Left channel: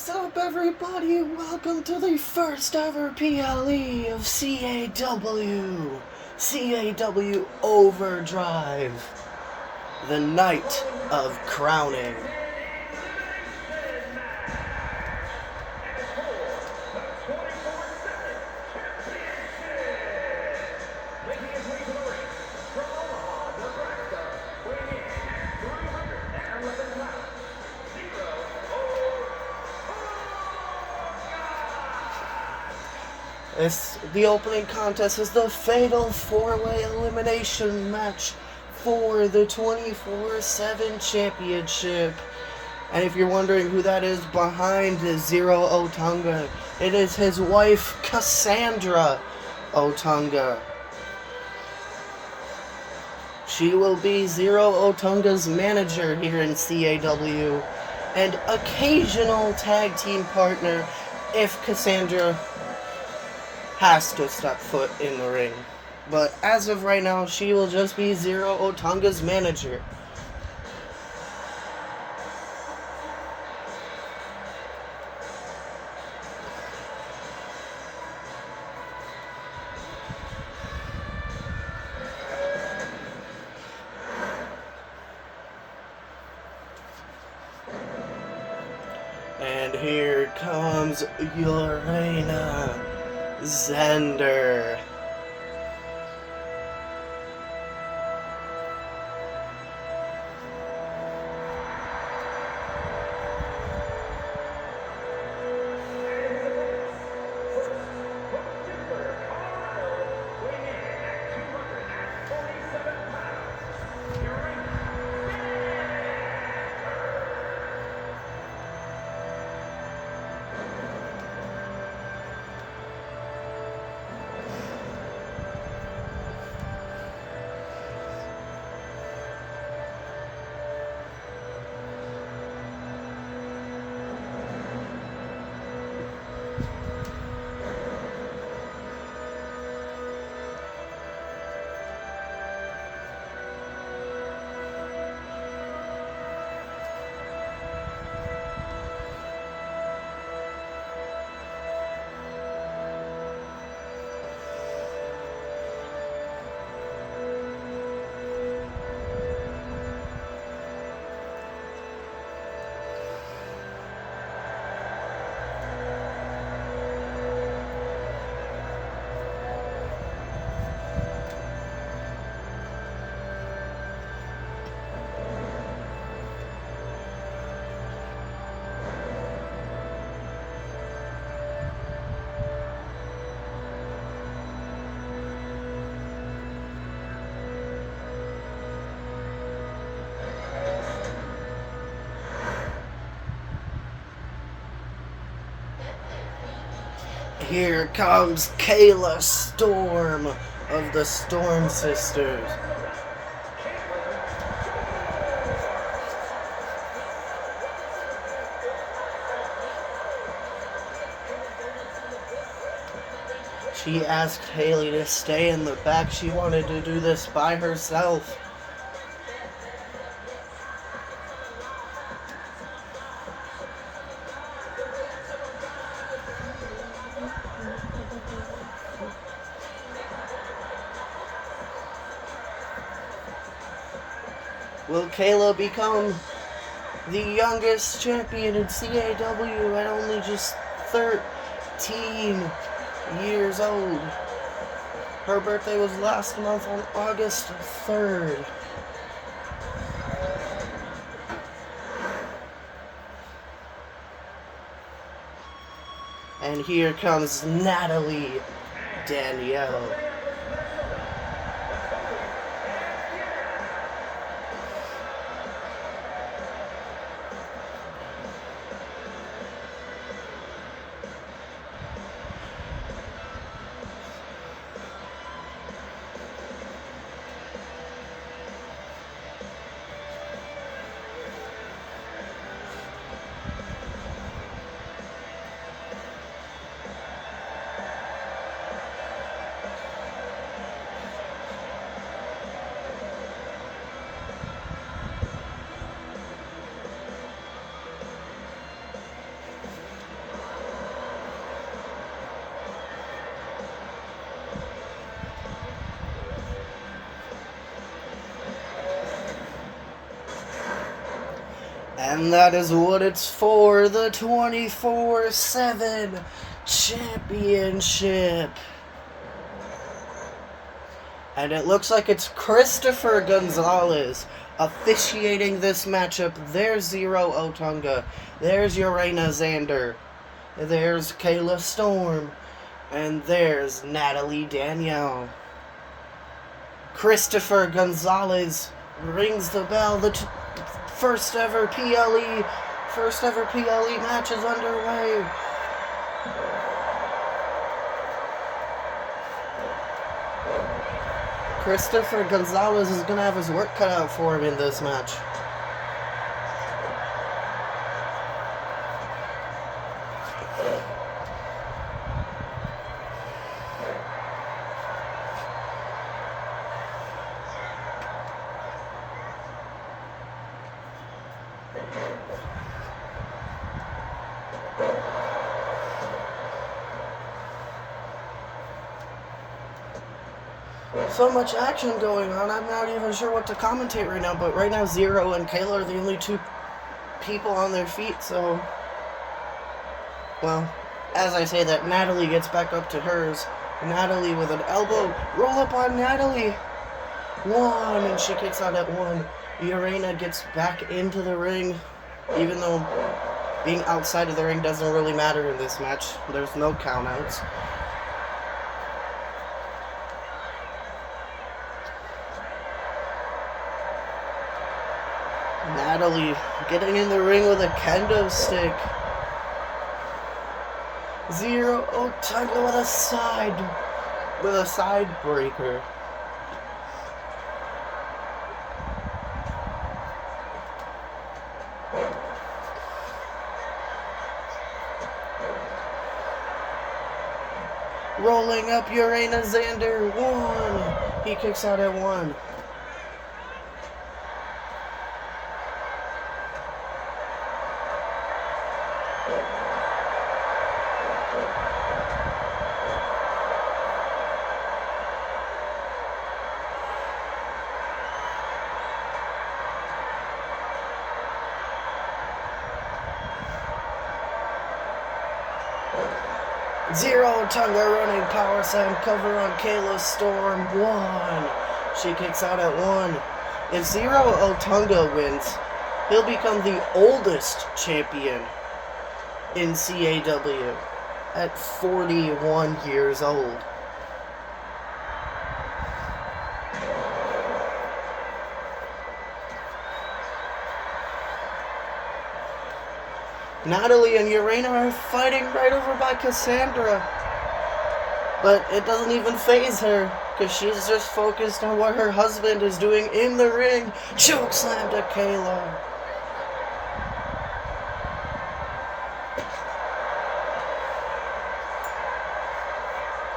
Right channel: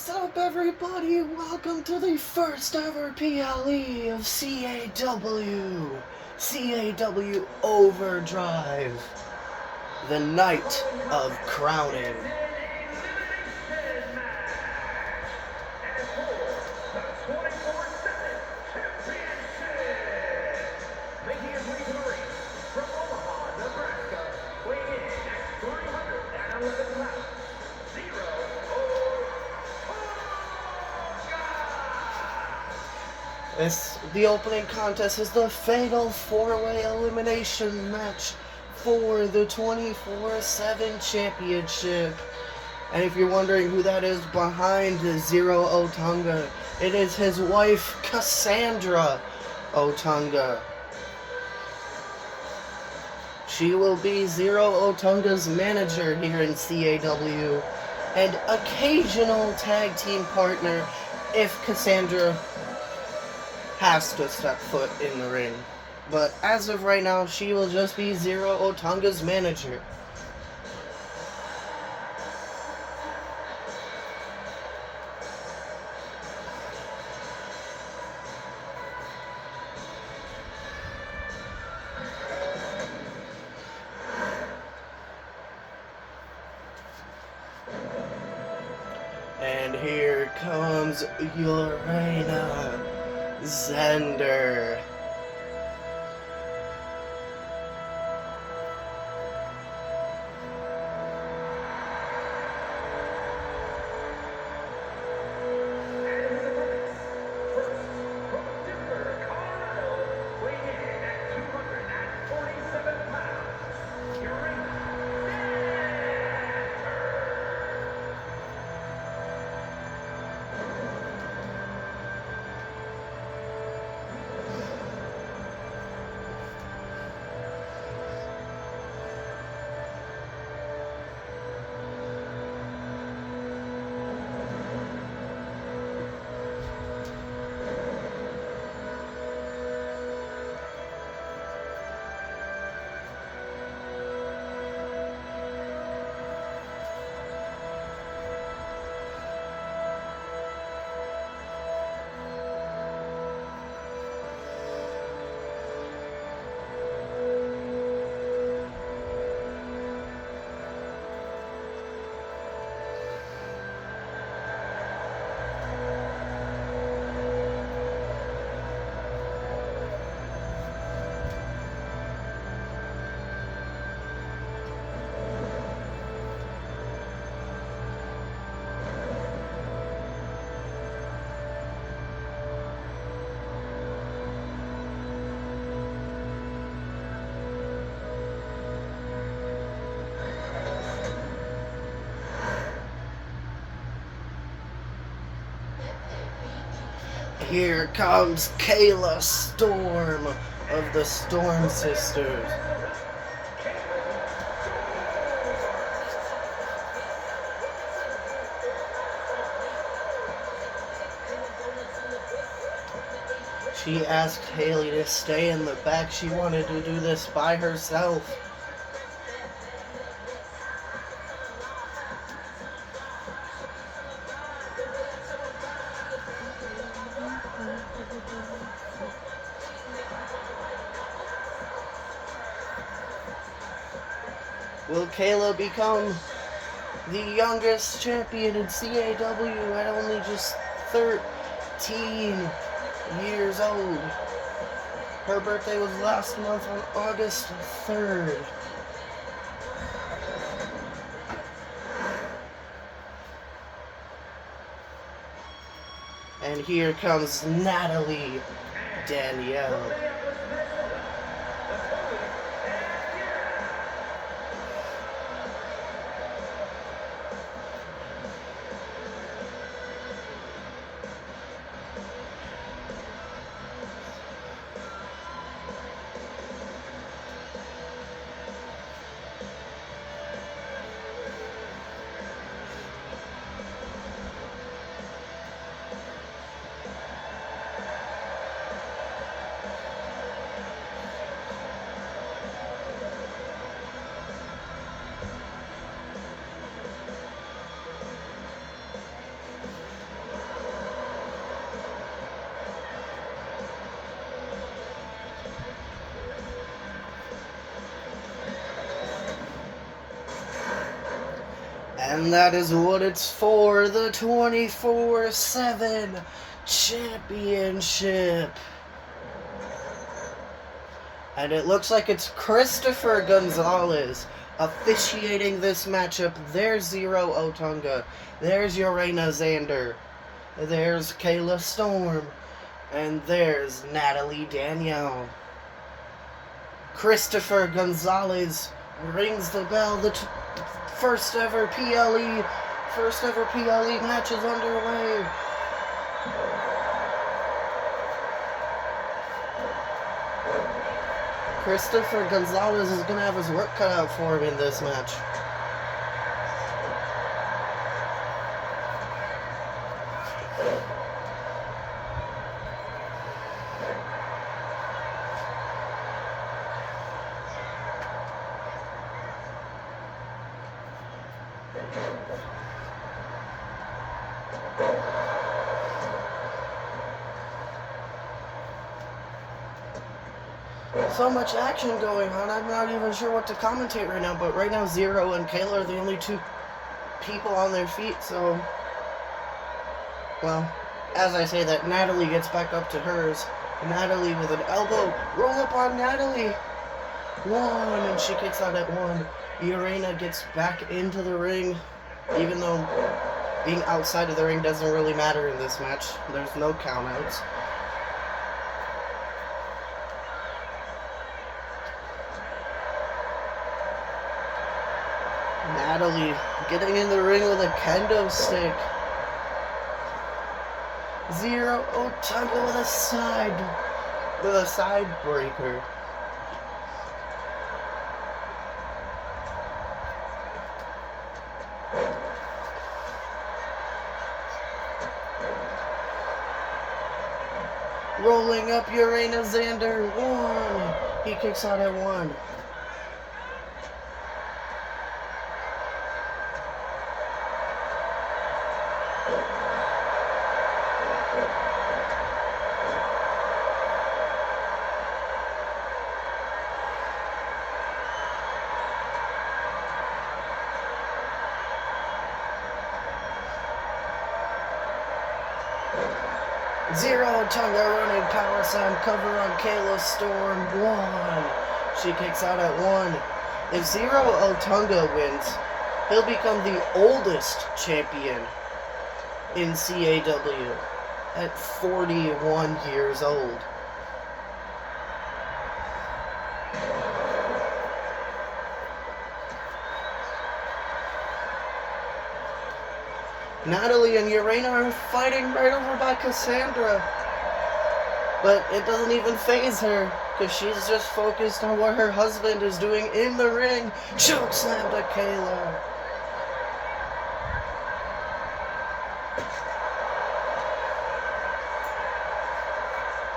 What's up, everybody? Welcome to the first ever PLE of CAW. CAW Overdrive. The night of crowning. The opening contest is the fatal 4-way elimination match for the 24/7 championship. And if you're wondering who that is behind Zero Otunga, it is his wife, Cassandra Otunga. She will be Zero Otunga's manager here in CAW and occasional tag team partner if Cassandra has to step foot in the ring. But as of right now, she will just be Zero Otunga's manager. And here comes Lorena Zender. Here comes Kayla Storm of the Storm Sisters. She asked Haley to stay in the back. She wanted to do this by herself. Will Kayla become the youngest champion in CAW at only just 13 years old? Her birthday was last month on August 3rd. And here comes Natalie Danielle. And that is what it's for, the 24/7 championship. And it looks like it's Christopher Gonzalez officiating this matchup. There's Zero Otunga. There's Urena Xander. There's Kayla Storm. And there's Natalie Danielle. Christopher Gonzalez rings the bell. The first ever PLE match is underway. Christopher Gonzalez is going to have his work cut out for him in this match. So much action going on, I'm not even sure what to commentate right now, but right now Zero and Kayla are the only two people on their feet, so... Well, as I say that, Natalie gets back up to hers. Natalie with an elbow, roll up on Natalie! 1, and she kicks out at 1. Urena gets back into the ring, even though being outside of the ring doesn't really matter in this match. There's no countouts. Natalie getting in the ring with a kendo stick. Zero Otunga with a side breaker. Rolling up Urena Xander. 1. He kicks out at 1. Zero Otunga running power slam cover on Kayla Storm. 1. She kicks out at 1. If Zero Otunga wins, he'll become the oldest champion in CAW at 41 years old. Natalie and Urena are fighting right over by Cassandra. But it doesn't even faze her, because she's just focused on what her husband is doing in the ring. Choke slam to Kayla.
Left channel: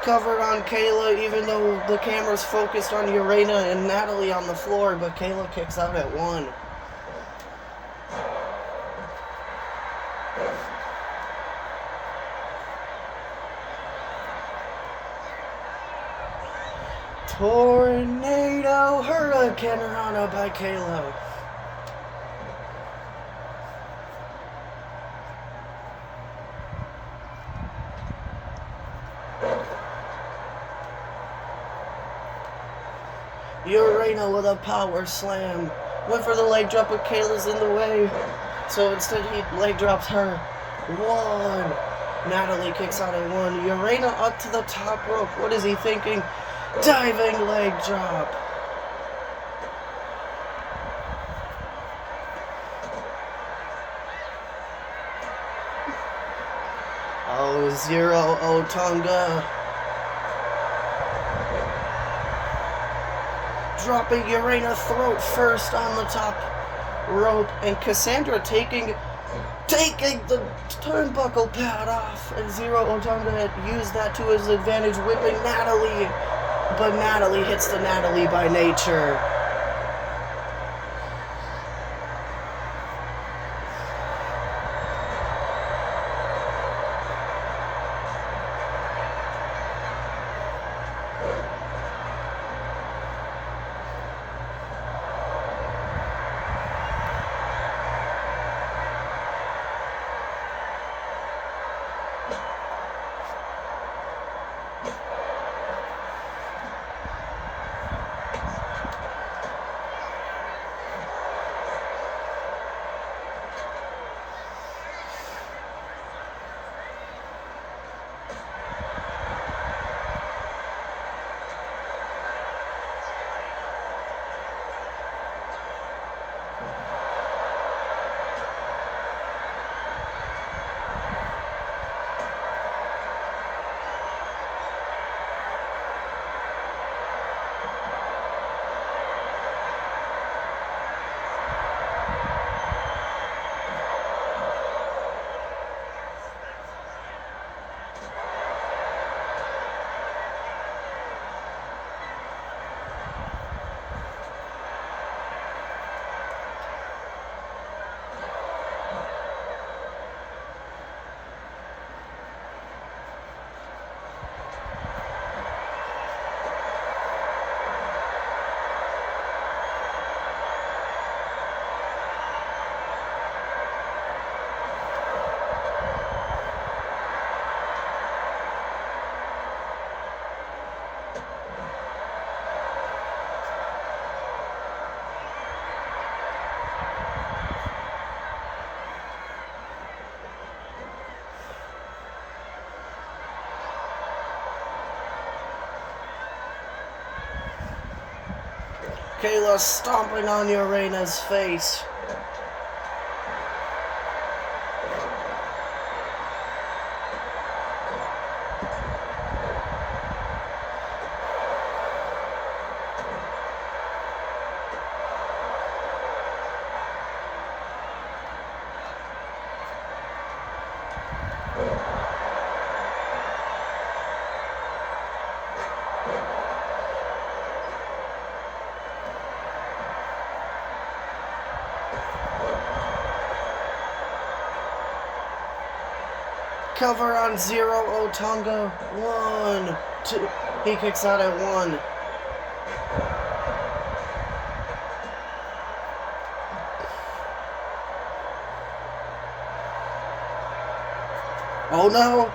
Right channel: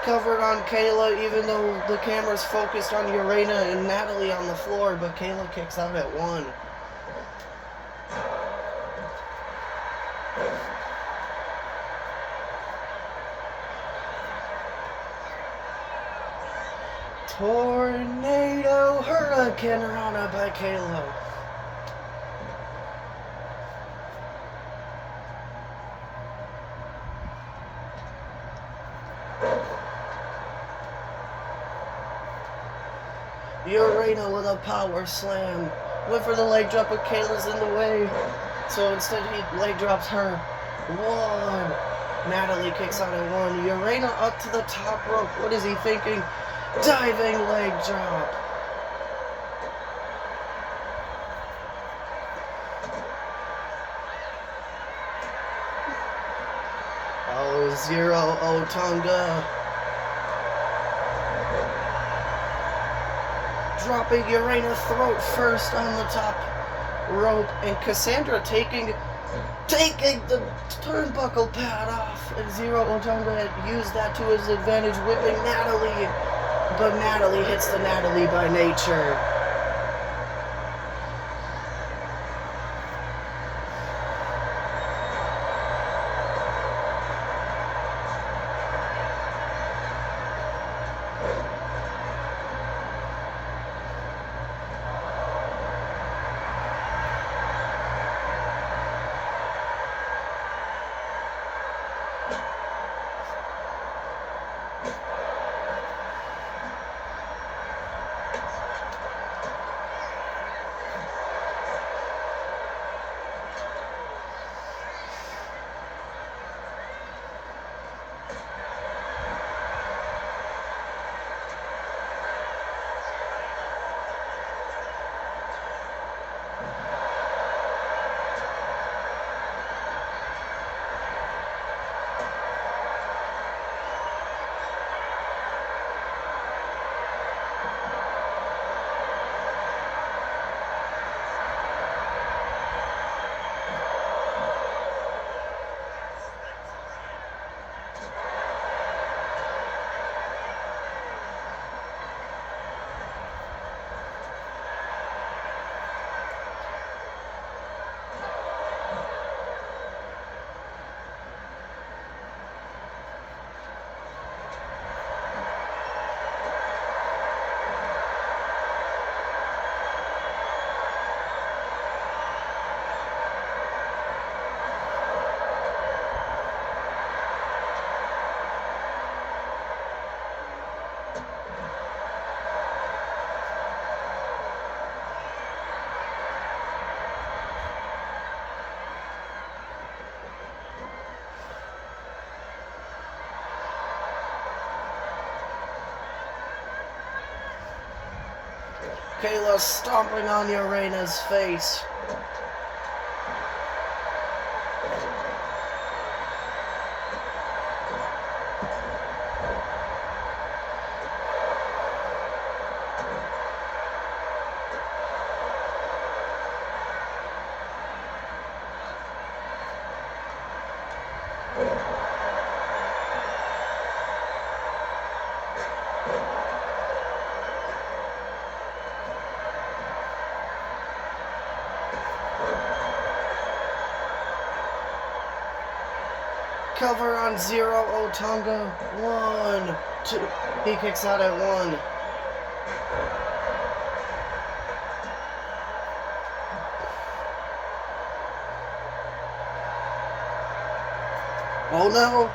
Covered on Kayla, even though the camera's focused on Urena and Natalie on the floor, but Kayla kicks out at 1. Tornado Hurricane Rana by Kayla. Urena with a power slam. Went for the leg drop, but Kayla's in the way. So instead he leg drops her. 1. Natalie kicks out at 1. Urena up to the top rope. What is he thinking? Diving leg drop. Oh, Zero Otunga. Dropping Urena throat first on the top rope, and Cassandra taking the turnbuckle pad off, and Zero Otunga had used that to his advantage, whipping Natalie. But Natalie hits the Natalie by nature. Kayla stomping on Urena's face. Cover on Zero Otunga. 1, 2. He kicks out at 1. Oh no!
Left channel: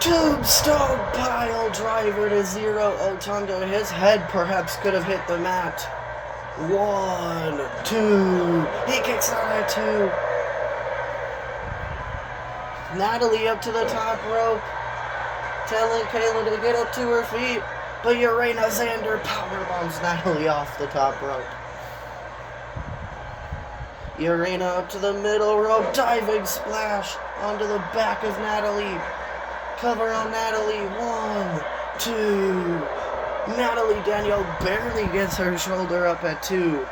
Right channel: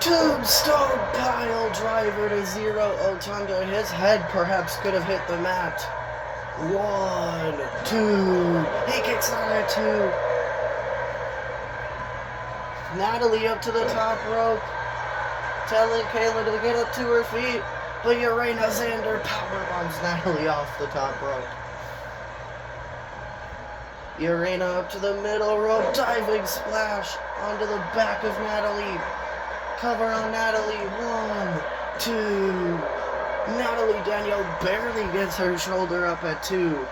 Tombstone pile driver to Zero Otunga. His head perhaps could have hit the mat. 1, 2. He kicks out at 2. Natalie up to the top rope, telling Kayla to get up to her feet, but Urena Xander powerbombs Natalie off the top rope. Urena up to the middle rope, diving splash onto the back of Natalie. Cover on Natalie, 1, 2. Natalie Danielle barely gets her shoulder up at 2.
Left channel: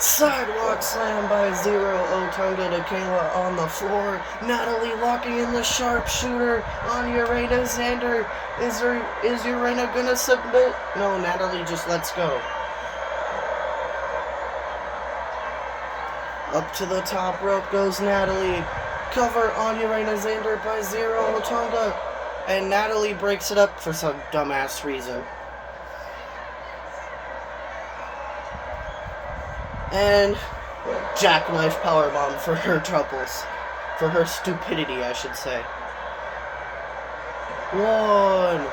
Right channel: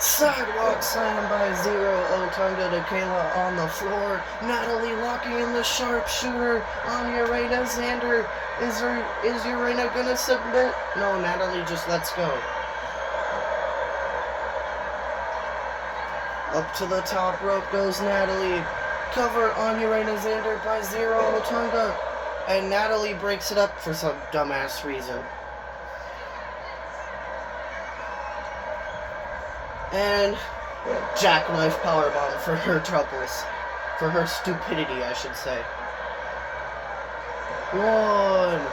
Sidewalk slam by Zero Otunga to Kayla on the floor. Natalie locking in the sharpshooter on Urena Xander. Is Urena gonna submit? No, Natalie just lets go. Up to the top rope goes Natalie. Cover on Urena Xander by Zero Otunga. And Natalie breaks it up for some dumbass reason. And jackknife powerbomb for her troubles. For her stupidity, I should say. 1,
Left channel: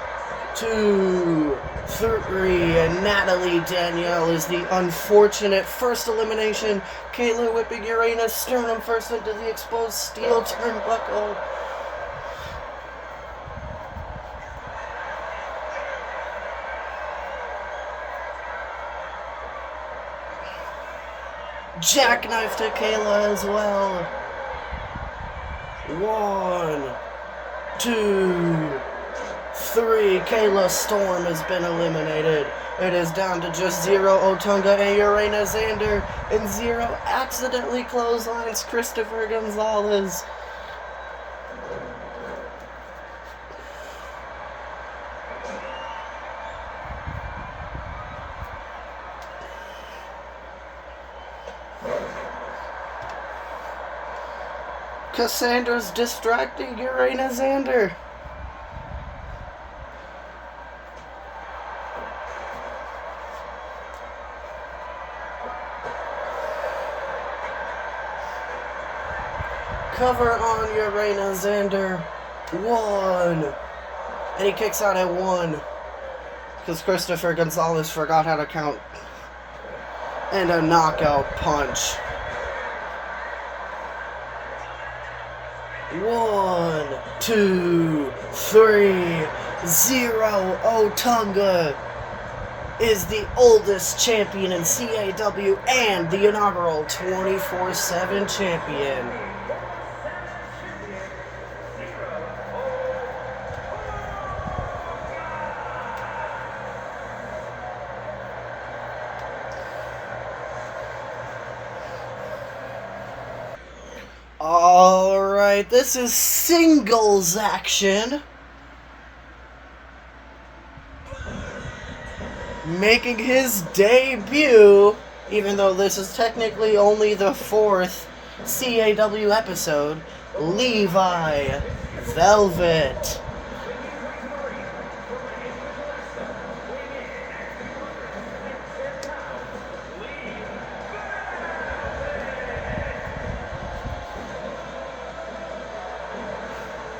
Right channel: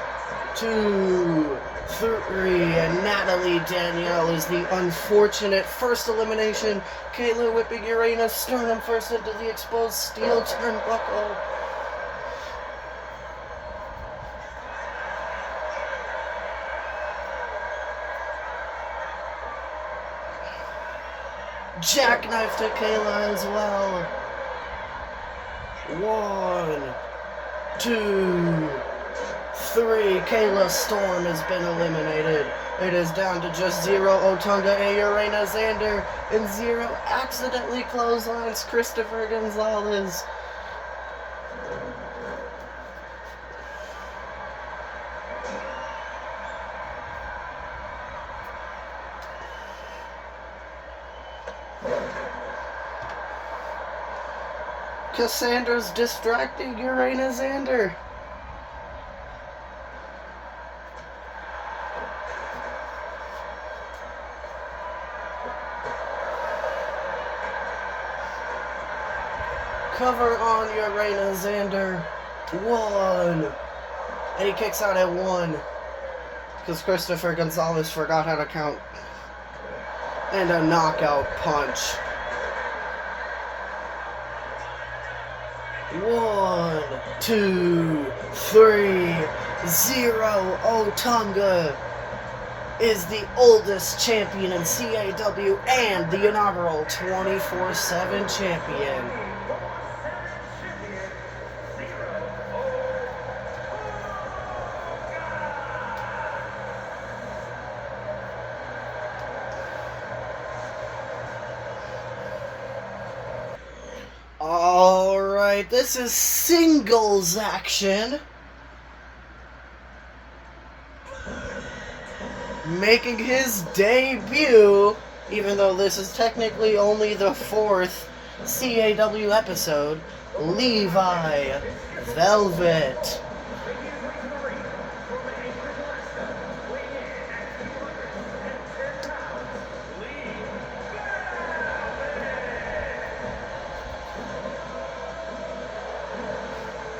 2, 3, and Natalie Danielle is the unfortunate first elimination. Kayla whipping Urena's sternum first into the exposed steel turnbuckle. Jackknife to Kayla as well. 1, 2, 3. Kayla Storm has been eliminated. It is down to just Zero Otunga and Urena Xander. And Zero accidentally clotheslines Christopher Gonzalez. Cassandra's distracting Urena Xander. Cover on Urena Xander. 1. And he kicks out at 1. Because Christopher Gonzalez forgot how to count. And a knockout punch. 1, 2, 3. Zero Otunga is the oldest champion in CAW and the inaugural 24/7 champion. Alright, this is singles action. Making his debut, even though this is technically only the 4th CAW episode, Levi Velvet.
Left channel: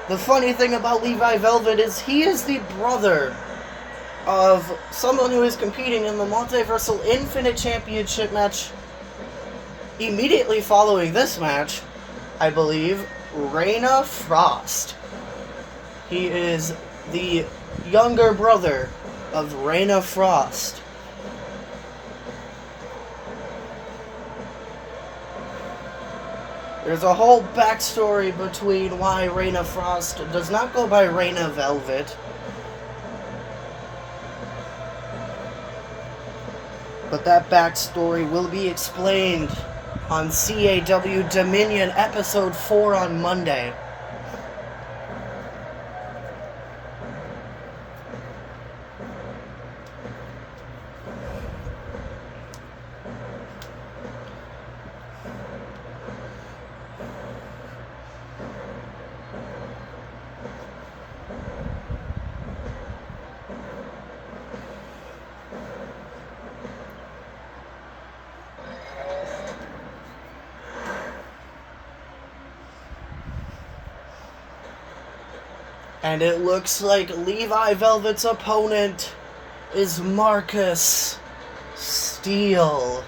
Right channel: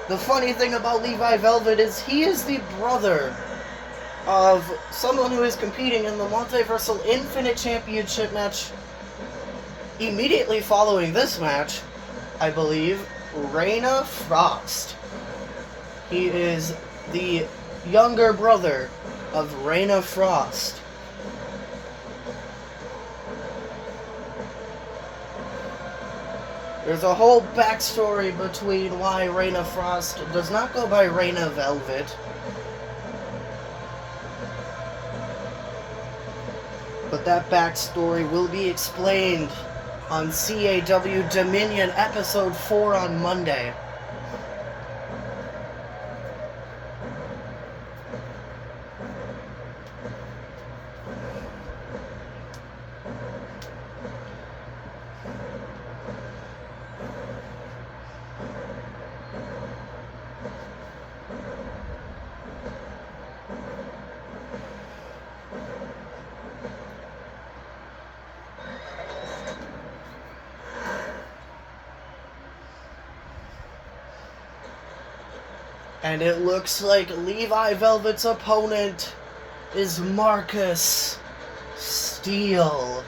The funny thing about Levi Velvet is he is the brother of someone who is competing in the Multiversal Infinite Championship match Immediately following this match, I believe, Reina Frost. He is the younger brother of Reina Frost. There's a whole backstory between why Reina Frost does not go by Reina Velvet. But that backstory will be explained on CAW Dominion Episode 4 on Monday. And it looks like Levi Velvet's opponent is Marcus Steele.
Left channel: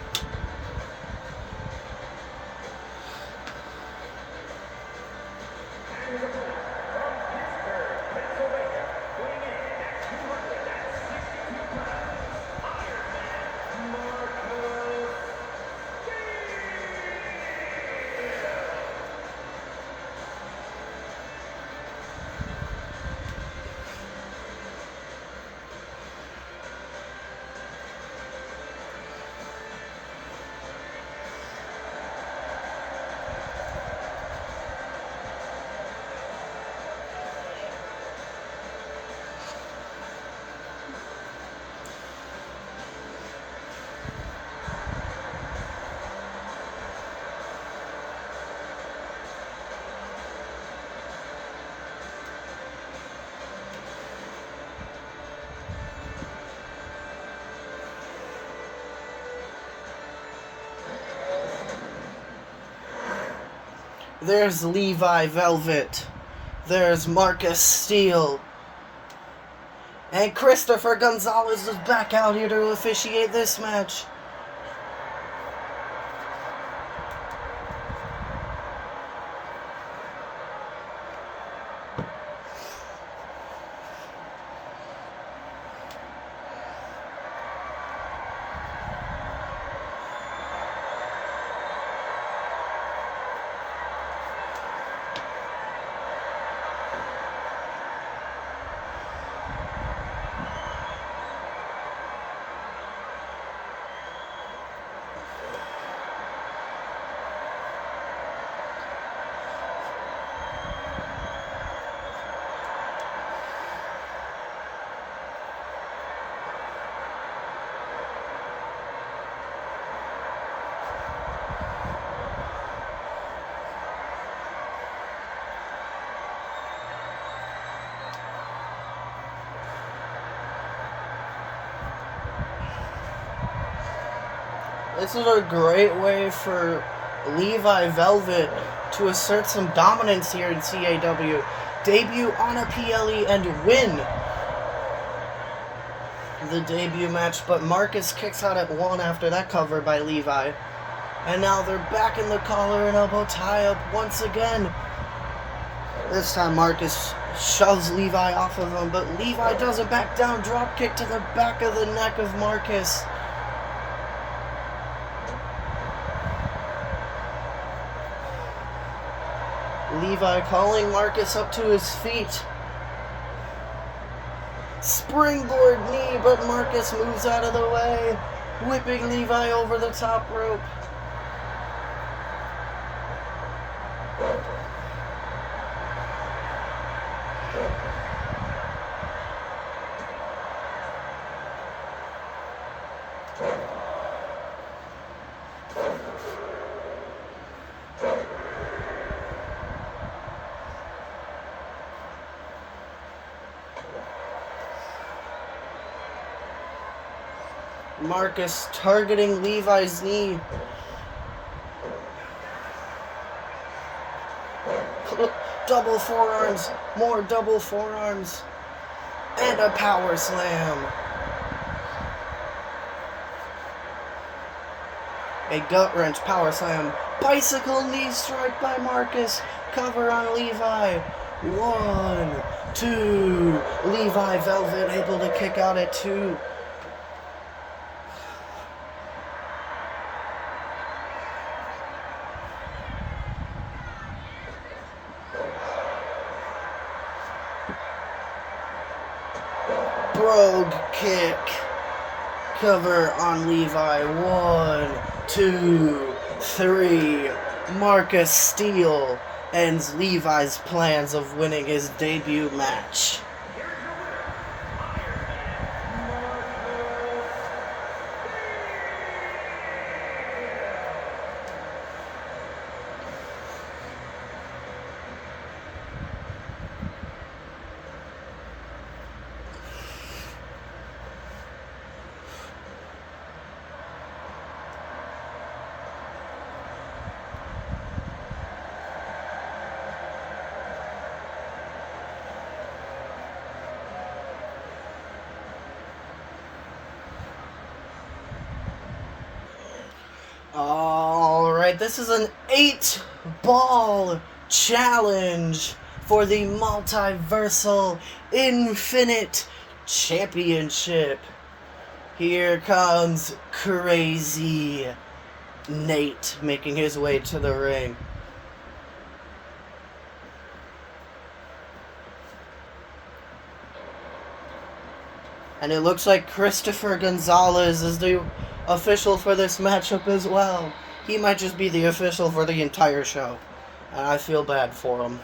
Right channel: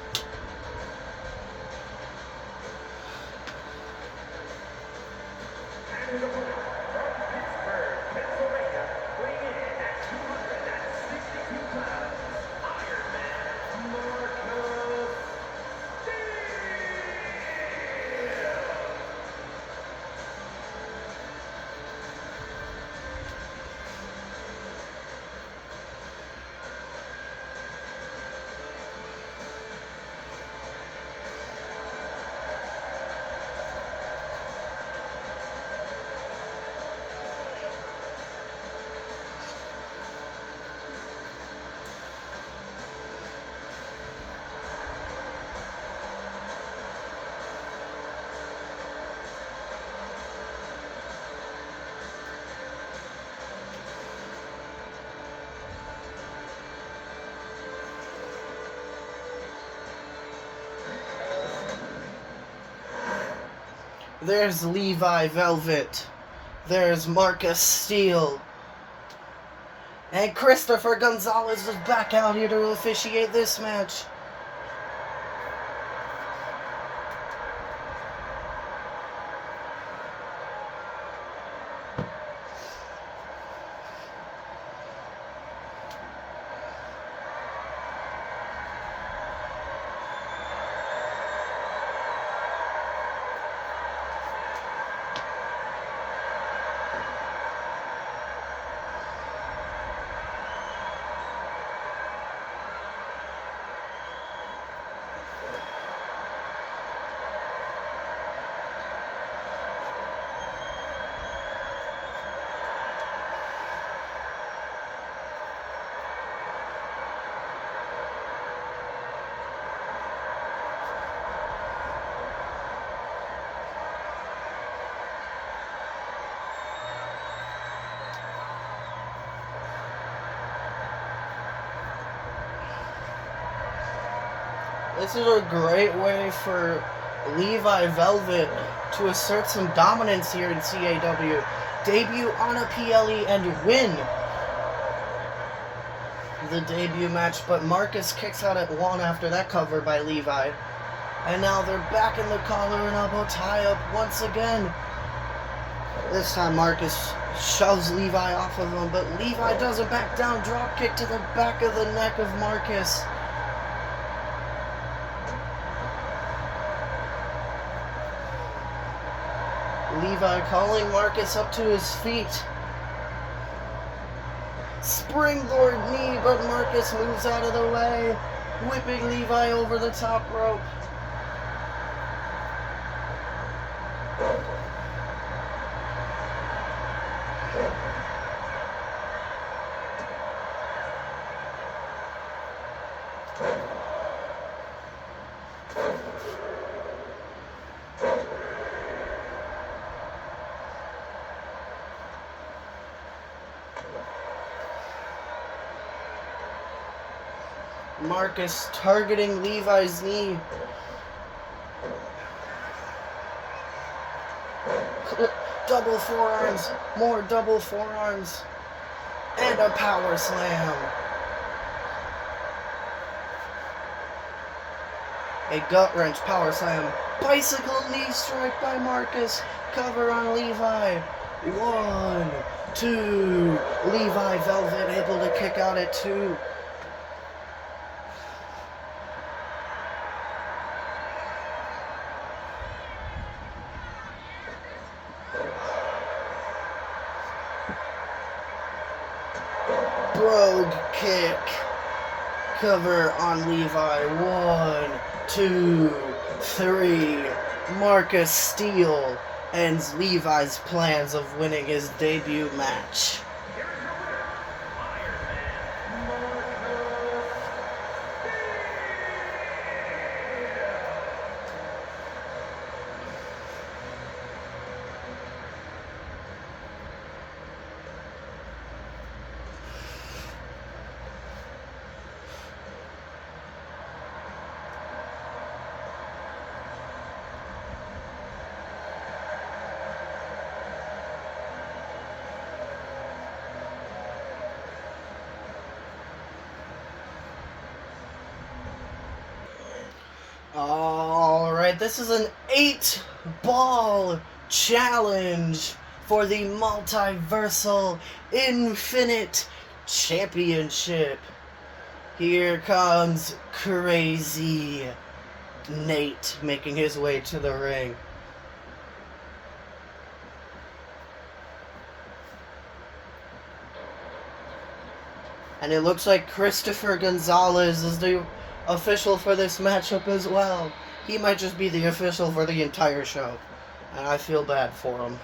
There's Levi Velvet. There's Marcus Steele. And Christopher Gonzalez is back out here to officiate this match. This is a great way for Levi Velvet to assert some dominance here in CAW. Debut on a PLE and win the debut match, but Marcus kicks out at 1 after that cover by Levi. And now they're back in the collar and elbow tie-up once again. This time Marcus shoves Levi off of him, but Levi doesn't back down. Drop kick to the back of the neck of Marcus. Levi calling Marcus up to his feet. Springboard knee, but Marcus moves out of the way, whipping Levi over the top rope. Marcus targeting Levi's knee. Double forearms, more double forearms, and a power slam. A gut wrench power slam. Bicycle knee strike by Marcus. Cover on Levi. 1, 2. Levi Velvet able to kick out at 2. Brogue kick. Cover on Levi. 1, 2, 3. Marcus Steele ends Levi's plans of winning his debut match. Alright, this is an 8-ball challenge for the Multiversal Infinite Championship. Here comes Crazy Nate making his way to the ring. And it looks like Christopher Gonzalez is the official for this matchup as well. He might just be the official for the entire show. And I feel bad for him.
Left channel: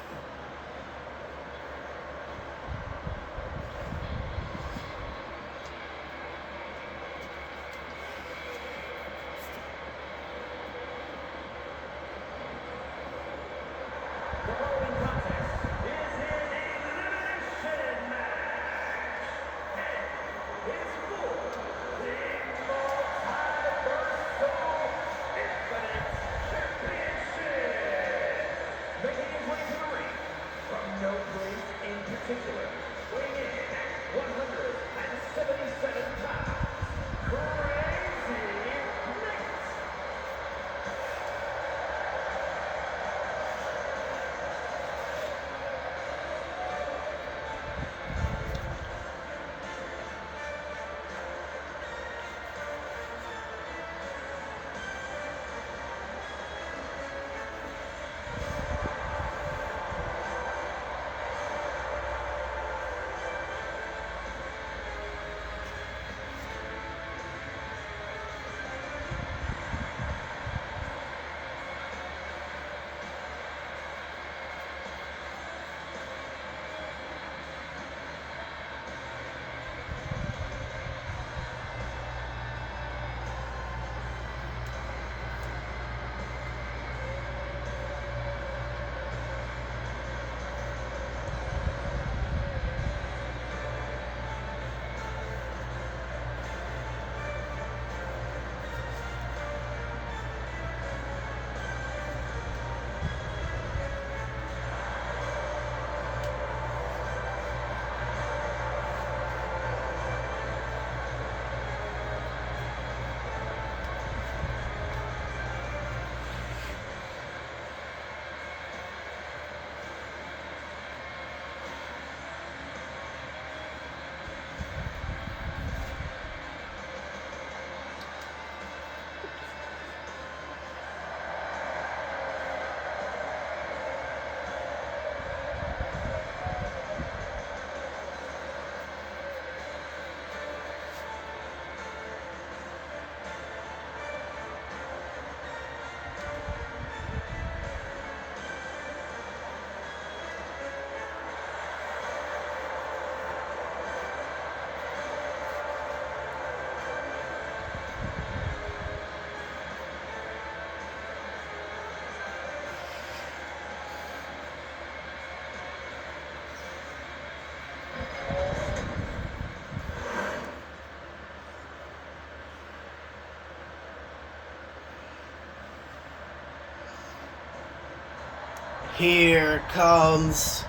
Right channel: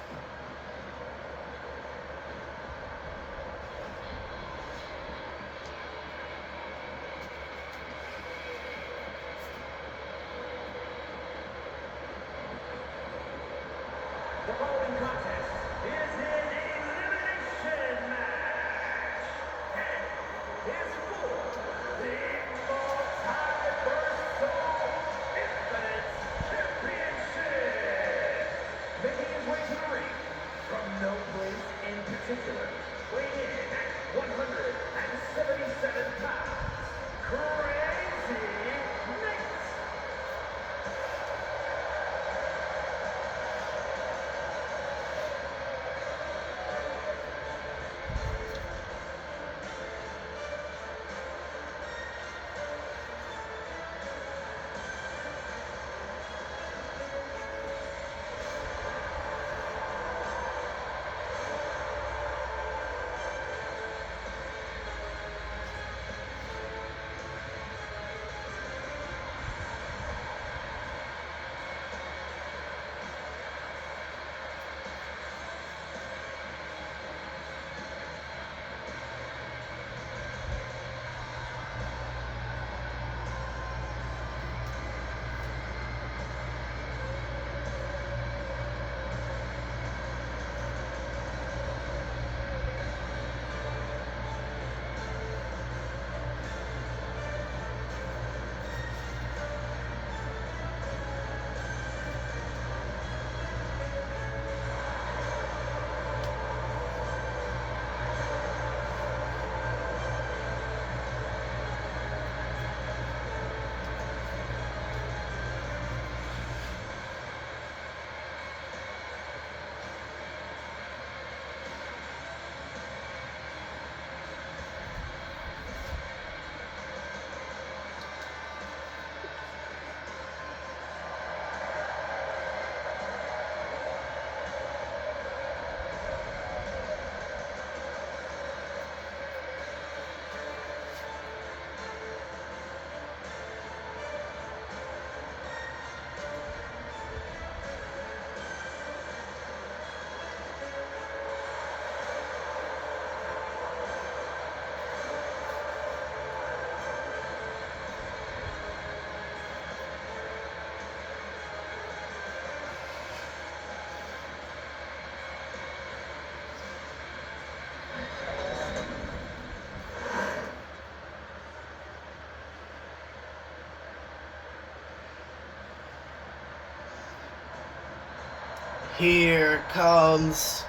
Here comes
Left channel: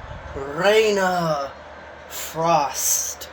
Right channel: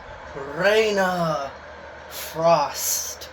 Raina Frost.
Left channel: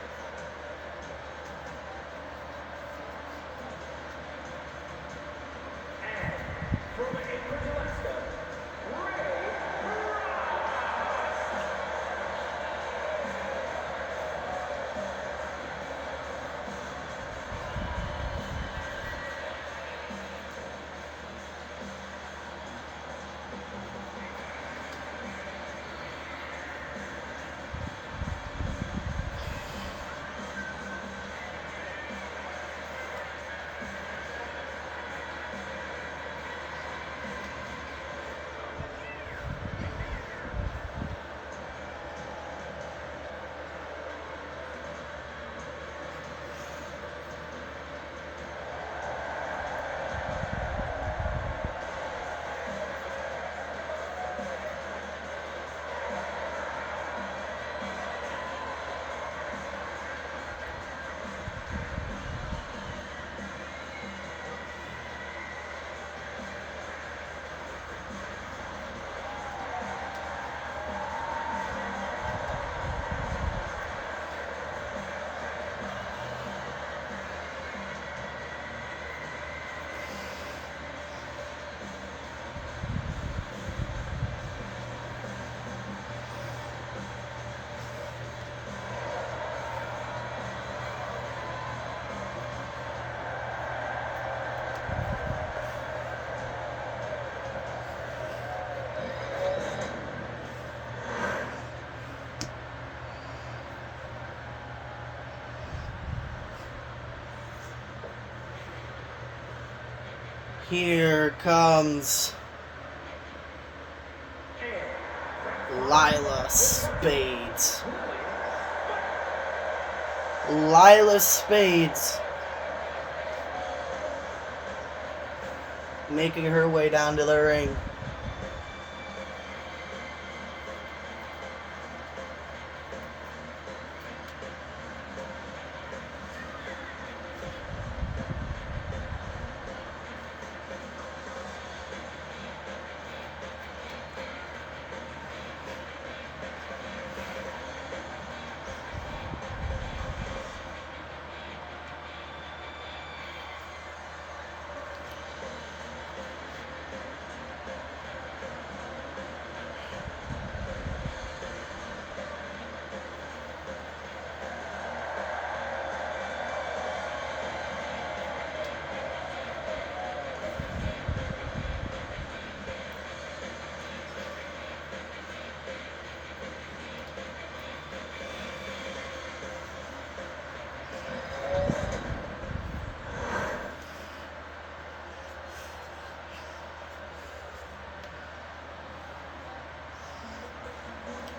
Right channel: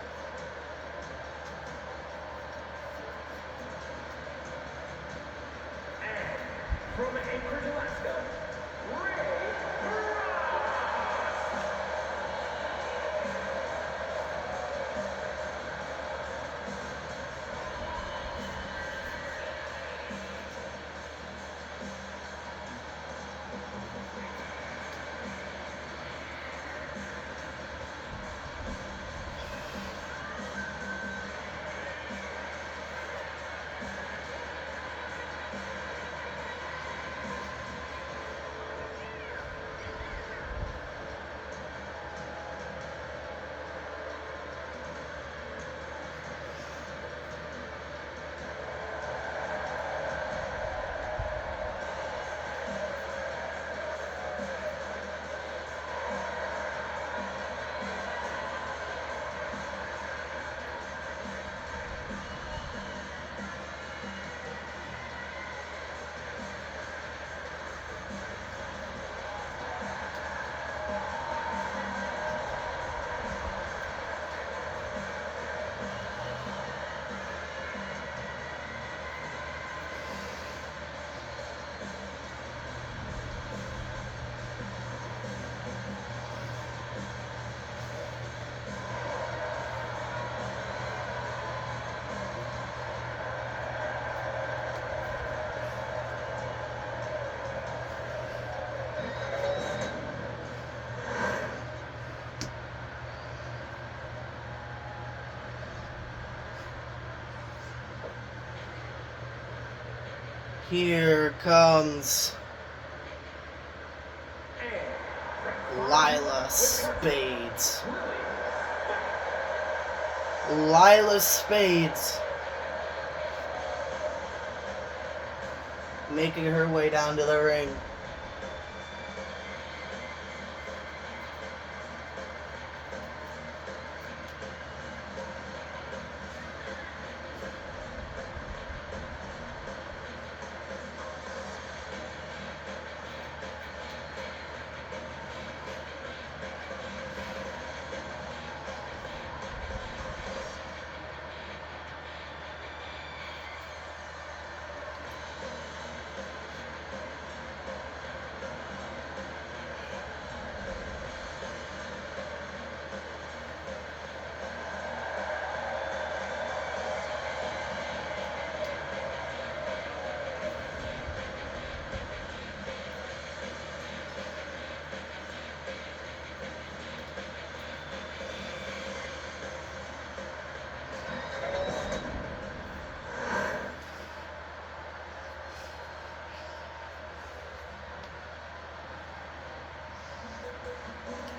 Here comes Lila Spades. Lila Spades making her way down to the ring.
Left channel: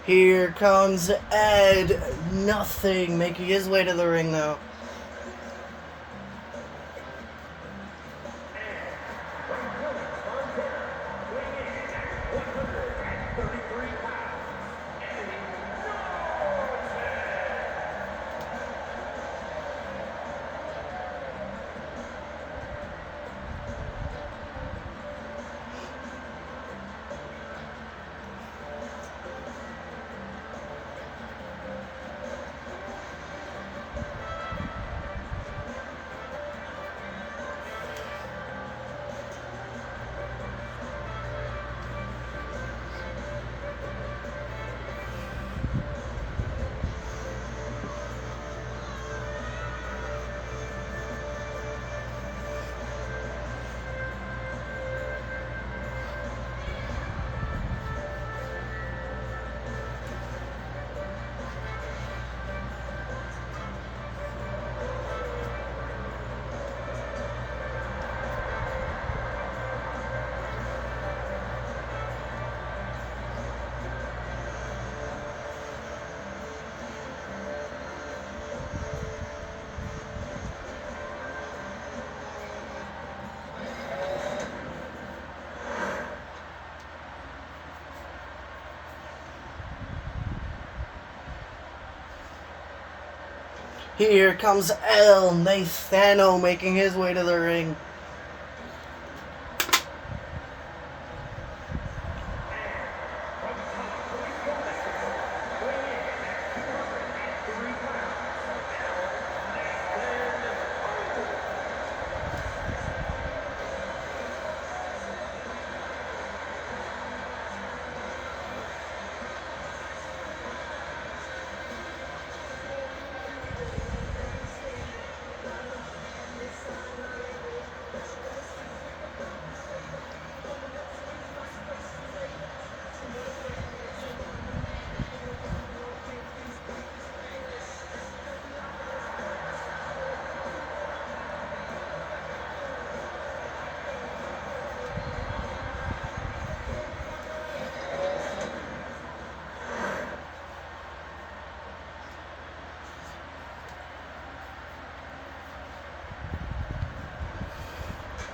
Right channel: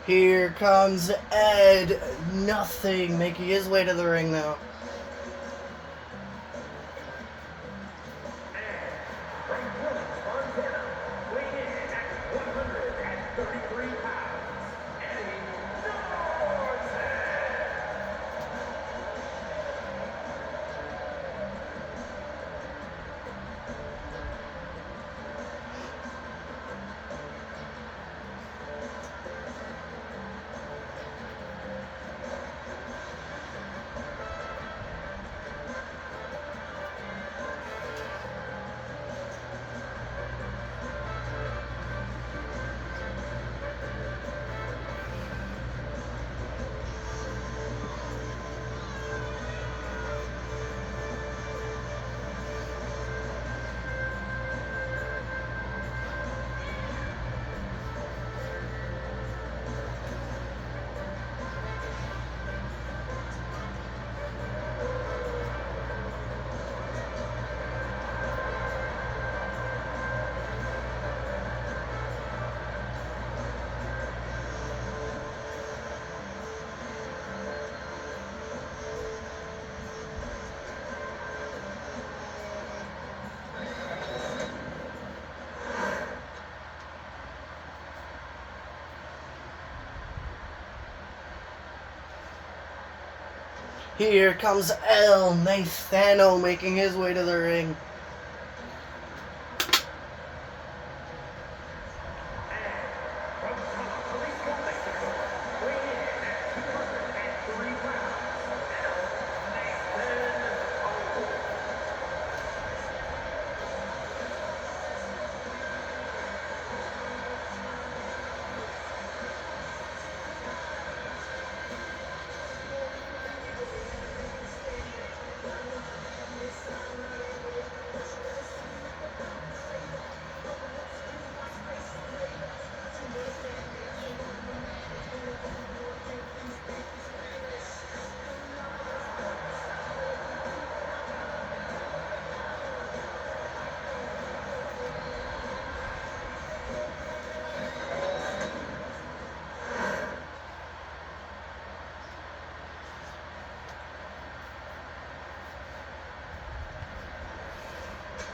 Here comes Ed Nothing making his way to the ring now. Here comes El Nathano making his way to the ring.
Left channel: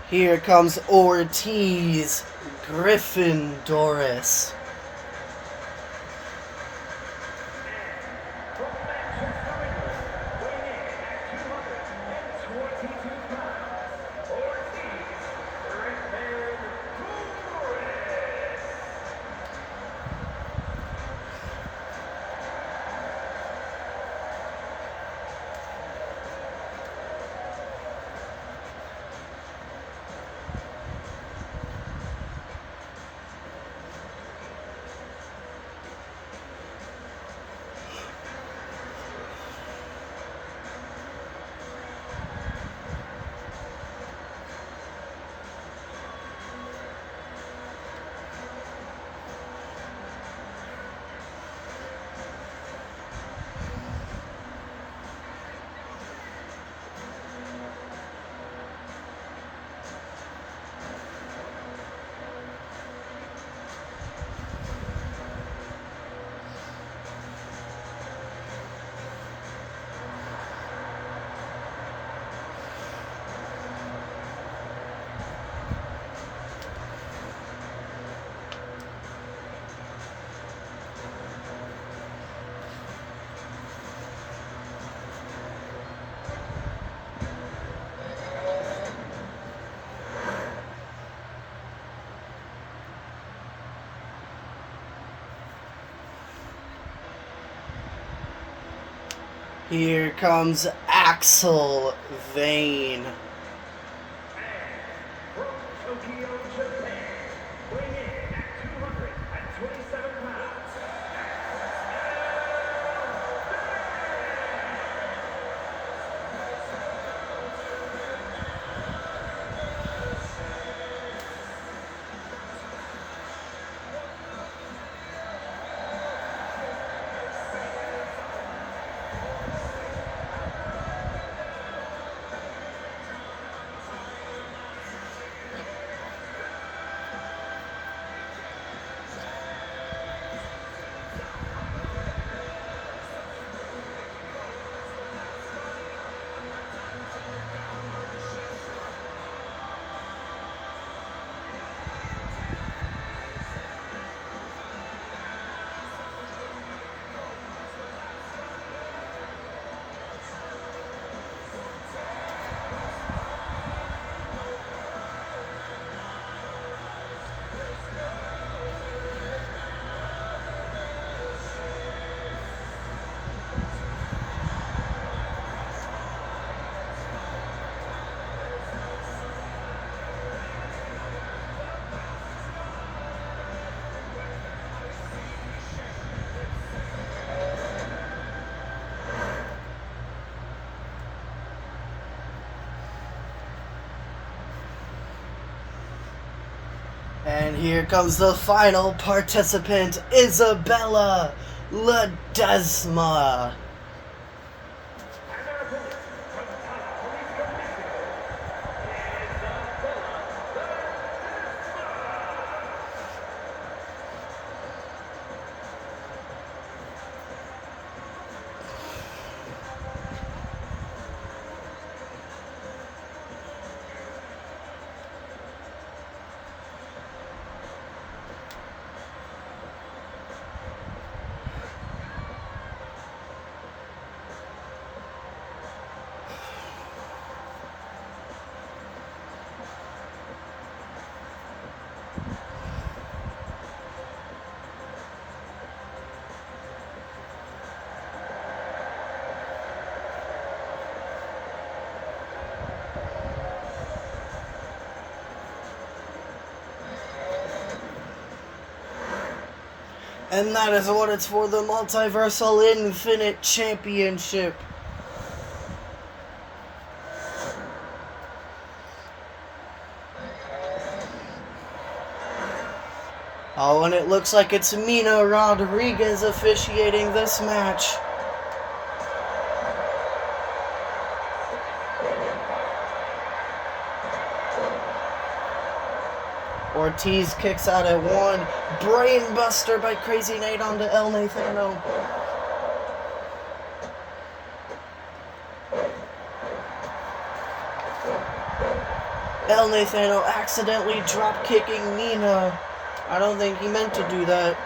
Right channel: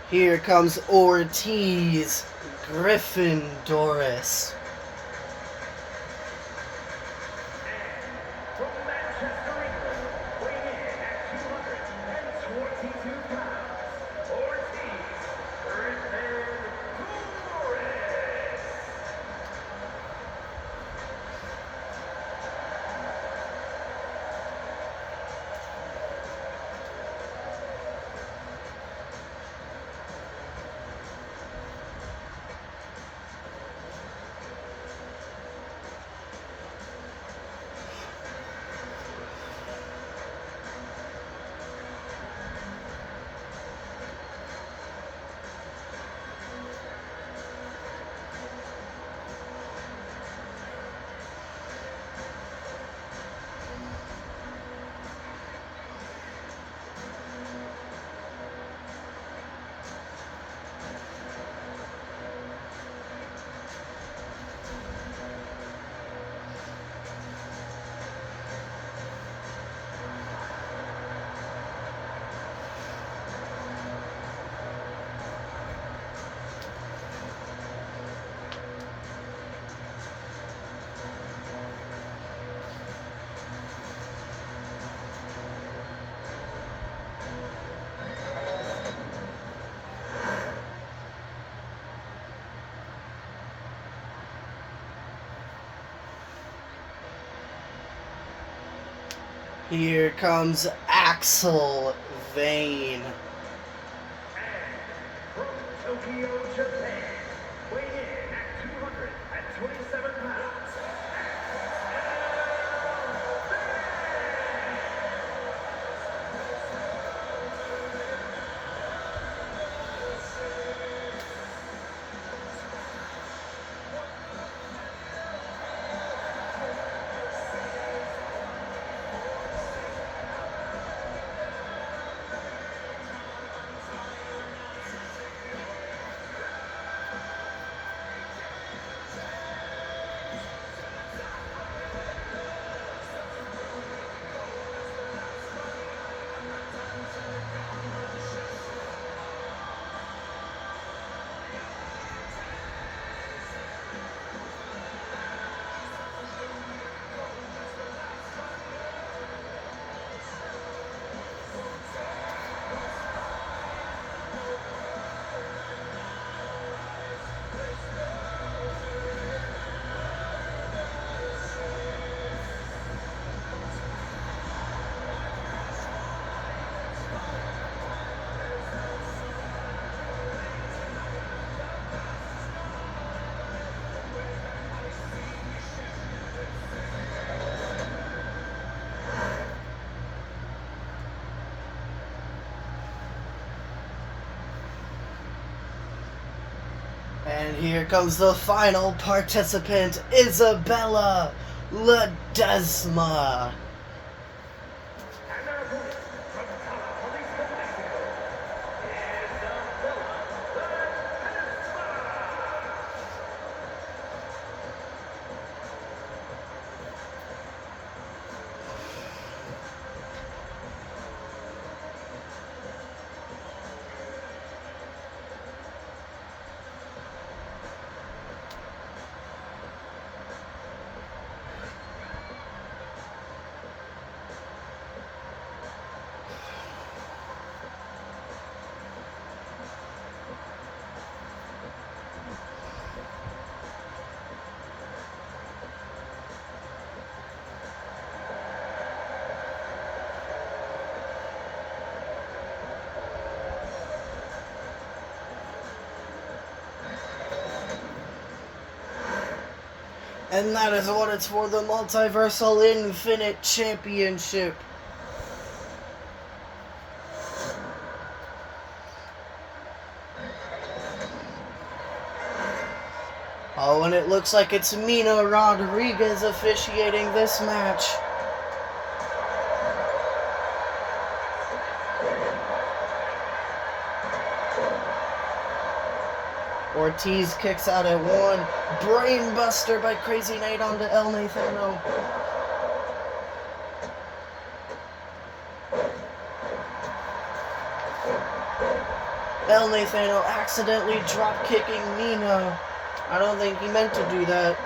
Here comes Ortiz Griffin Doris. Here comes Axel Vane. From Tokyo, Japan, weighing in at 227 pounds. And here comes the final participant, Isabella Ledesma. And their opponent from Tala Police Commission, Isabella Ledesma. And that is what it's for, the Multiversal Infinite Championship. Oh, and it looks like it's Mina Rodriguez officiating this match. Ortiz kicks out at one. Brainbuster by Crazy Nate onto El Nathano. El Nathano accidentally drop kicking Nino. I don't think he meant to do that.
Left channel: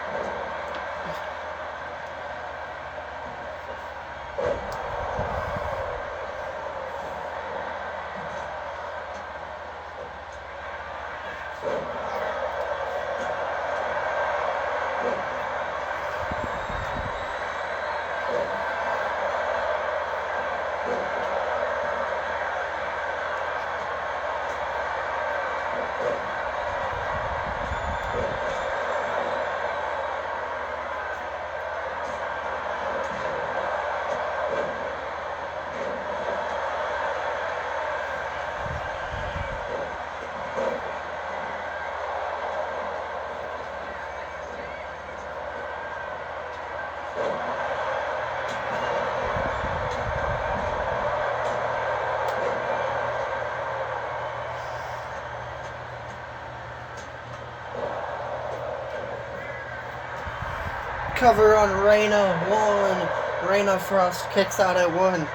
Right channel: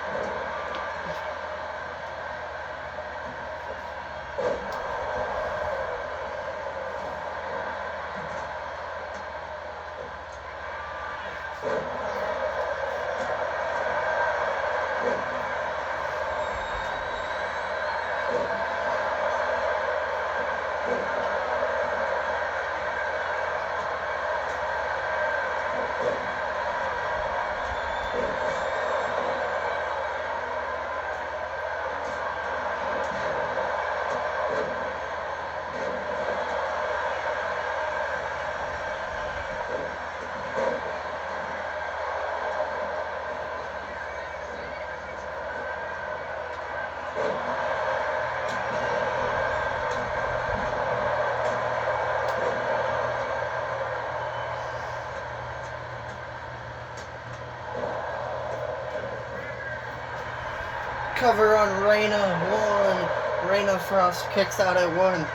Cover on Reina, one. Reina Frost kicks out at one.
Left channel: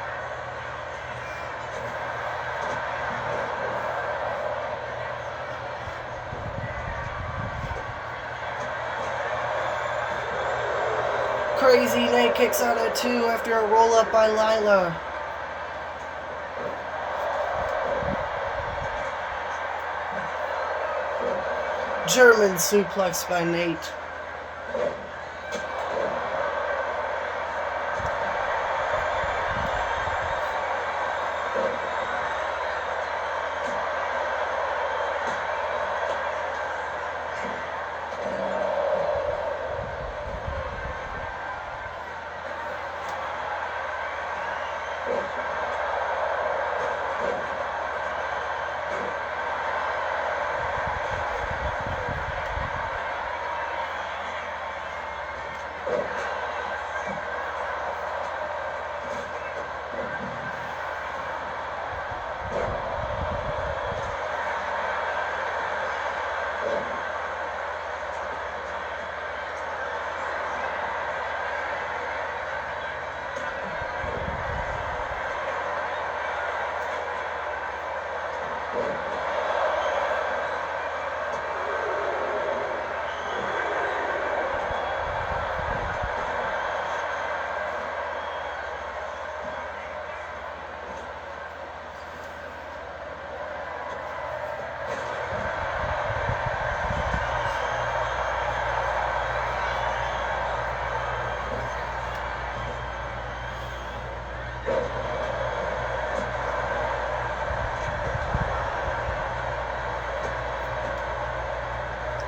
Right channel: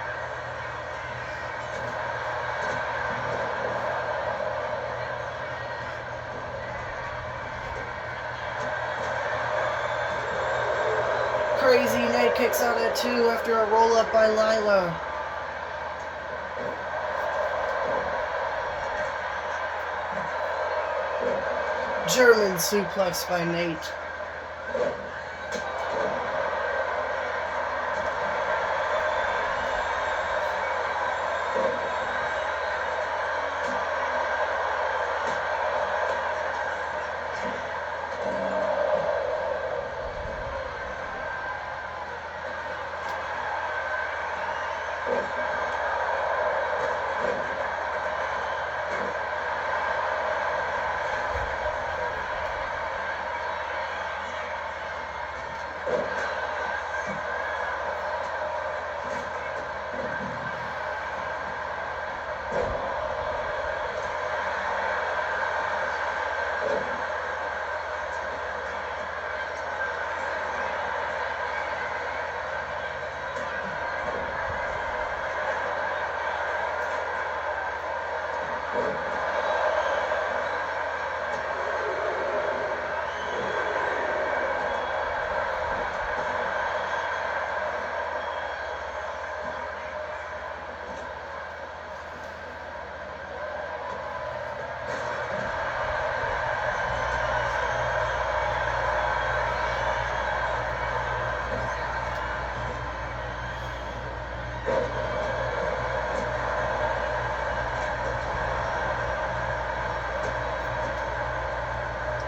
Crazy Nate kicks out at two after a roll up by Lila. German suplex by Nate.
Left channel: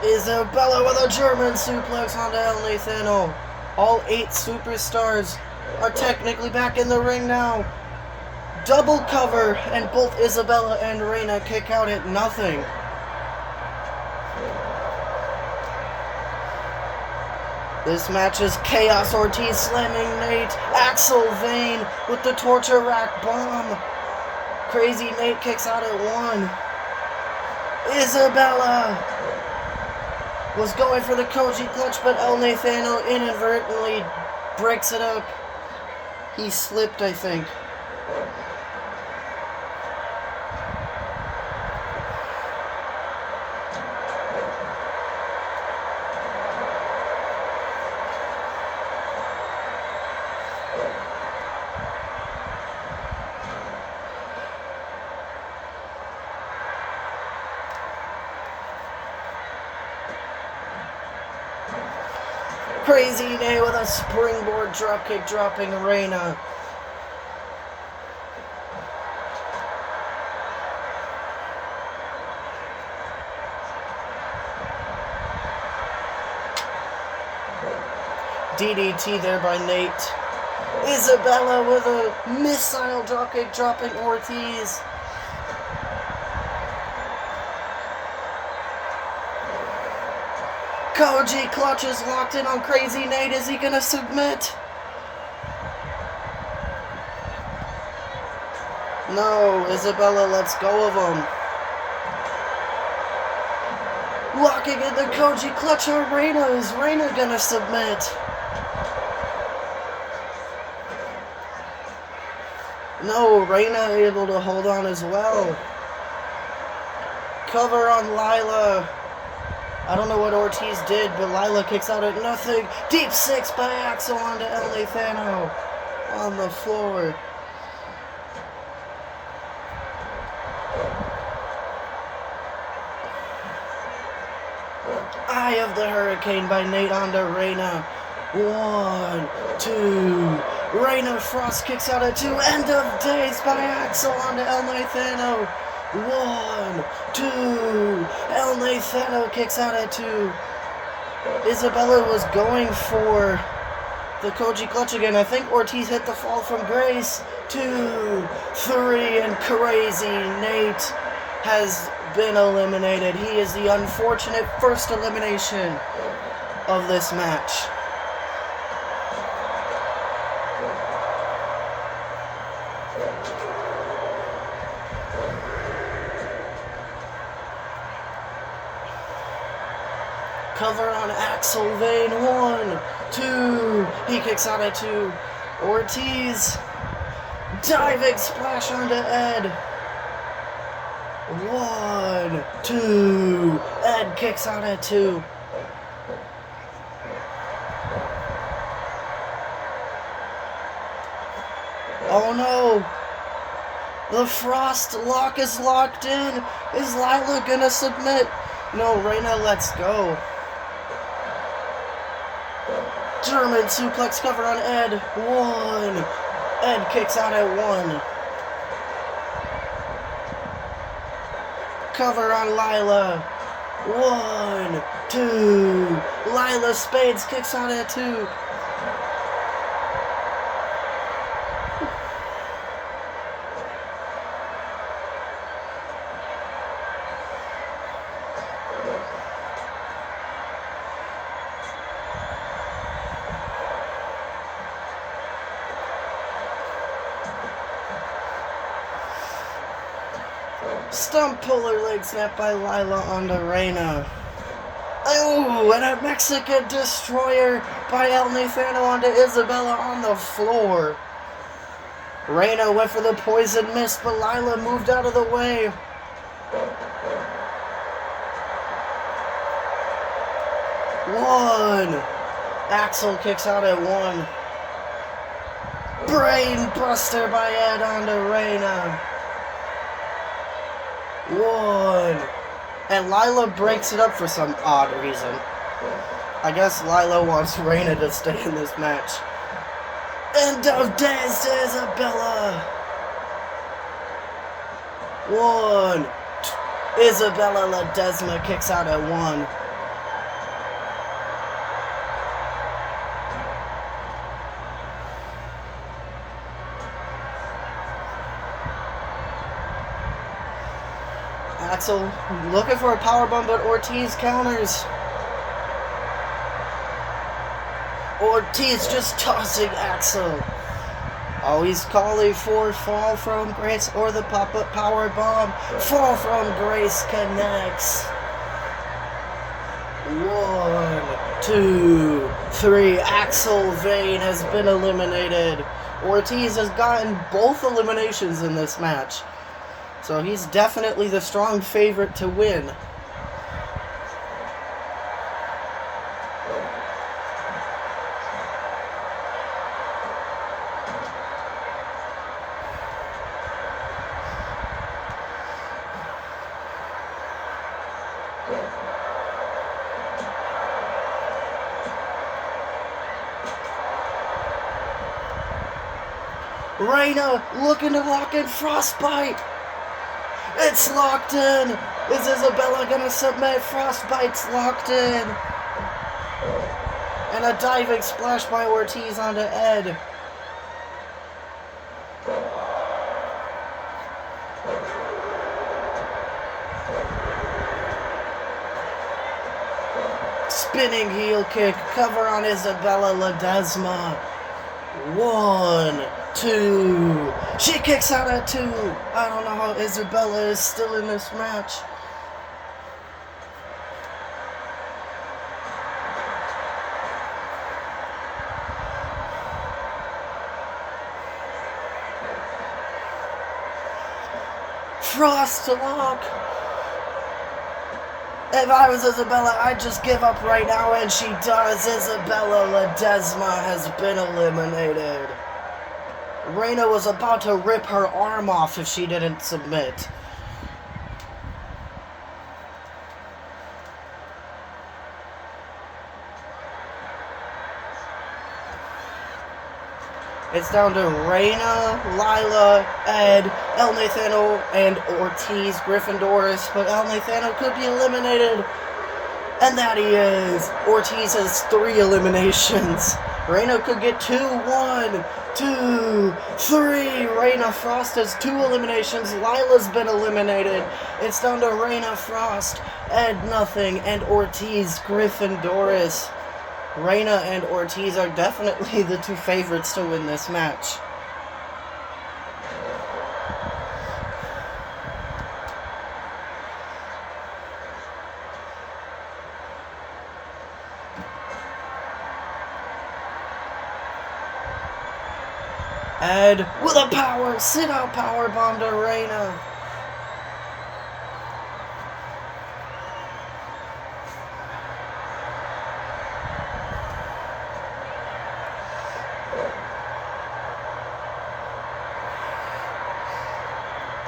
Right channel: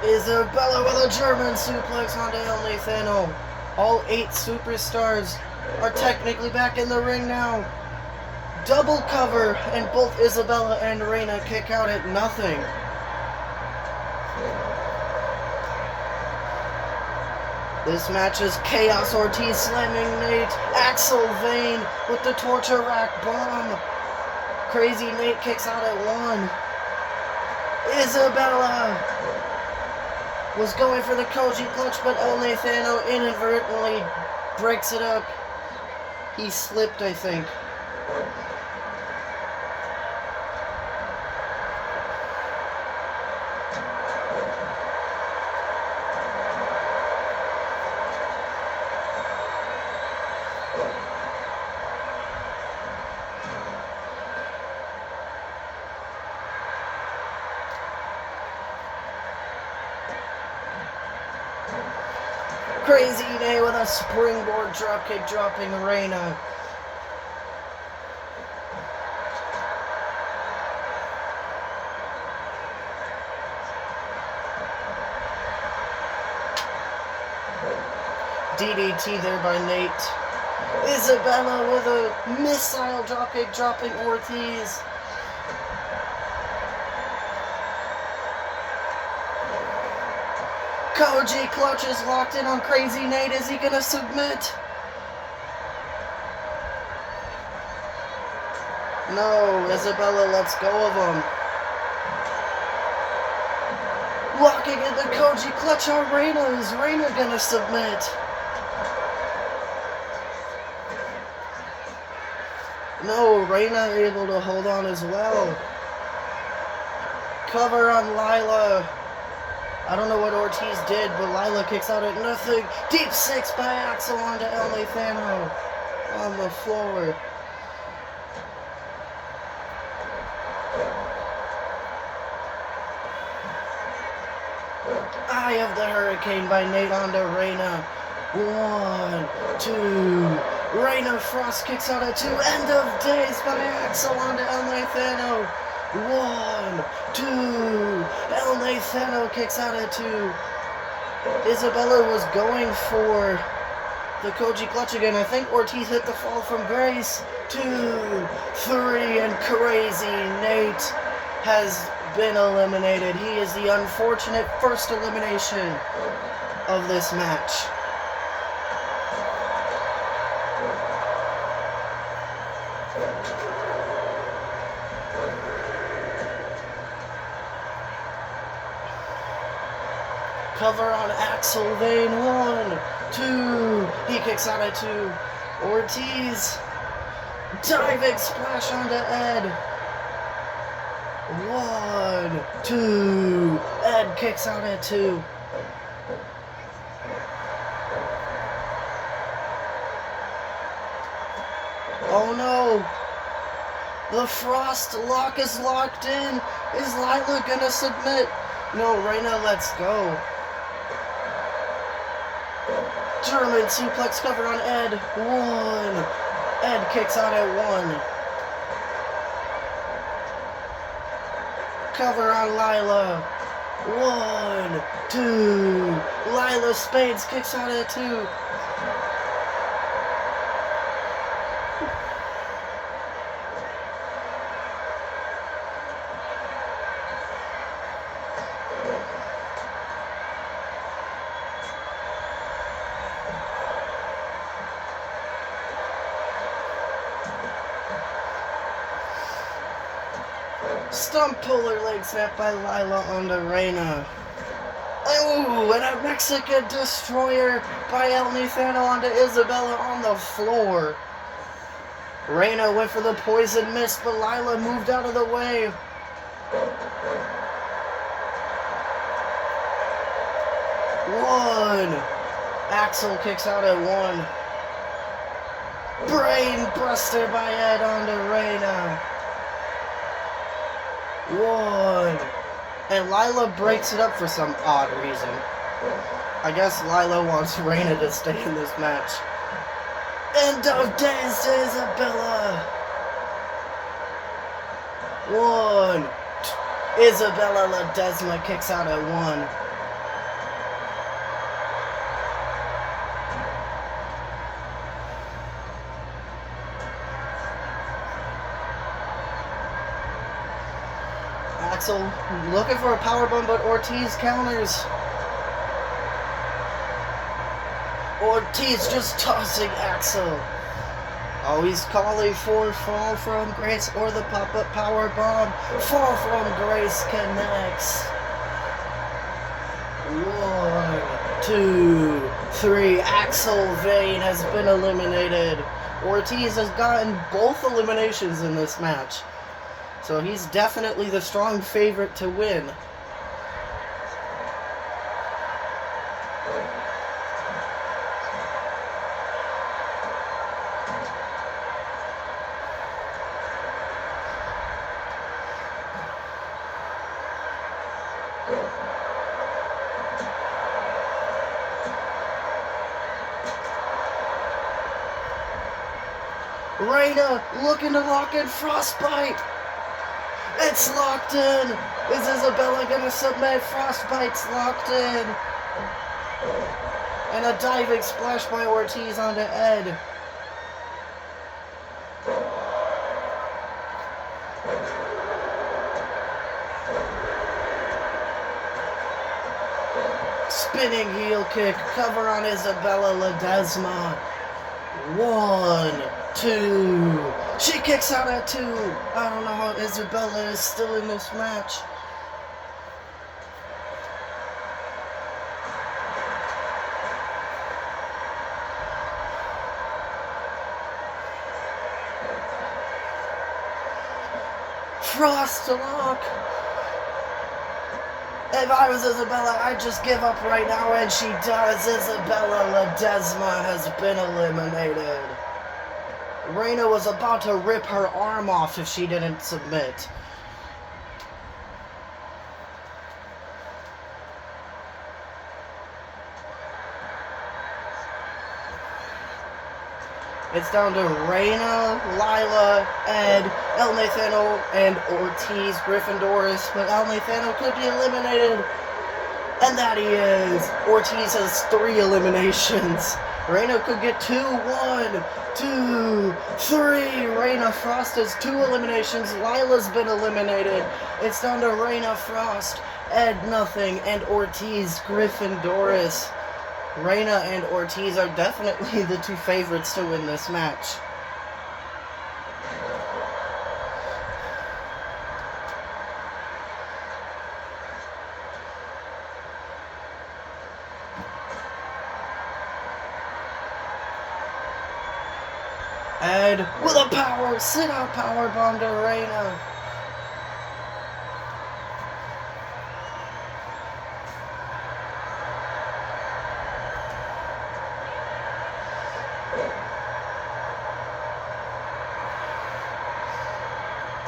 Isabella with a German suplex onto El Nathano. All 8 superstars are technically back in the ring now. Double cover, and both Isabella and Reina kick out at nothing. This match is Chaos Ortiz slamming Nate. Axel Vane with the torture rack bomb. Crazy Nate kicks out at 1. Isabella was going for the Koji clutch, but El Nathano inadvertently breaks it up. He slipped, I think. Crazy Nate with a springboard dropkick dropping Reina. DDT there by Nate. Isabella with a missile dropkick dropping Ortiz. Koji clutch is locked in on Crazy Nate. Is he gonna submit? No, Isabella lets go of him. Locking in the Koji clutch on Reina. Is Reina gonna submit? No, Reina able to hold on as well. Cover on Lila. I don't know what Ortiz did, but Lila kicks out at nothing. Deep 6 by Axel onto El Nathano on the floor. Eye of the Hurricane by Nate onto Reina. 1, 2. Reina Frost kicks out at 2. End of days by Axel onto El Nathano. 1, 2. El Nathano kicks out at 2. Isabella was going for the Koji clutch again. I think Ortiz hit the fall from grace. 2, 3, and Crazy Nate has been eliminated. He is the unfortunate first elimination of this match. Cover on Axel Vane. 1, 2. He kicks out at 2. Ortiz. Diving splash onto Ed. 1, 2. Ed kicks out at 2. Oh no. The Frost lock is locked in. Is Lila gonna submit? No, Reina lets go. German suplex cover on Ed. 1. Ed kicks out at 1. Cover on Lila. 1, 2. Lila Spades kicks out at 2. Stump puller leg snap by Lila onto Reina. Ooh, and a Mexican destroyer by El Nathano onto Isabella on the floor. Reina went for the poison mist, but Lila moved out of the way. 1. Axel kicks out at 1. Brain buster by Ed onto Reina. 1. And Lila breaks it up for some odd reason. I guess Lila wants Reina to stay in this match. End of days to Isabella. 1. Isabella Ledesma kicks out at 1. Axel looking for a powerbomb, but Ortiz counters. Ortiz just tossing Axel. Oh, he's calling for fall from Grace or the pop-up power bomb. Fall from Grace connects. 1, 2, 3. Axel Vane has been eliminated. Ortiz has gotten both eliminations in this match, so he's definitely the strong favorite to win. Reina looking to lock in Frostbite. It's locked in. Is Isabella gonna submit? Frostbite's locked in. And a diving splash by Ortiz onto Ed. Spinning heel kick, cover on Isabella Ledesma. 1, 2. She kicks out at 2. I don't know how Isabella is still in this match. Frost lock. If I was Isabella, I'd just give up right now, and she does. Isabella Ledesma has been eliminated. Reina was about to rip her arm off if she didn't submit. It's down to Reina, Lila, Ed, El Nathano, and Ortiz Gryffindoris, but El Nathano could be eliminated. And that he is. Ortiz has 3 eliminations. Reina could get 2, 1, 2, 3. Reina Frost has 2 eliminations. Lila's been eliminated. It's down to Reina Frost, Ed nothing, and Ortiz Gryffindoris. Reina and Ortiz are definitely the 2 favorites to win this match. Ed with a power sit-out power bomb to Reina.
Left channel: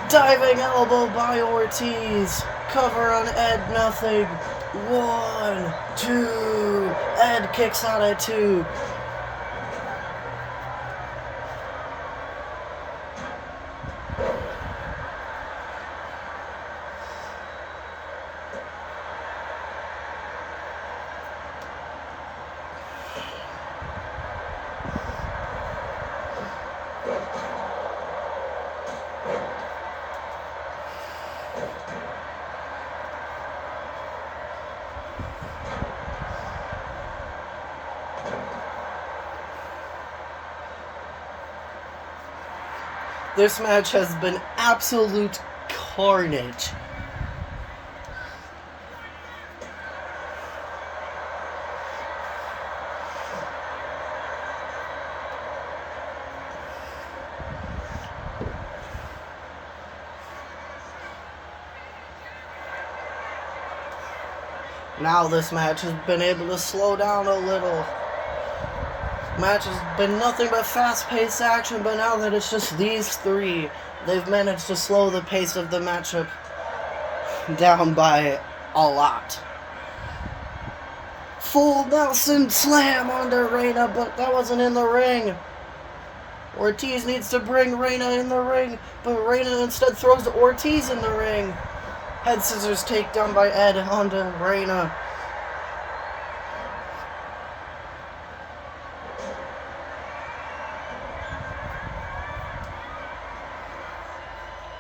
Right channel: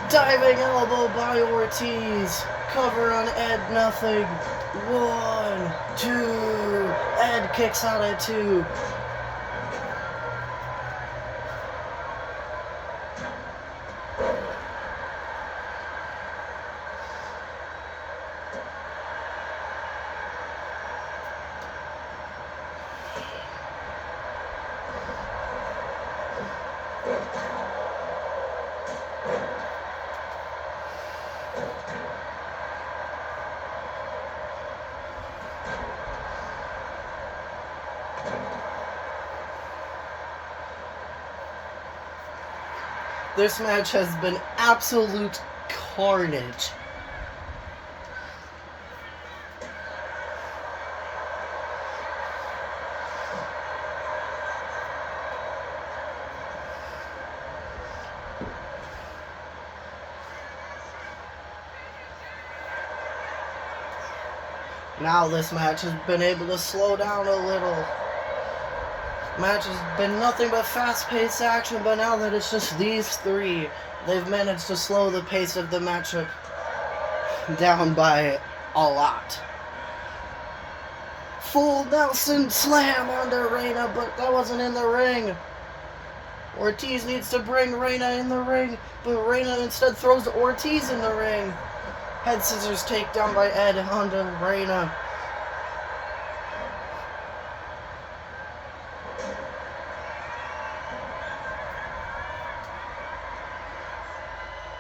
Diving elbow by Ortiz. Cover on Ed nothing. 1, 2. Ed kicks out at 2. This match has been absolute carnage. Now this match has been able to slow down a little. Match has been nothing but fast-paced action, but now that it's just these 3, they've managed to slow the pace of the matchup down by a lot. Full Nelson slam on the Reina, but that wasn't in the ring. Ortiz needs to bring Reina in the ring, but Reina instead throws Ortiz in the ring. Head scissors takedown by Ed onto Reina.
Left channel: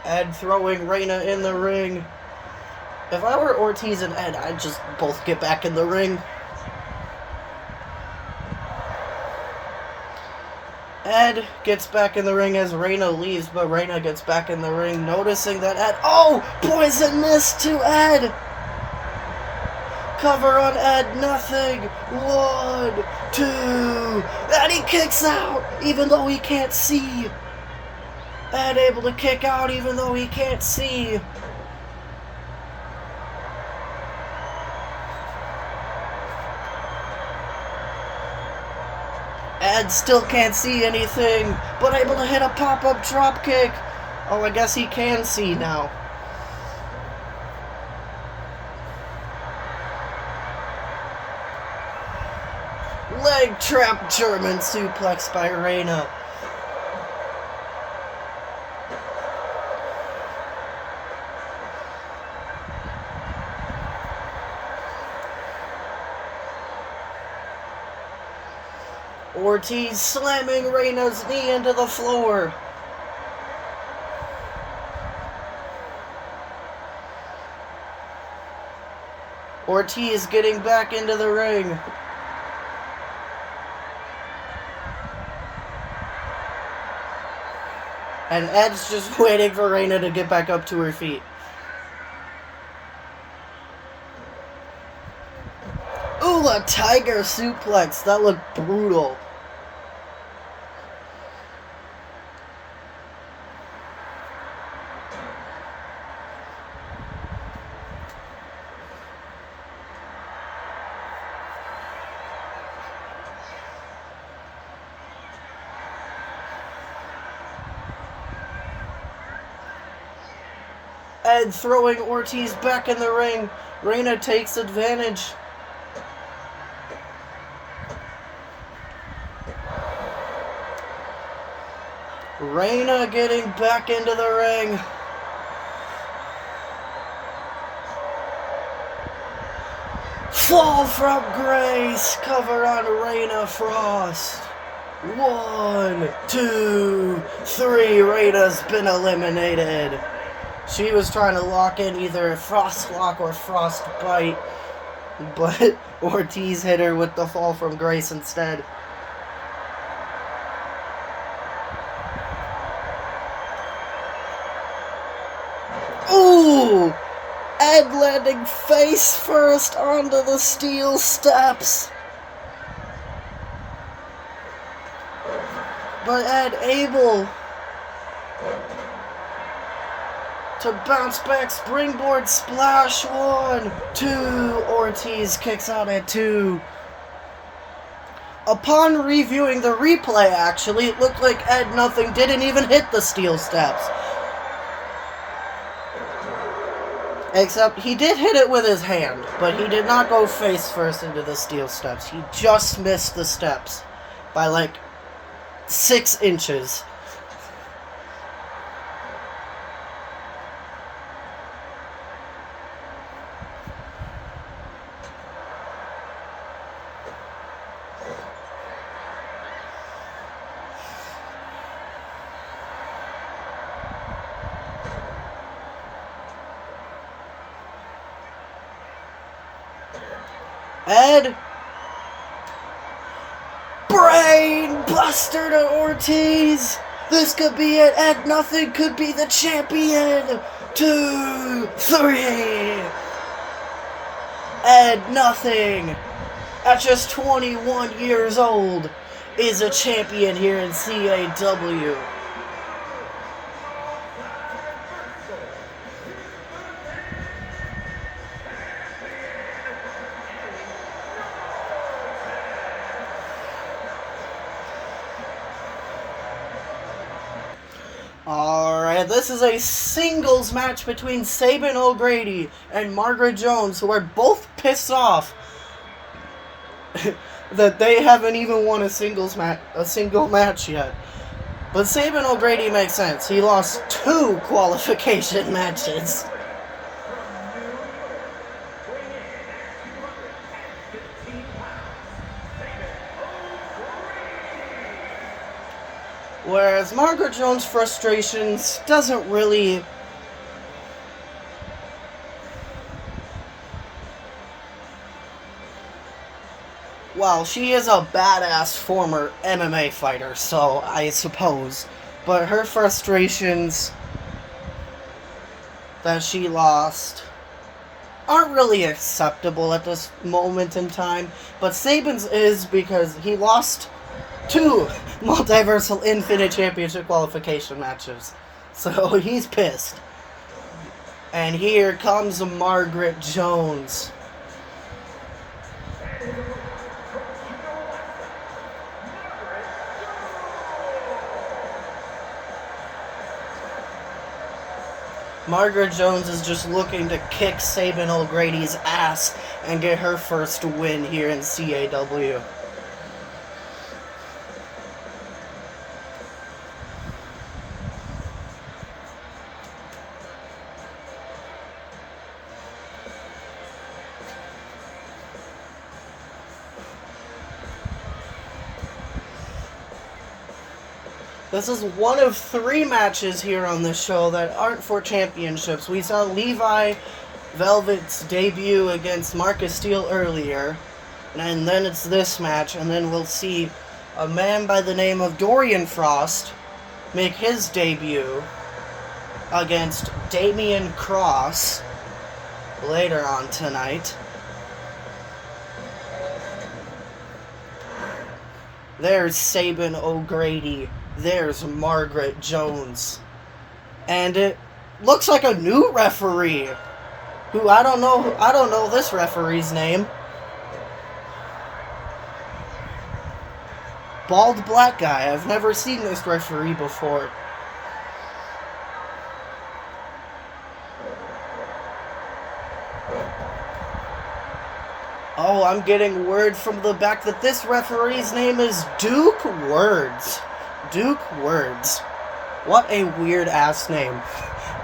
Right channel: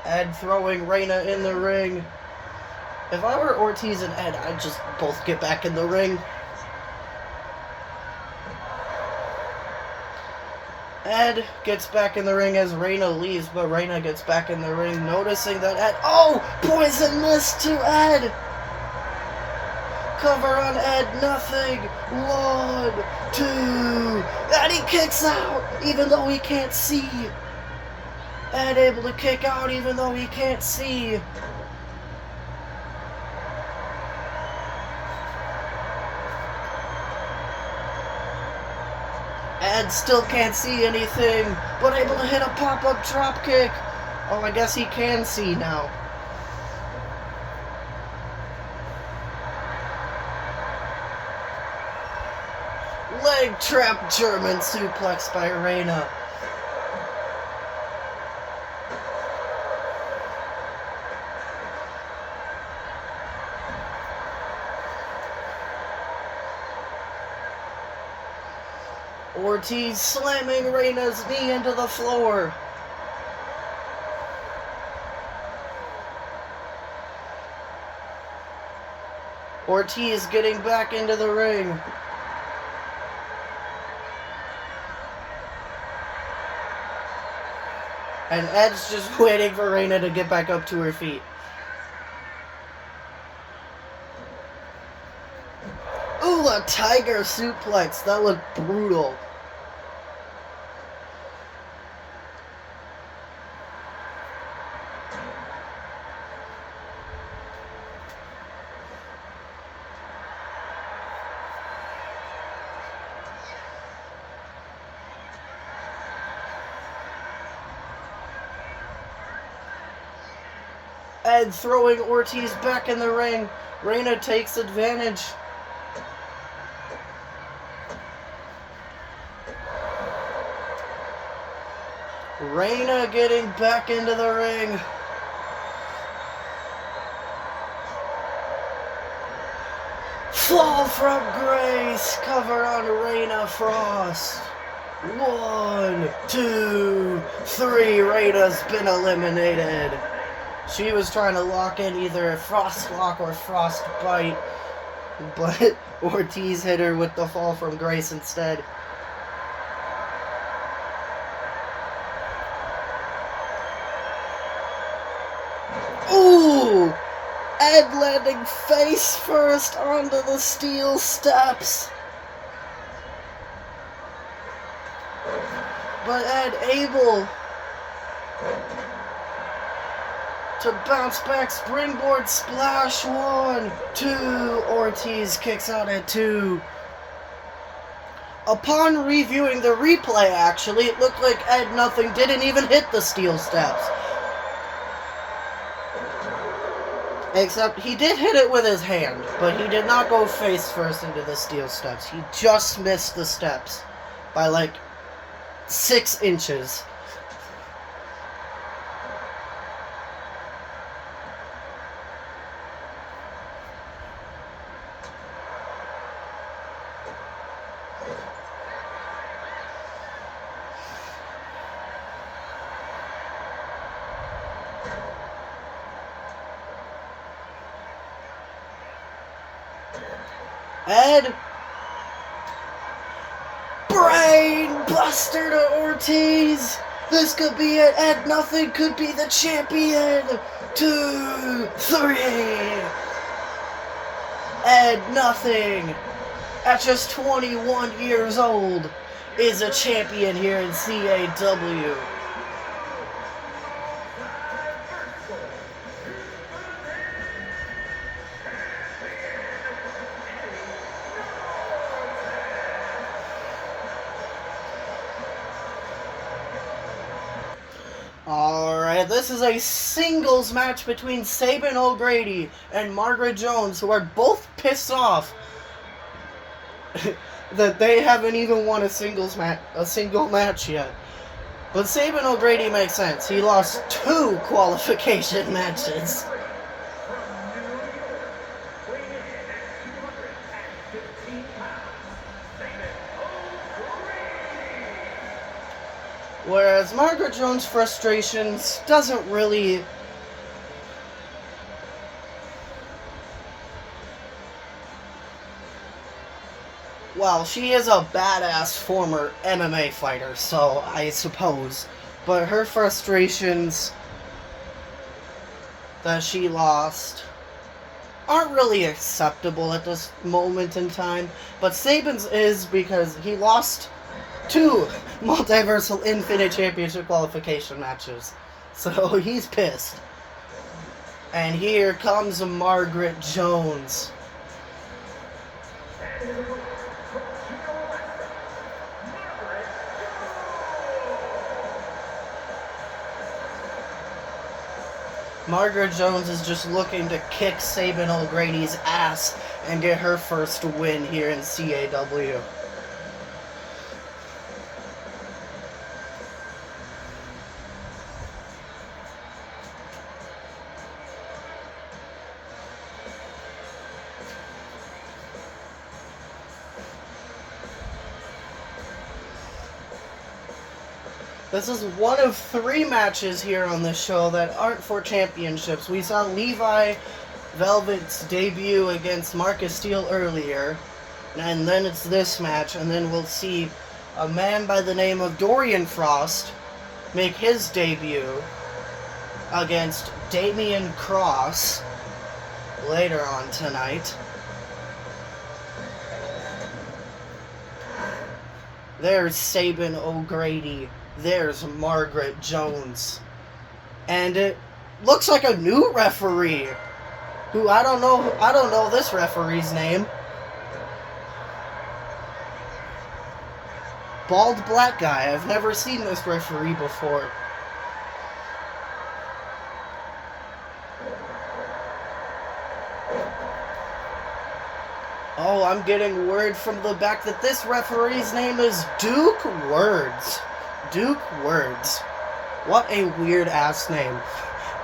Ed throwing Reina in the ring. If I were Ortiz and Ed, I'd just both get back in the ring. Ed gets back in the ring as Reina leaves, but Reina gets back in the ring, noticing that Ed... Oh! Poison mist to Ed! Cover on Ed, nothing. 1, 2... And he kicks out, even though he can't see. Ed able to kick out, even though he can't see. Ed still can't see anything, but able to hit a pop-up dropkick. Oh, I guess he can see now. Leg trap German suplex by Reina. Ortiz slamming Reina's knee into the floor. Ortiz getting back into the ring. And Ed's just waiting for Reina to get back up to her feet. Ooh, a tiger suplex. That looked brutal. Ed throwing Ortiz back in the ring. Reina takes advantage. Reina getting back into the ring. Fall from grace. Cover on Reina Frost. 1, 2, 3. Reina's been eliminated. She was trying to lock in either a frost lock or frost bite, but Ortiz hit her with the fall from grace instead. Ooh! Ed landing face first onto the steel steps. But Ed able to bounce back, springboard splash. 1, 2. Ortiz kicks out at 2. Upon reviewing the replay, actually, it looked like Ed Nothing didn't even hit the steel steps. Except he did hit it with his hand, but he did not go face first into the steel steps. He just missed the steps by like 6 inches. Ed, brain buster to Ortiz. This could be it. Ed Nothing could be the champion. 2, 3. Ed Nothing, at just 21 years old, is a champion here in CAW. Alright, this is a singles match between Sabin O'Grady and Margaret Jones, who are both pissed off that they haven't even won a single match yet. But Sabin O'Grady makes sense. He lost 2 qualification matches. Whereas Margaret Jones' frustrations doesn't really well, she is a badass former MMA fighter, so I suppose. But her frustrations that she lost aren't really acceptable at this moment in time. But Saban's is because he lost 2 Multiversal Infinite Championship qualification matches. So he's pissed. And here comes Margaret Jones. Margaret Jones is just looking to kick Sabin O'Grady's ass and get her first win here in CAW. This is one of 3 matches here on this show that aren't for championships. We saw Levi Velvet's debut against Marcus Steele earlier, and then it's this match, and then we'll see a man by the name of Dorian Frost make his debut against Damian Cross later on tonight. There's Sabin O'Grady. There's Margaret Jones. And it looks like a new referee. Who I don't know this referee's name. Bald black guy. I've never seen this referee before. Oh, I'm getting word from the back that this referee's name is Duke Words. Duke Words. What a weird ass name.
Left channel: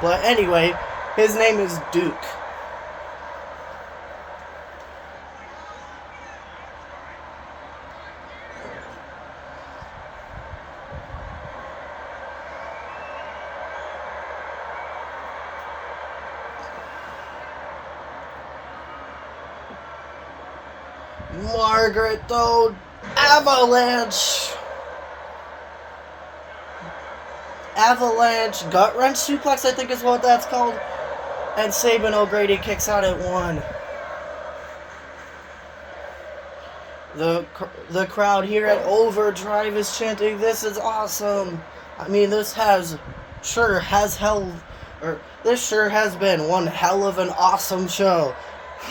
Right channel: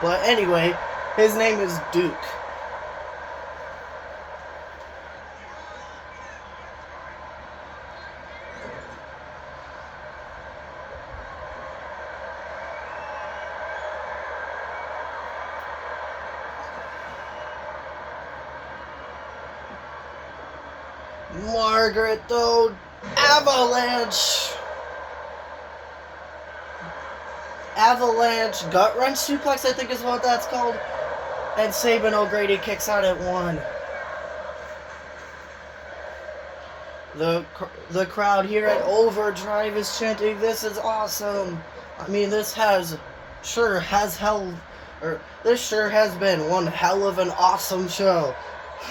But anyway, his name is Duke. Margaret, though, avalanche, gut wrench suplex, I think is what that's called, and Sabin O'Grady kicks out at 1. The crowd here at Overdrive is chanting, "This is awesome." I mean, this sure has been one hell of an awesome show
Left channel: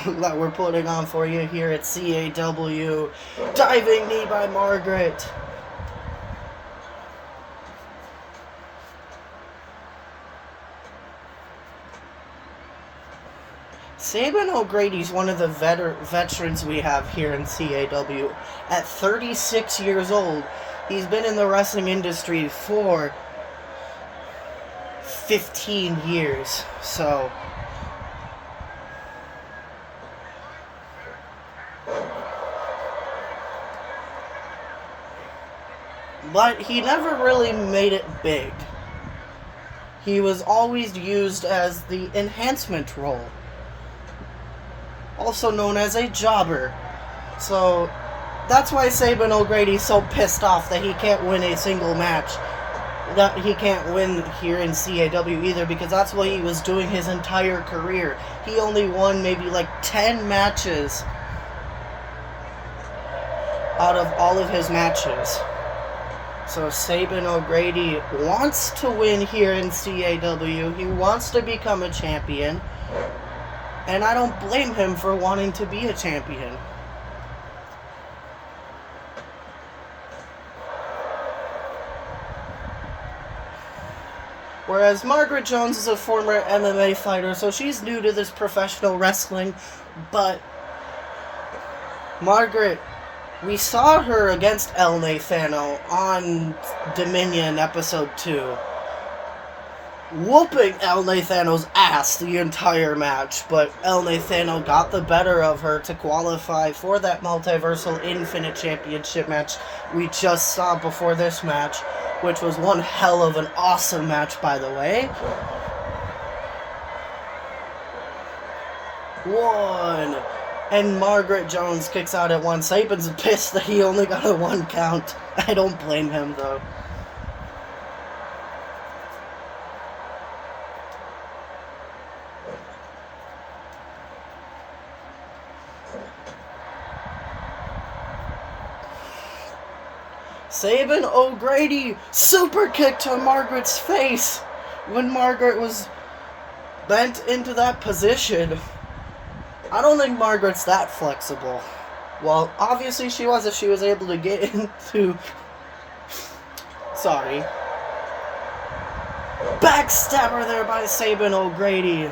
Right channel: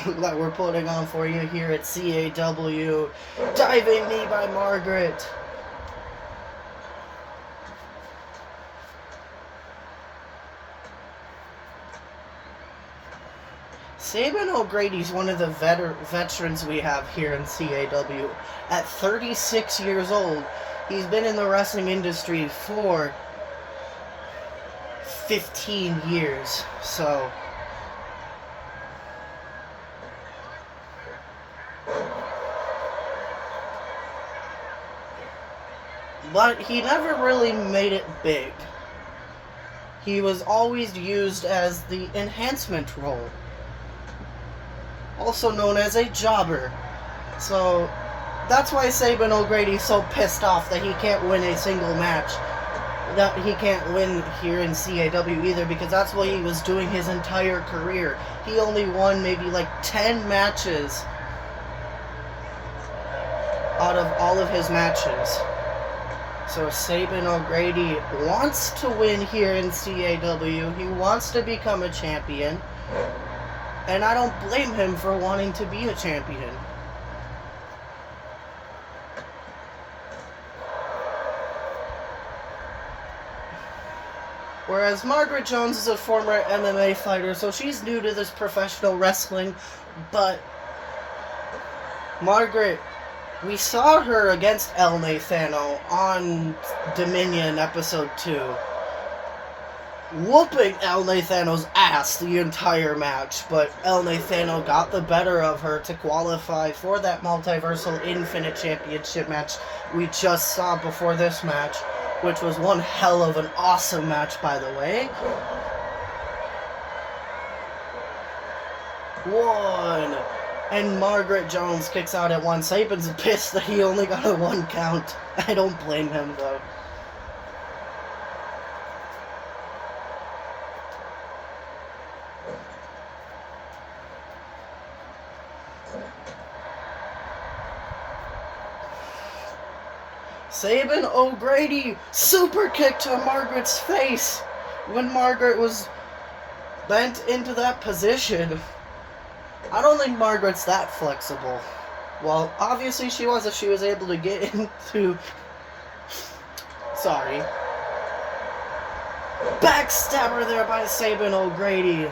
that we're putting on for you here at CAW. Diving knee by Margaret. Sabin O'Grady's one of the veterans we have here in CAW. At 36 years old, he's been in the wrestling industry for 15 years. So but he never really made it big. He was always used as the enhancement role, also known as a jobber. So that's why Sabin O'Grady's so pissed off that he can't win a single match. That he can't win here in CAW either, because that's what he was doing his entire career. He only won maybe like 10 matches out of all of his matches. So Sabin O'Grady wants to win here in CAW. He wants to become a champion. And I don't blame him for wanting to be a champion. Whereas Margaret Jones is a former MMA fighter, so she's new to this professional wrestling. But Margaret, we saw her against El Nathano on Dominion episode 2. Whooping El Nathano's ass the entire match, but El Nathano got the better of her to qualify for that Multiversal Infinite Championship match we just saw before this match, which was one hell of an awesome match, by the way. 1, And Margaret Jones kicks out at 1. Saban's pissed that he only got a 1 count. I don't blame him, though. Saban O'Grady super kick to Margaret's face when Margaret was bent into that position. I don't think Margaret's that flexible. Well, obviously she was if she was able to get into... Sorry. Backstabber there by Saban O'Grady.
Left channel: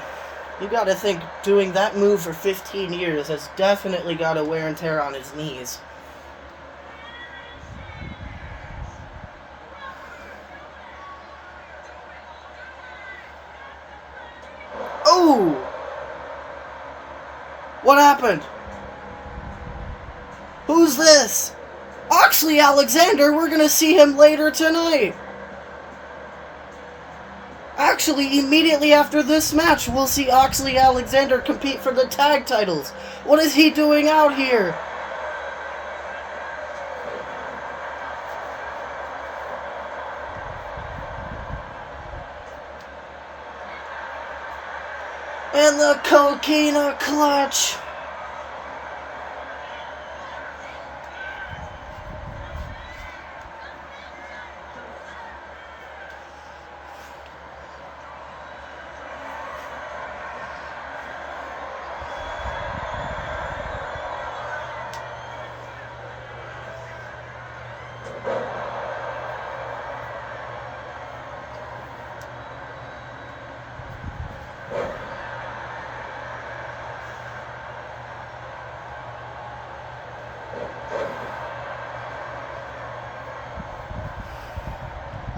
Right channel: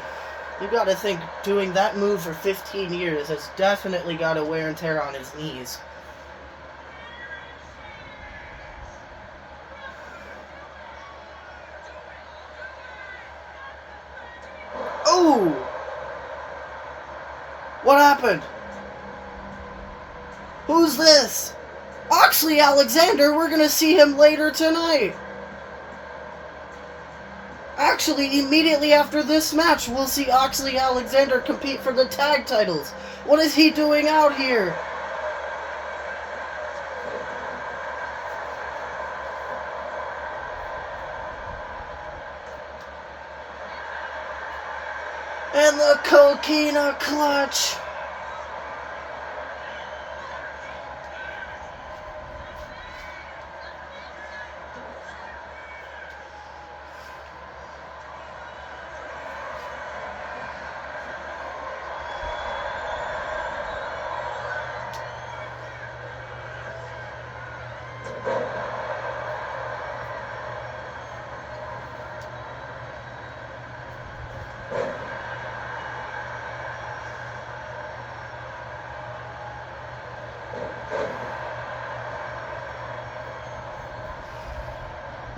You gotta think, doing that move for 15 years has definitely got a wear and tear on his knees. Oh! What happened? Who's this? Oxley Alexander, we're gonna see him later tonight. Actually, immediately after this match, we'll see Oxley Alexander compete for the tag titles. What is he doing out here? And the Coquina Clutch.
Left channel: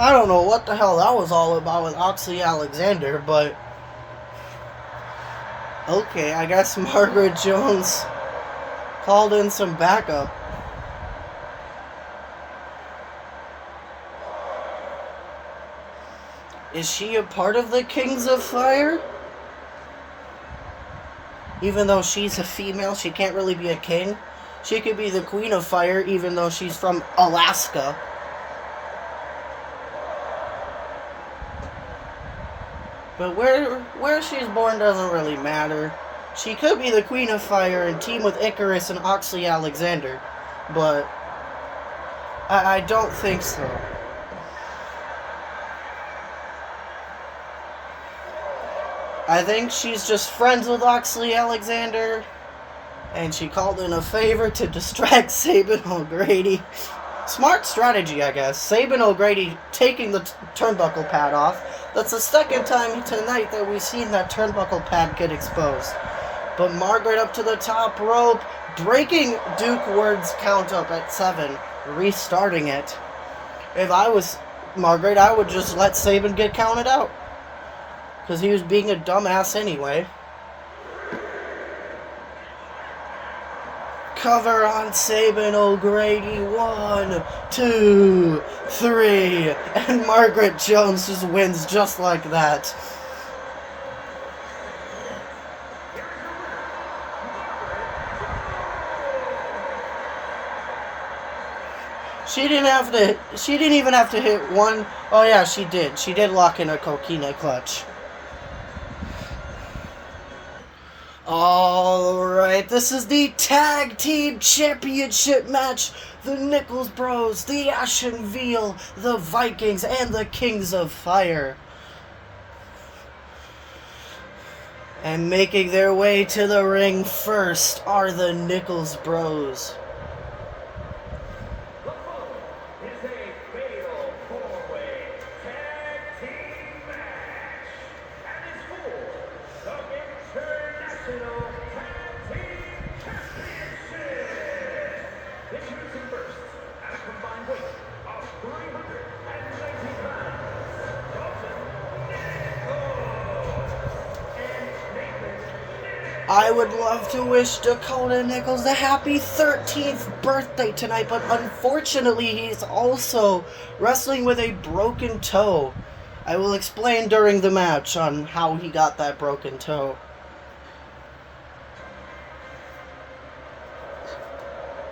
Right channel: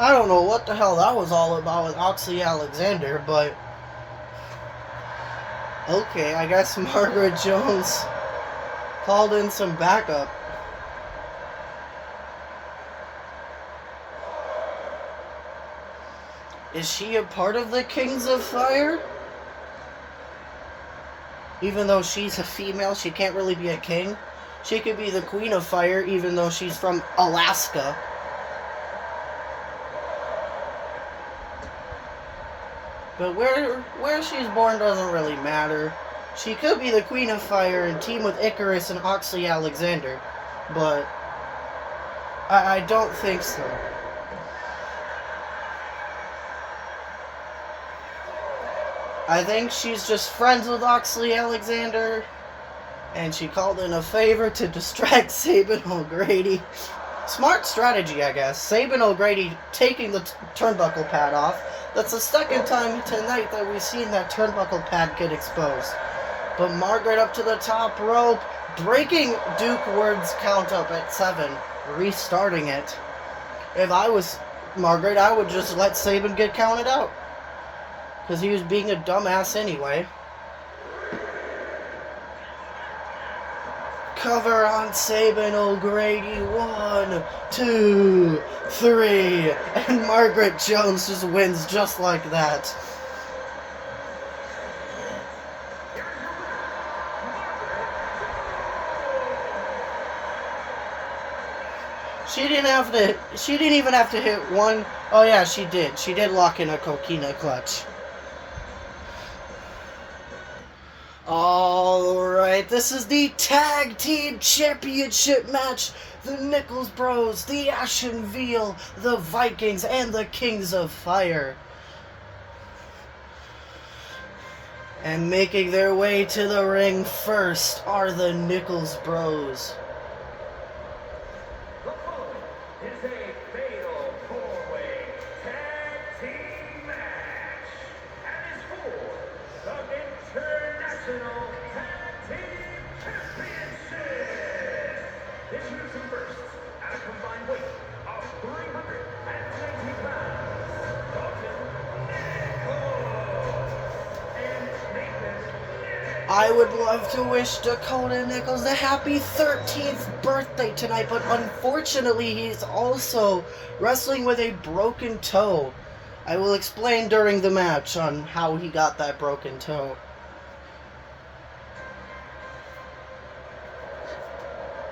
I don't know what the hell that was all about with Oxley Alexander, but... Okay, I guess Margaret Jones called in some backup. Is she a part of the Kings of Fire? Even though she's a female, she can't really be a king. She could be the Queen of Fire, even though she's from Alaska. But where she's born doesn't really matter. She could be the Queen of Fire and team with Icarus and Oxley Alexander, but I don't think so. I think she's just friends with Oxley Alexander, and she called in a favor to distract Saban O'Grady. Smart strategy, I guess. Saban O'Grady taking the turnbuckle pad off. That's the second time tonight that we've seen that turnbuckle pad get exposed. But Margaret up to the top rope, breaking Duke Ward's count up at 7, restarting it. If I was Margaret, I would just let Saban get counted out. Because he was being a dumbass anyway. Cover on Saban O'Grady. 1, 2, 3. And Margaret Jones just wins just like that. She didn't even have to hit one. Oh yeah, she did. She did lock in a Coquina Clutch. Alright, this is the Tag Team Championship match. The Nichols Bros, the Ashen Veal, the Vikings, and the Kings of Fire. And making their way to the ring first are the Nichols Bros. Is a fatal 4-way tag team match and is for the International Tag Team Championship. Introducing first, at a combined weight of 390 pounds, Dalton Nichols and Nathan. I would love to wish Dakota Nichols a happy 13th birthday tonight, but unfortunately he's also wrestling with a broken toe. I will explain during the match on how he got that broken toe.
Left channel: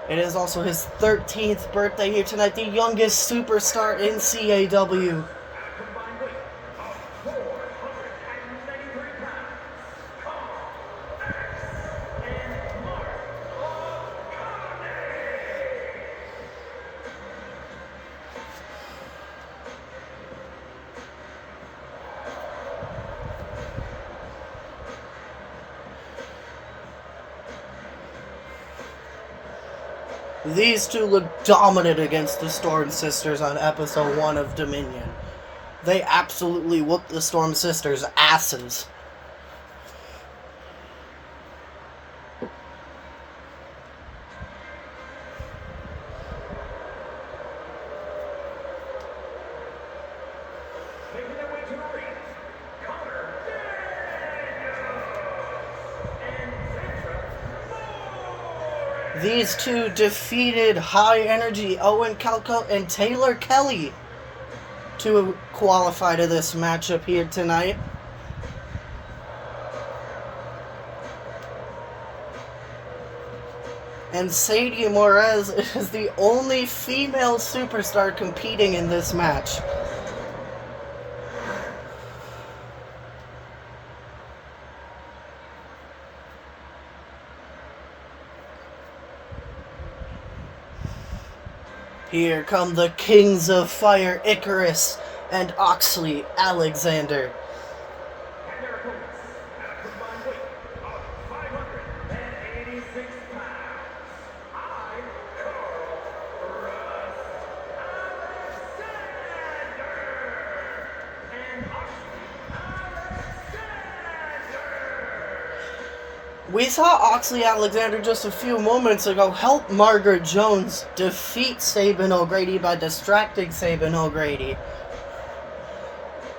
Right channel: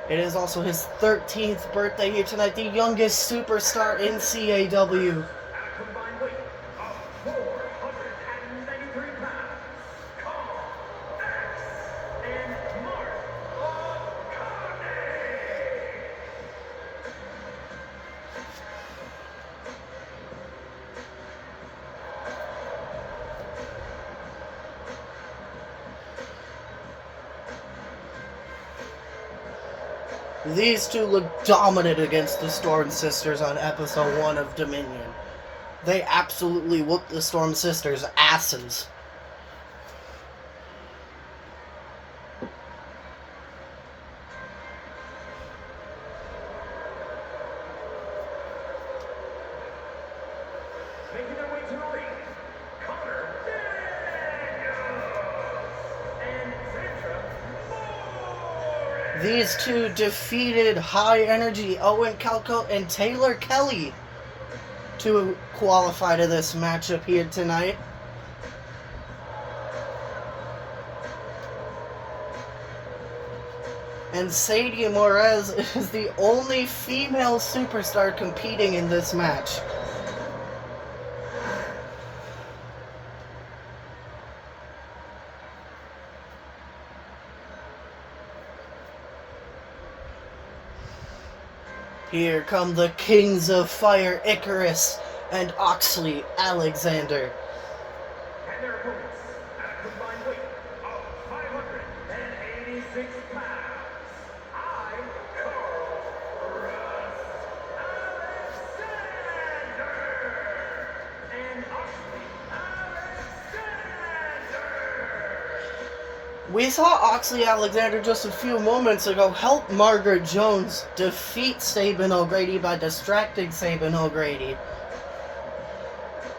It is also his 13th birthday here tonight, the youngest superstar in CAW. At a combined weight of 493 pounds, Carl X and Mark O'Connor. These two look dominant against the Storm Sisters on episode 1 of Dominion. They absolutely whooped the Storm Sisters' asses. Making their way to the ring, Connor and Sandra Moore. These two defeated High Energy Owen Calco and Taylor Kelly to qualify to this matchup here tonight. And Sadie Morez is the only female superstar competing in this match. Here come the Kings of Fire, Icarus and Oxley Alexander. And their opponents at a combined weight of 586 pounds. I, Carl Russ Alexander. And Oxley Alexander. We saw Oxley Alexander just a few moments ago help Margaret Jones defeat Sabin O'Grady by distracting Sabin O'Grady.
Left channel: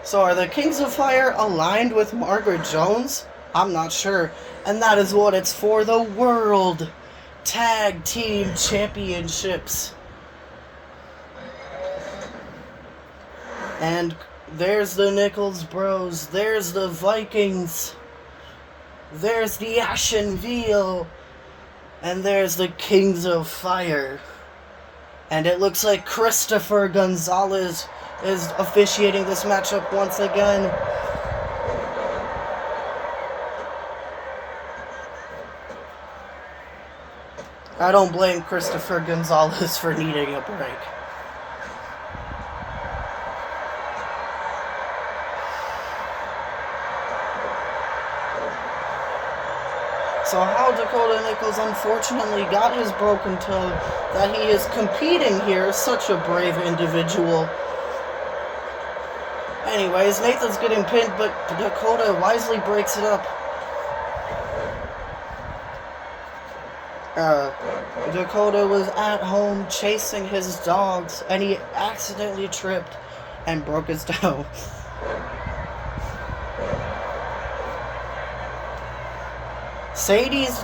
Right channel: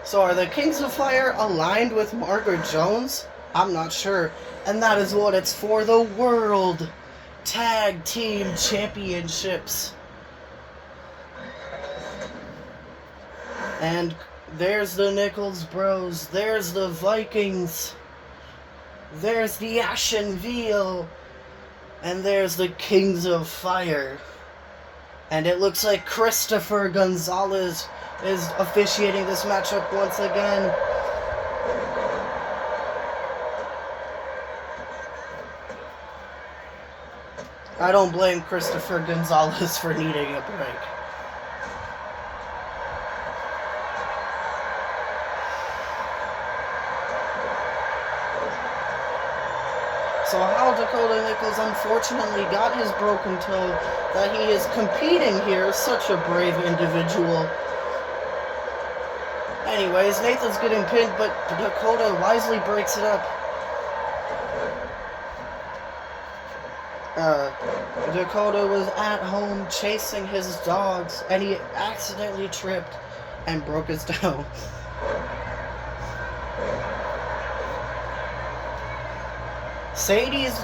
So are the Kings of Fire aligned with Margaret Jones? I'm not sure. And that is what it's for, the World Tag Team Championships. And there's the Nichols Bros, there's the Vikings, there's the Ashen Veil, and there's the Kings of Fire. And it looks like Christopher Gonzalez is officiating this matchup once again. I don't blame Christopher Gonzalez for needing a break. So how Dakota Nichols unfortunately got his broken toe, that he is competing here, such a brave individual. Anyways, Nathan's getting pinned, but Dakota wisely breaks it up. Dakota was at home chasing his dogs, and he accidentally tripped and broke his toe. Sadie's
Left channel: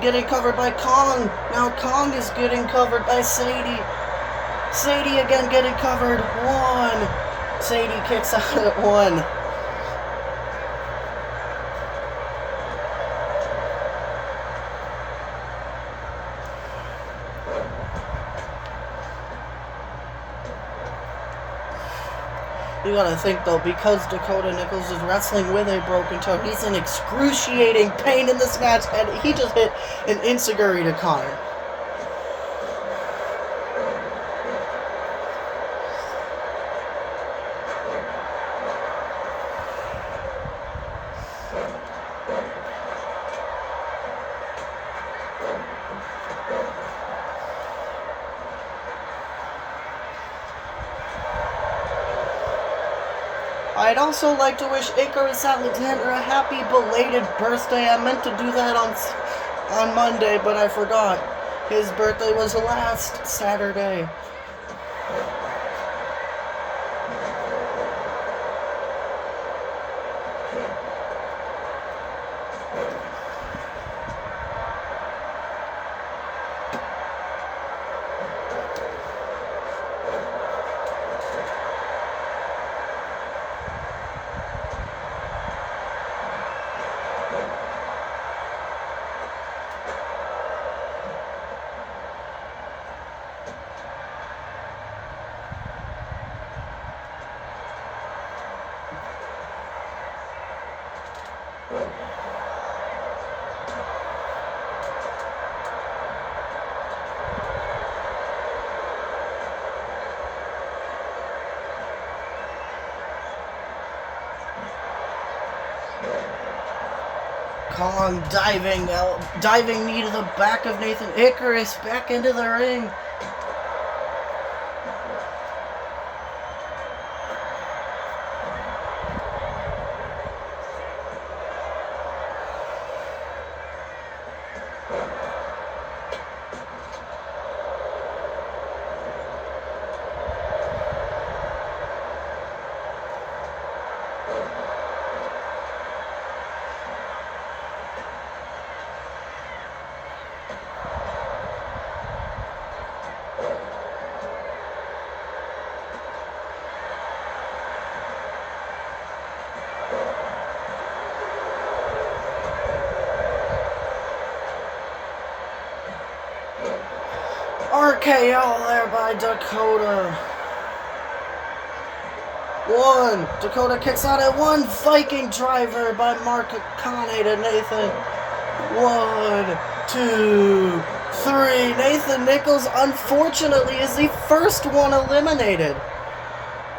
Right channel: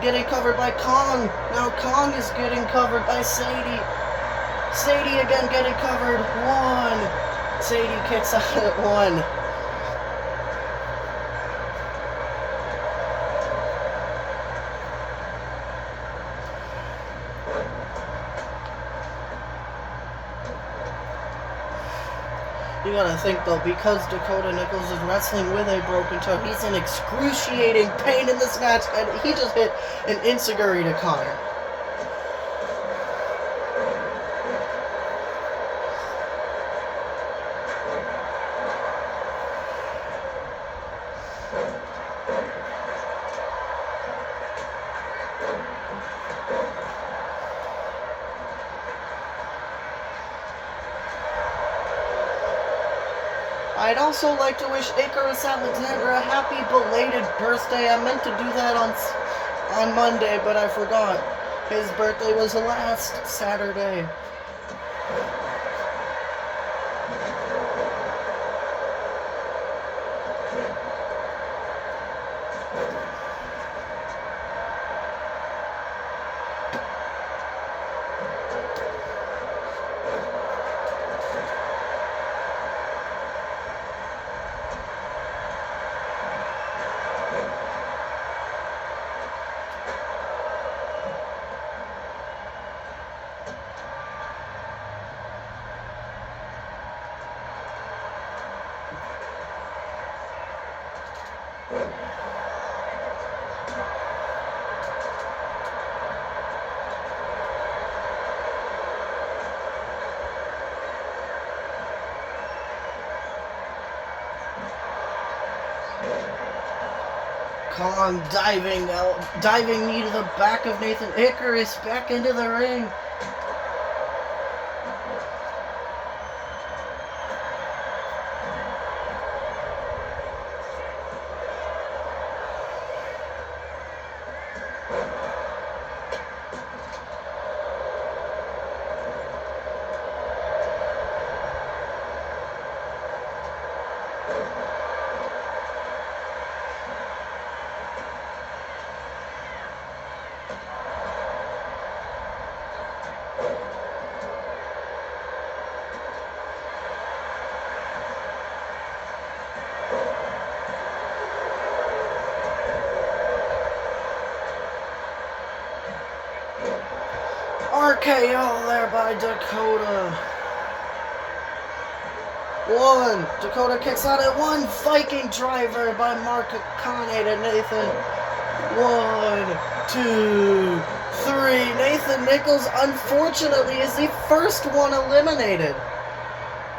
getting covered by Kong. Now Kong is getting covered by Sadie. Sadie again getting covered. One. Sadie kicks out at one. You gotta think though, because Dakota Nichols is wrestling with a broken toe, he's in excruciating pain in this match, and he just hit an enziguri to Connor. I'd also like to wish Icarus Alexander a happy belated birthday. I meant to do that on Monday, but I forgot. His birthday was last Saturday. Kong diving knee to the back of Nathan Icarus, back into the ring. RKO there by Dakota. One. Dakota kicks out at one. Viking driver by Mark Kane to Nathan. 1, 2, 3. Nathan Nichols, unfortunately, is the first one eliminated.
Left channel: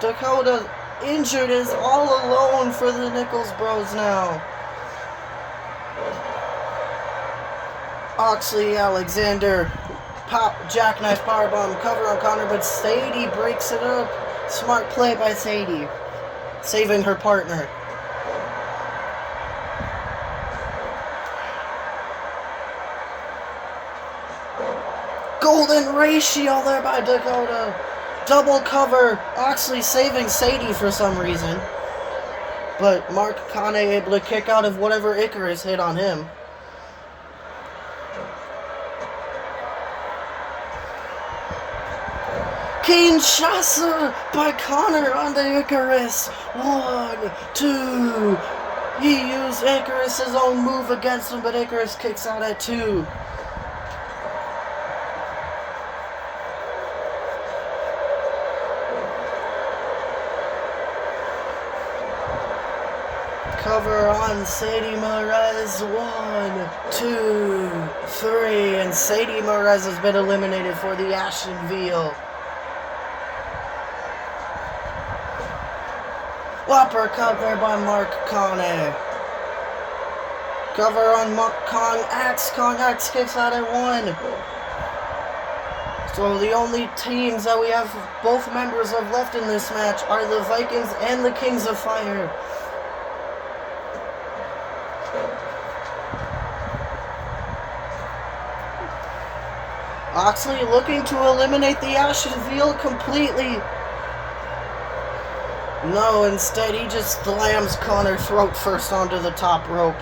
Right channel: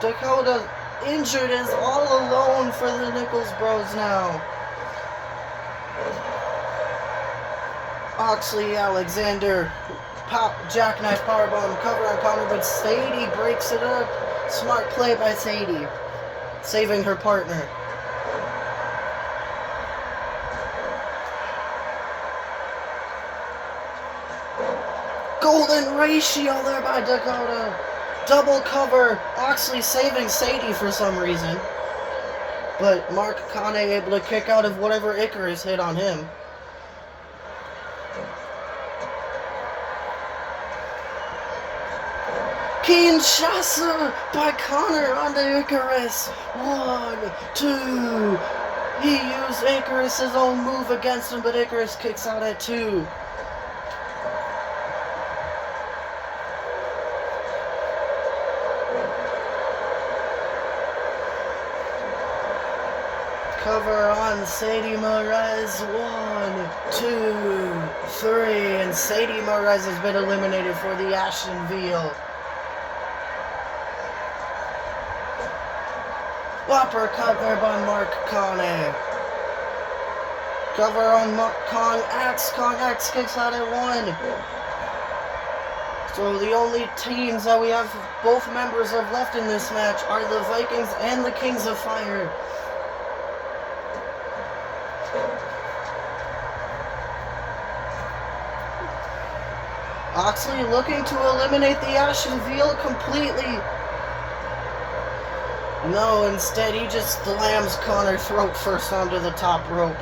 Dakota injured, is all alone for the Nichols Bros now. Oxley, Alexander, jackknife powerbomb, cover on Connor, but Sadie breaks it up. Smart play by Sadie, saving her partner. Golden ratio there by Dakota. Double cover. Oxley saving Sadie for some reason. But Mark Kane able to kick out of whatever Icarus hit on him. Kinshasa by Connor on the Icarus. 1, 2. He used Icarus' own move against him, but Icarus kicks out at 2. Cover on Sadie Morez. 1, 2, 3. And Sadie Morez has been eliminated for the Ashton Veal. Uppercut there by Mark Kane. Cover on Kong X. Kong X kicks out at 1. So the only teams that we have both members of left in this match are the Vikings and the Kings of Fire. Oxley looking to eliminate the Ashton Veal completely. No, instead he just slams Connor throat first onto the top rope.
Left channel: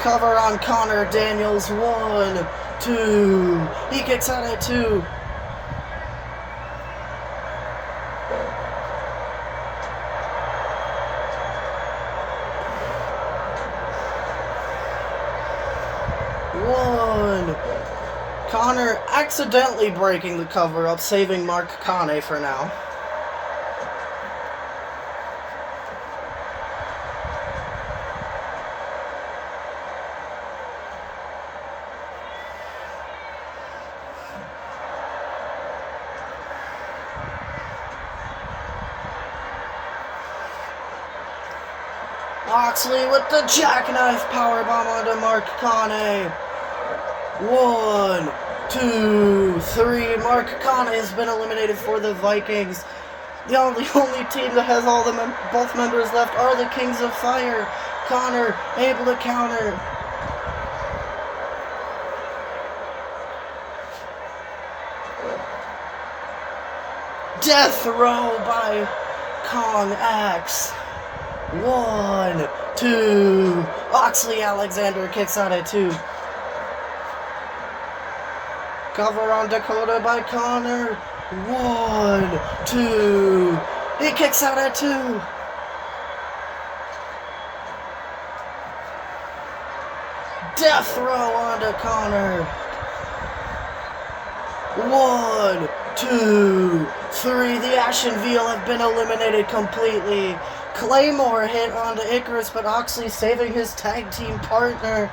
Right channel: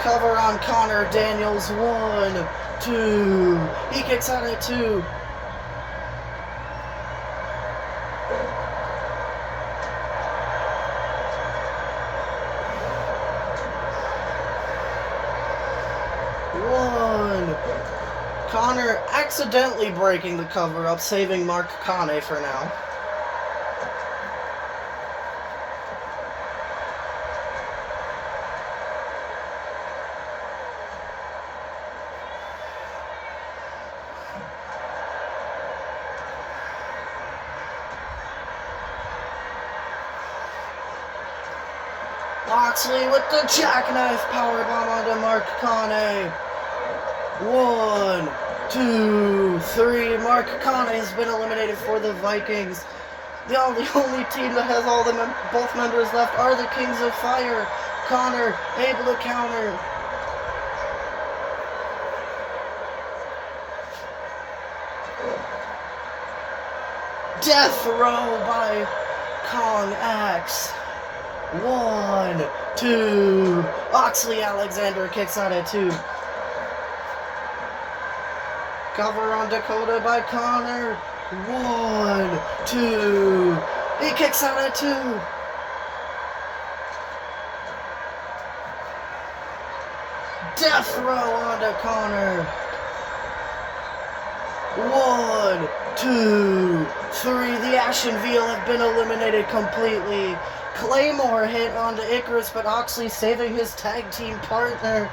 Cover on Connor Daniels. 1, 2. He kicks out at 2. Connor accidentally breaking the cover up, saving Mark Kane for now. Oxley with the jackknife powerbomb onto Mark Kane. 1, 2, 3. Mark Kane has been eliminated for the Vikings. The only team that has all both members left are the Kings of Fire. Connor able to counter. Death row by Kong X. 1, 2. Oxley Alexander kicks out at 2. Cover on Dakota by Connor. 1, 2. He kicks out at 2. Death row onto Connor. 1, 2, 3. The Ashen Veal have been eliminated completely. Claymore hit onto Icarus, but Oxley saving his tag team partner.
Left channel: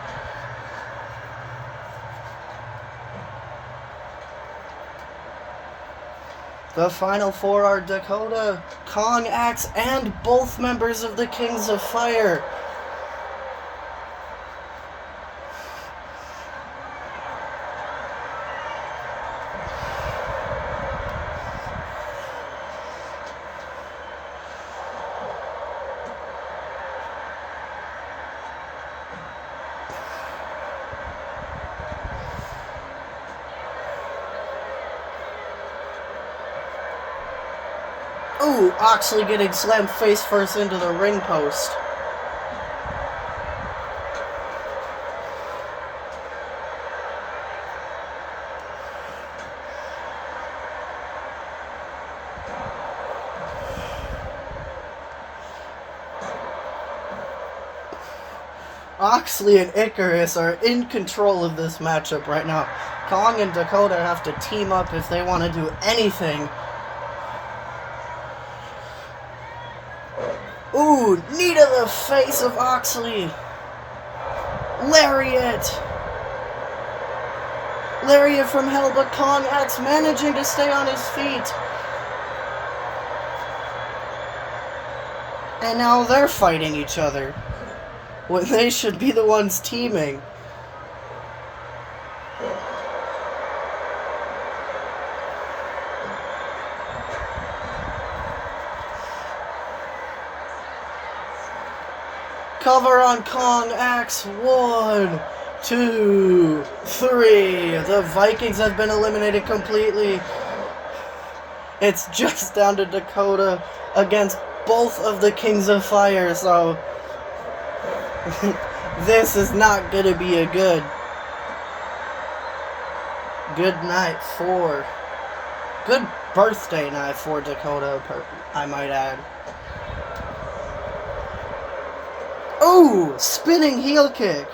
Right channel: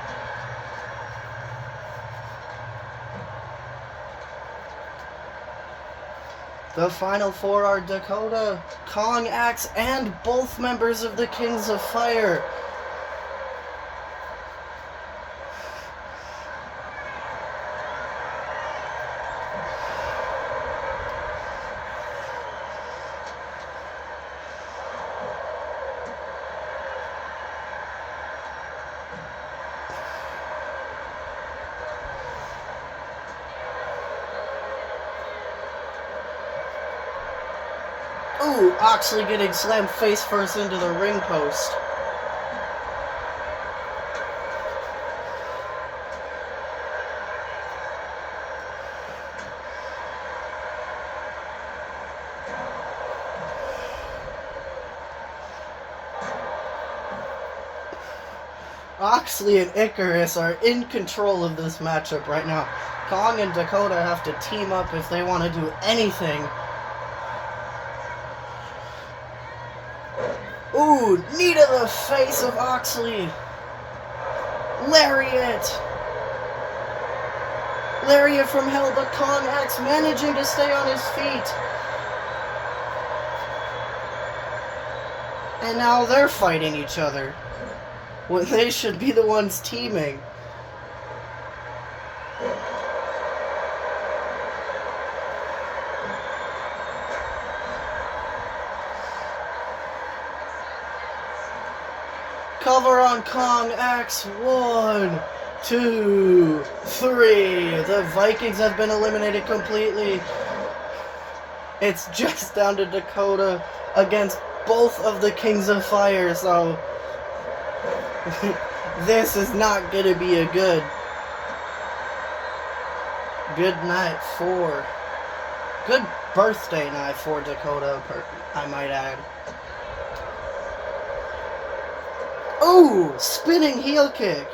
The final four are Dakota, Kong, Axe, and both members of the Kings of Fire. Ooh, Oxley getting slammed face first into the ring post. Oxley and Icarus are in control of this matchup right now. Kong and Dakota have to team up if they want to do anything. Ooh, knee to the face of Oxley. Lariat. Lariat from hell, but Kong X managing to stay on his feet. And now they're fighting each other, when they should be the ones teaming. Cover on Kong X. 1, 2, 3. The Vikings have been eliminated completely. It's just down to Dakota against both of the Kings of Fire, so this is not going to be a good night for... Good birthday night for Dakota, I might add. Ooh, spinning heel kick.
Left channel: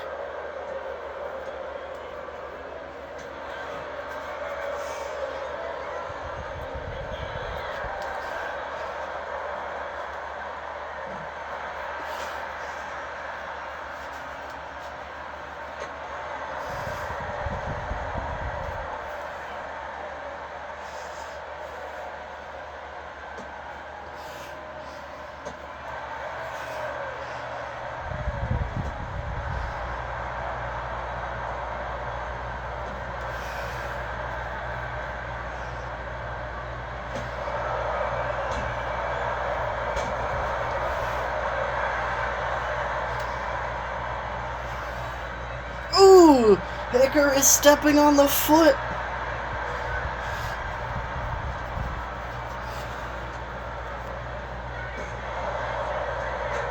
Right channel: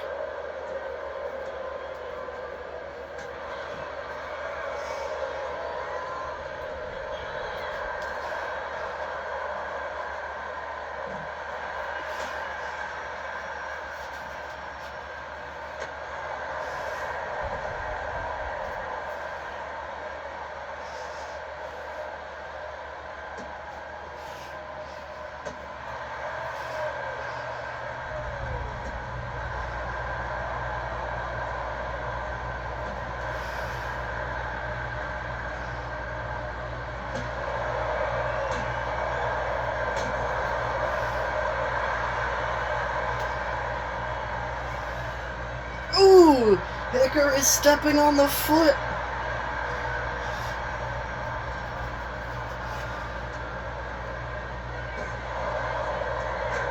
Ooh, Hicker is stepping on the foot.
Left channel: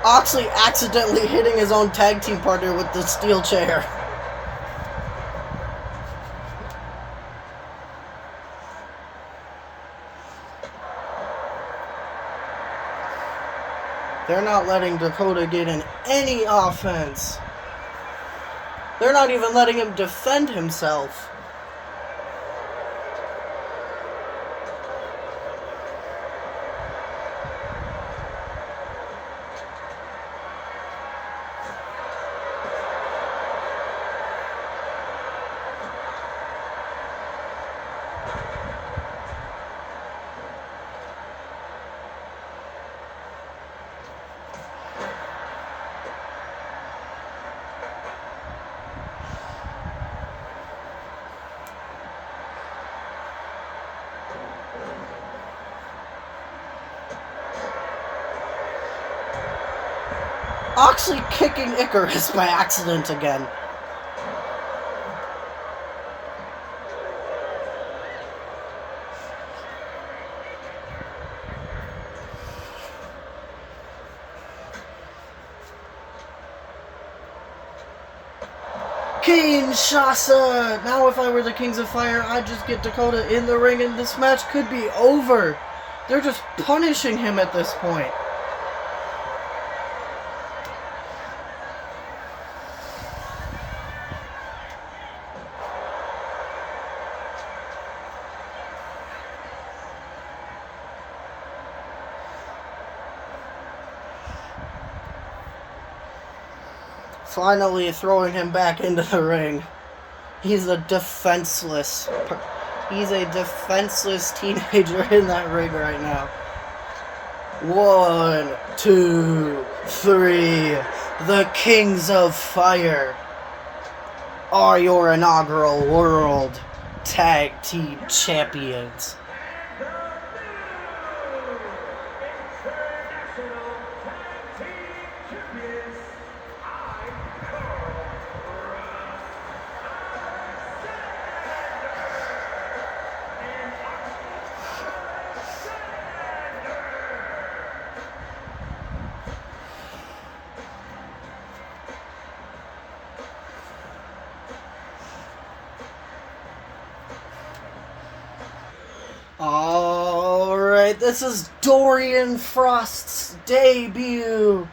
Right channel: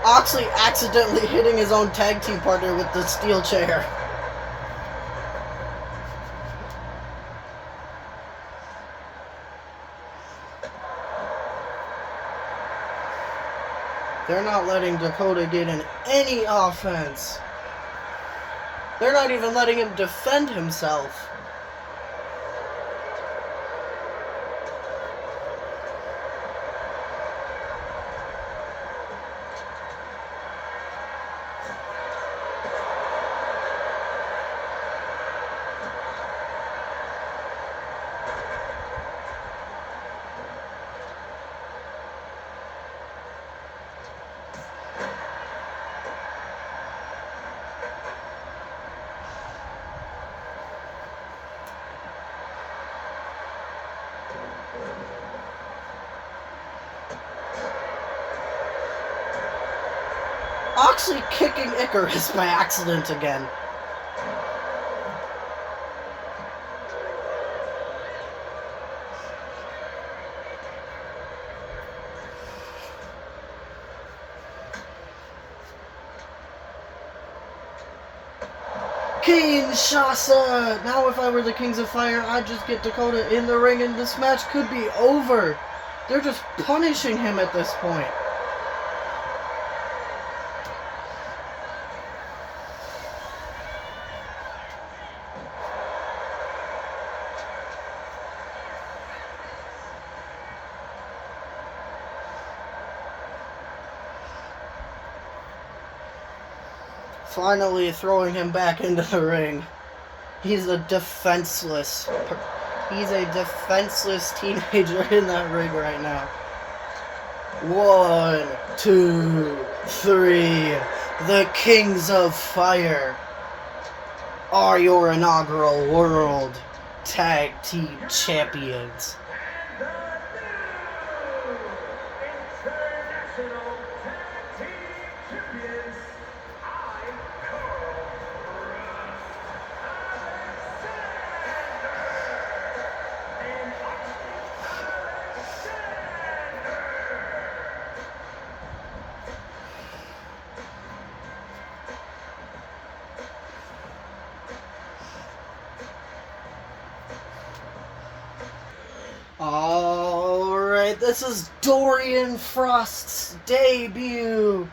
Oxley accidentally hitting his own tag team partner with the steel chair. They're not letting Dakota get in any offense. They're not even letting him defend himself. Oxley kicking Icarus by accident again. Kinshasa! Now if I were the Kings of Fire, I'd just get Dakota in the ring and this match could be over. They're just punishing him at this point. Finally throwing him back into the ring. He's a defenseless He's a defenseless teenager in that ring right now. 1, 2, 3. The Kings of Fire are your inaugural World Tag Team Champions. And the new International Tag Team Champions, I'm Carl Ross and Alright, this is Dorian Frost's debut.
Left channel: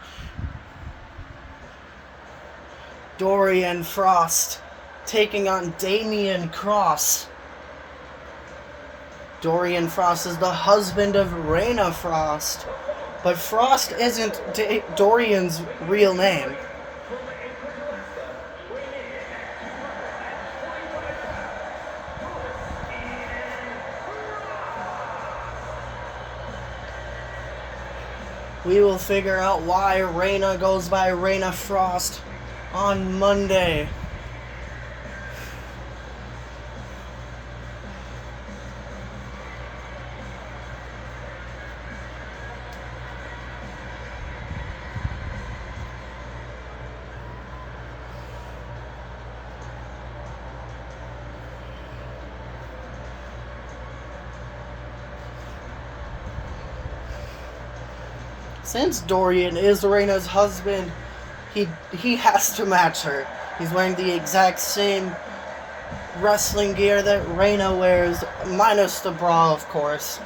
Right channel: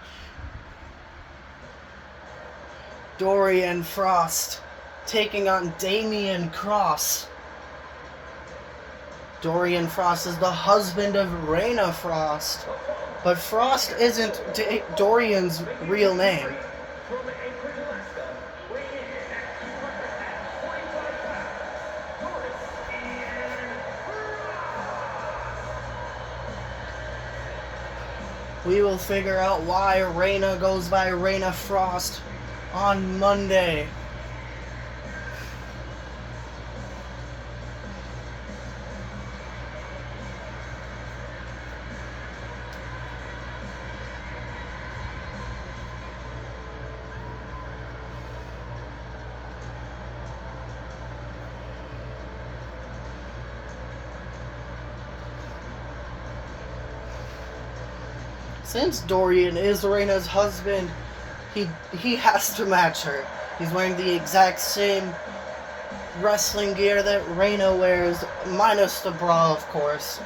Dorian Frost taking on Damian Cross. Dorian Frost is the husband of Raina Frost, but Frost isn't Dorian's real name. from Anchorage, Alaska, weighing in at 245 pounds, Dorian Frost. We will figure out why Raina goes by Raina Frost on Monday. Since Dorian is Raina's husband, he has to match her. He's wearing the exact same wrestling gear that Raina wears, minus the bra, of course.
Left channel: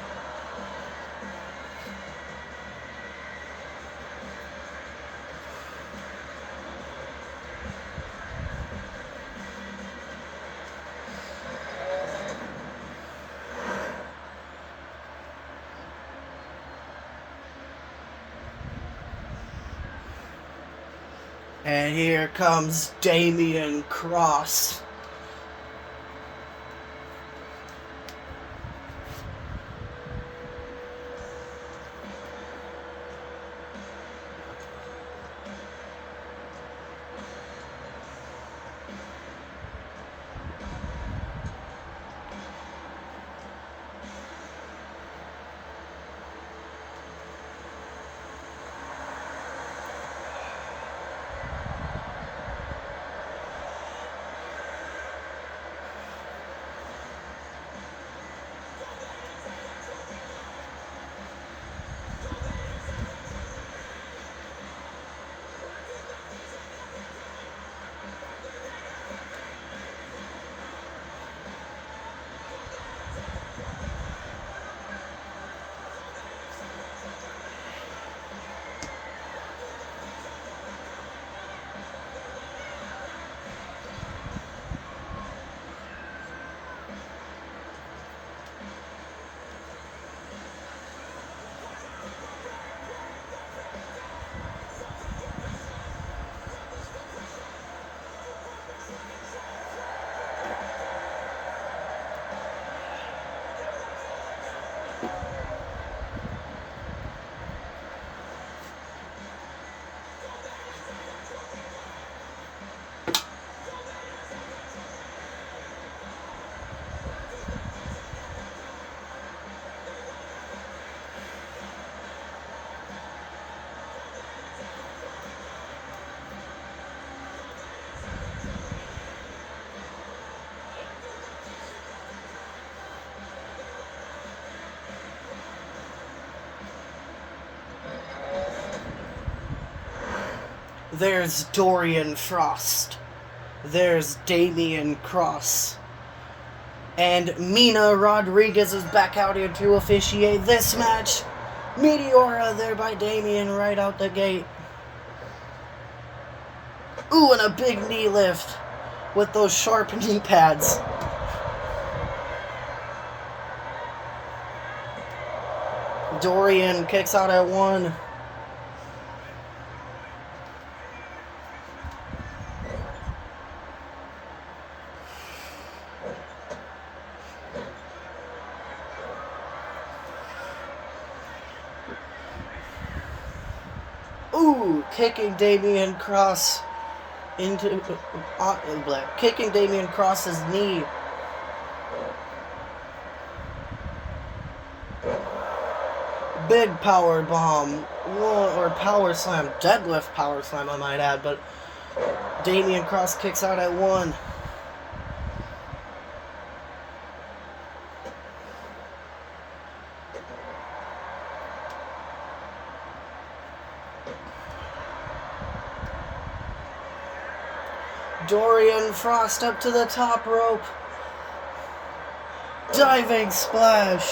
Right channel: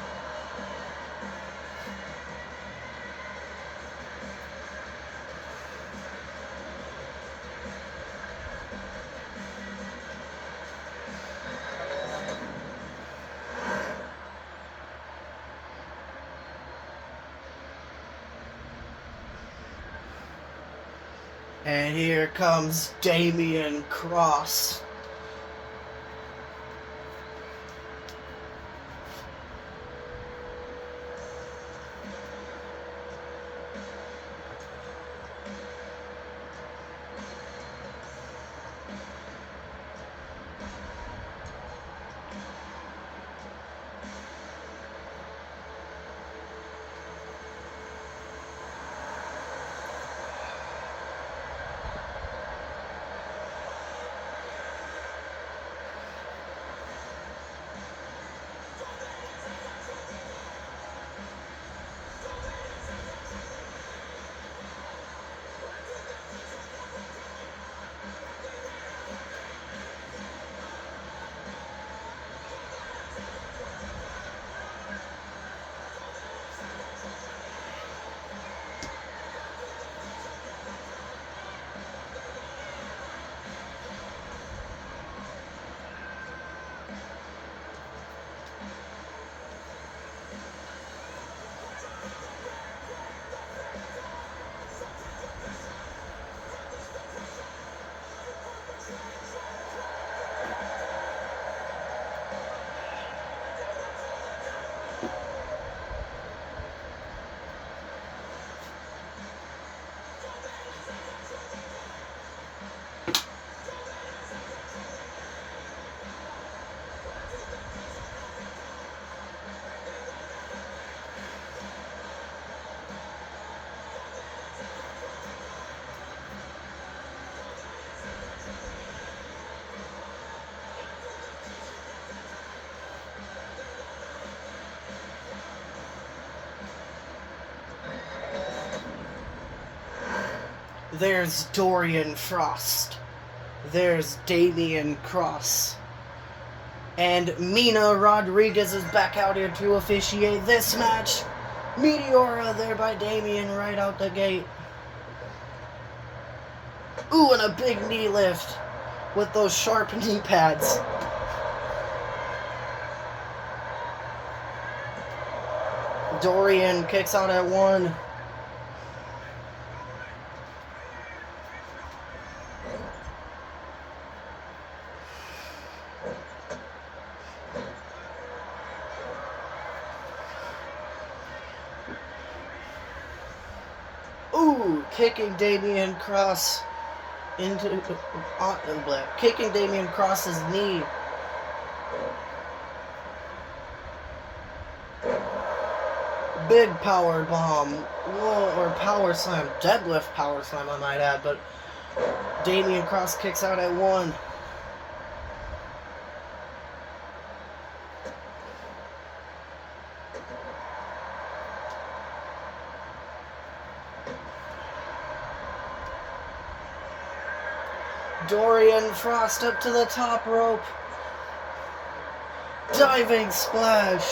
And here comes Damian Cross. There's Dorian Frost. There's Damian Cross. And Mina Rodriguez is back out here to officiate this match. Meteora there by Damian right out the gate. Ooh, and a big knee lift with those sharp knee pads. Dorian kicks out at 1. Ooh, kicking Damian Cross into kicking Damian Cross's knee. Big power bomb, or power slam, deadlift power slam, I might add, but Damian Cross kicks out at 1. Dorian Frost up to the top rope. Diving splash.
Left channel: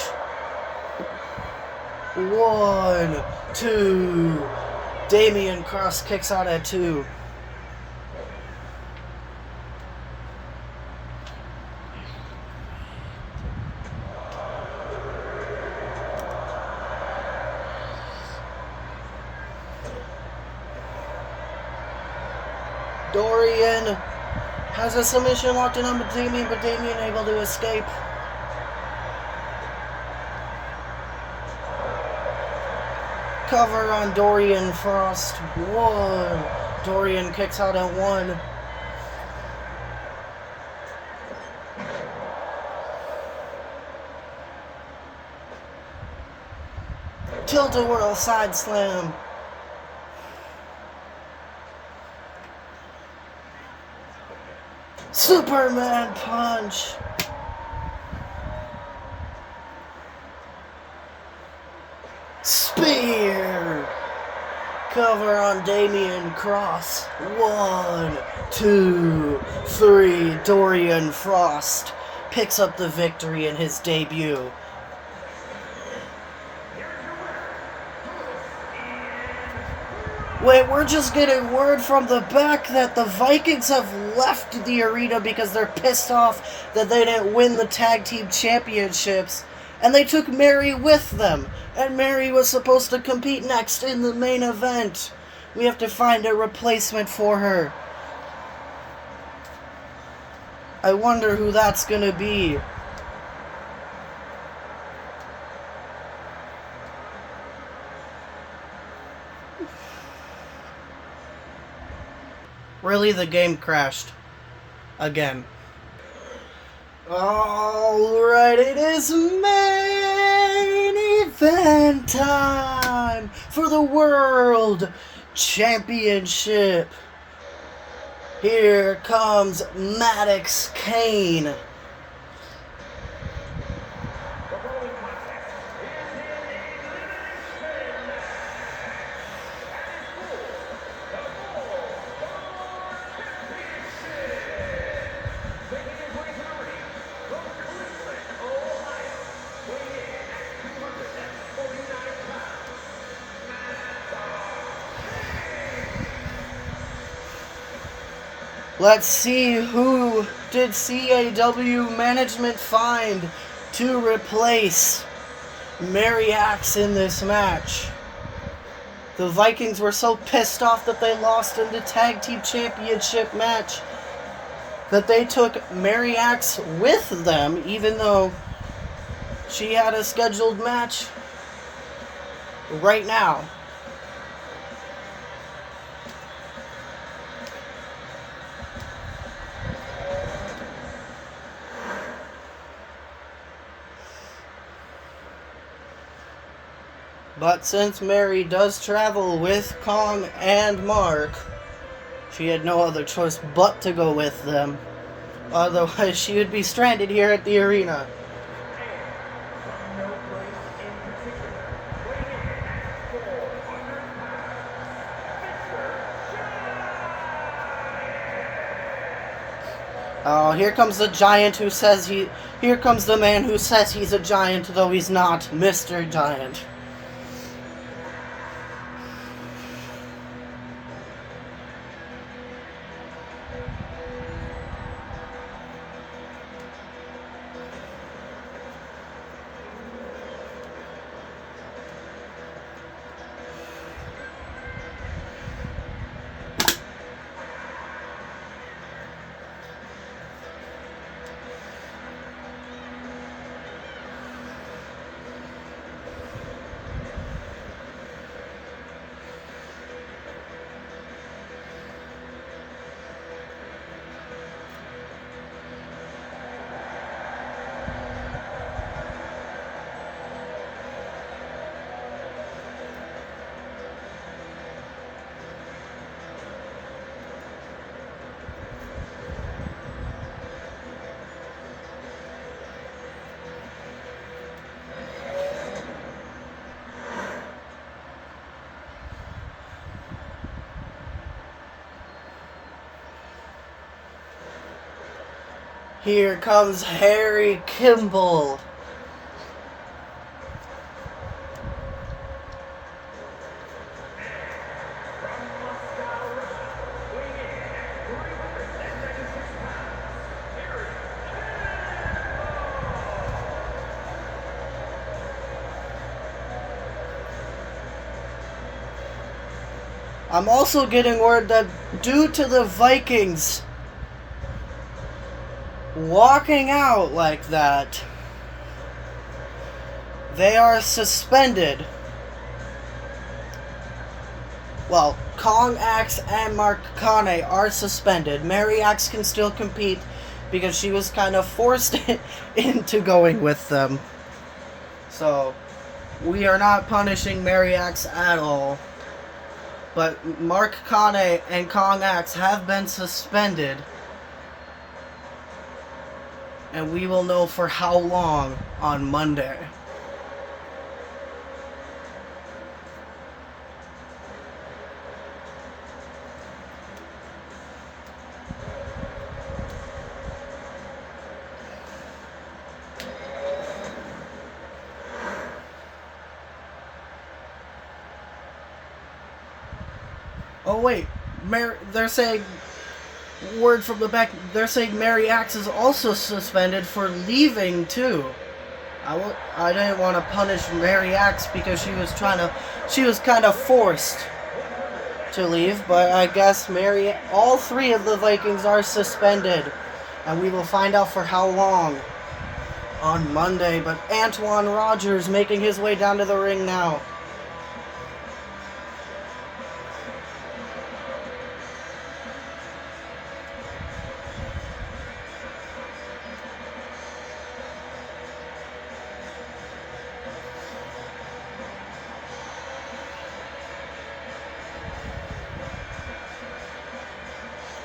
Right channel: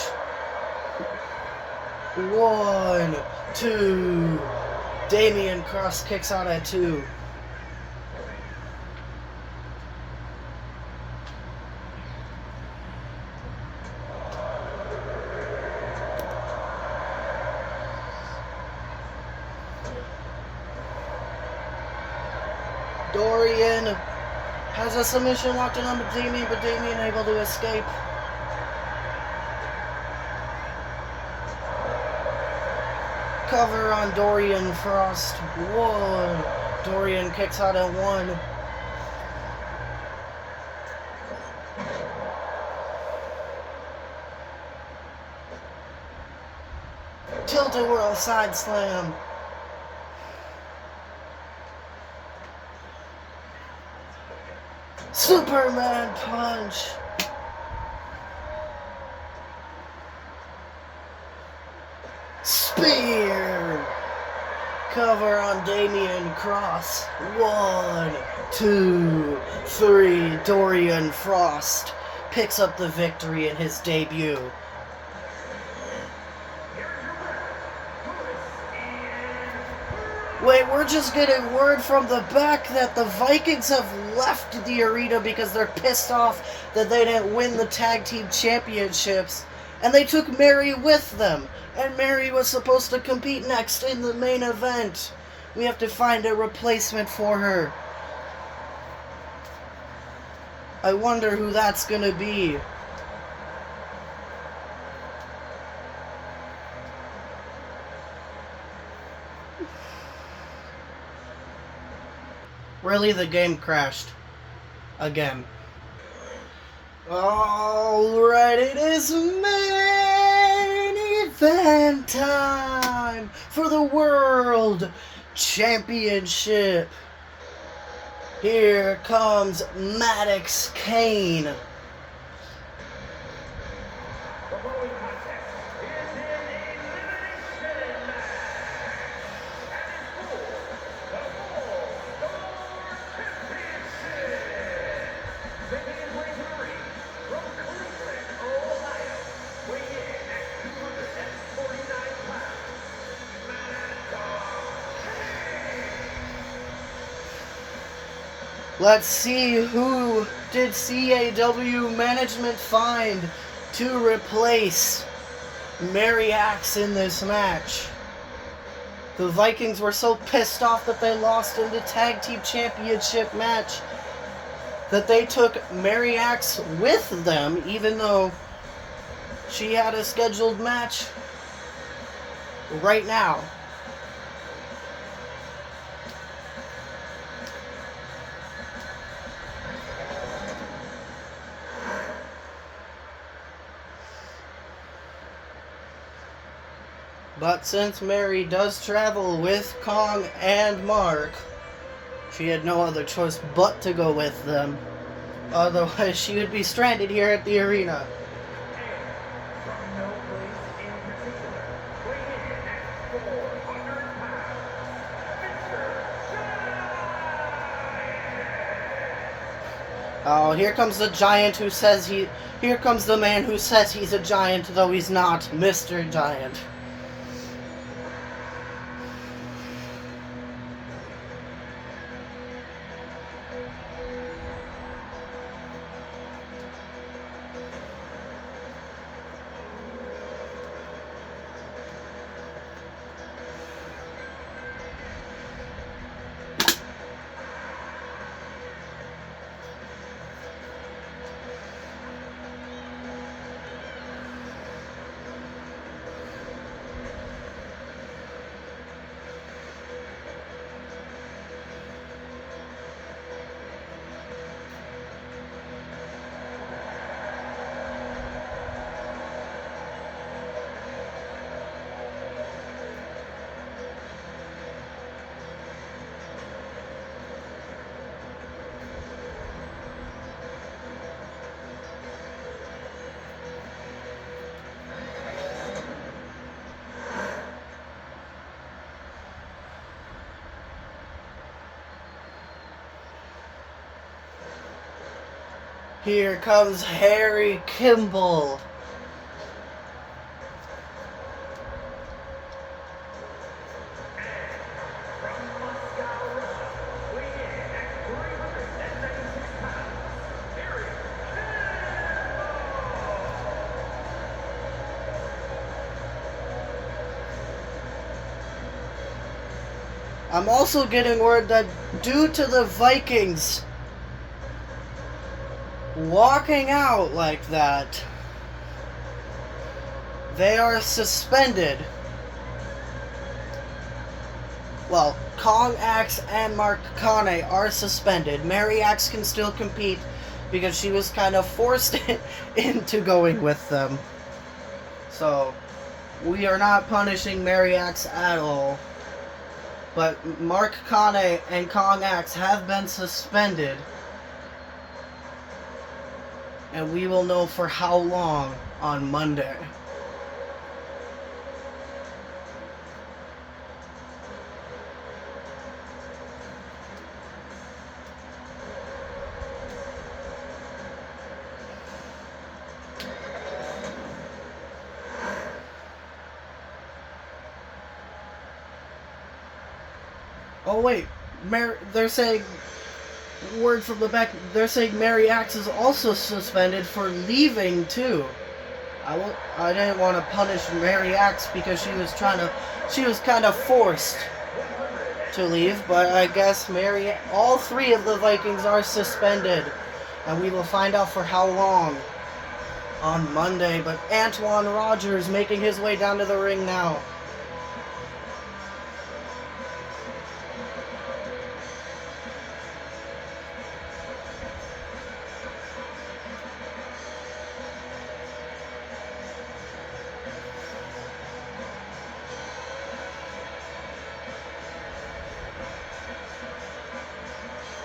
1, 2. Damian Cross kicks out at 2. Dorian has a submission locked in on Damian, but Damian able to escape. Cover on Dorian Frost. 1. Dorian kicks out at 1. Tilt-a-whirl side slam. Superman punch. Spear. Cover on Damian Cross. 1, 2, 3. Dorian Frost picks up the victory in his debut. Wait, we're just getting word from the back that the Vikings have left the arena because they're pissed off that they didn't win the tag team championships. And they took Mary with them. And Mary was supposed to compete next in the main event. We have to find a replacement for her. I wonder who that's gonna be. Really, the game crashed. Again. Alright, it is main event time for the World Championship. Here comes Maddox Kane. Let's see who did CAW management find to replace Mary Axe in this match. The Vikings were so pissed off that they lost in the tag team championship match that they took Mary Axe with them, even though she had a scheduled match right now. But since Mary does travel with Kong and Mark, she had no other choice but to go with them. Otherwise, she would be stranded here at the arena. Oh, here comes the giant who says here comes the man who says he's a giant, though he's not, Mr. Giant. Here comes Harry Kimball. From Moscow, Russia, weighing in at 396 pounds, Harry I'm also getting word that due to the Vikings walking out like that, they are suspended. Well, Kong Axe and Mark Kane are suspended. Mary Axe can still compete because she was kind of forced into going with them. So, we are not punishing Mary Axe at all. But Mark Kane and Kong Axe have been suspended. And we will know for how long on Monday. Oh wait, they're saying, word from the back, they're saying Mary Axe is also suspended for leaving too. I didn't want to punish Mary Axe because she was kind of forced to leave, but I guess all three of the Vikings are suspended, and we will find out for how long on Monday. But Antoine Rogers making his way down to the ring now.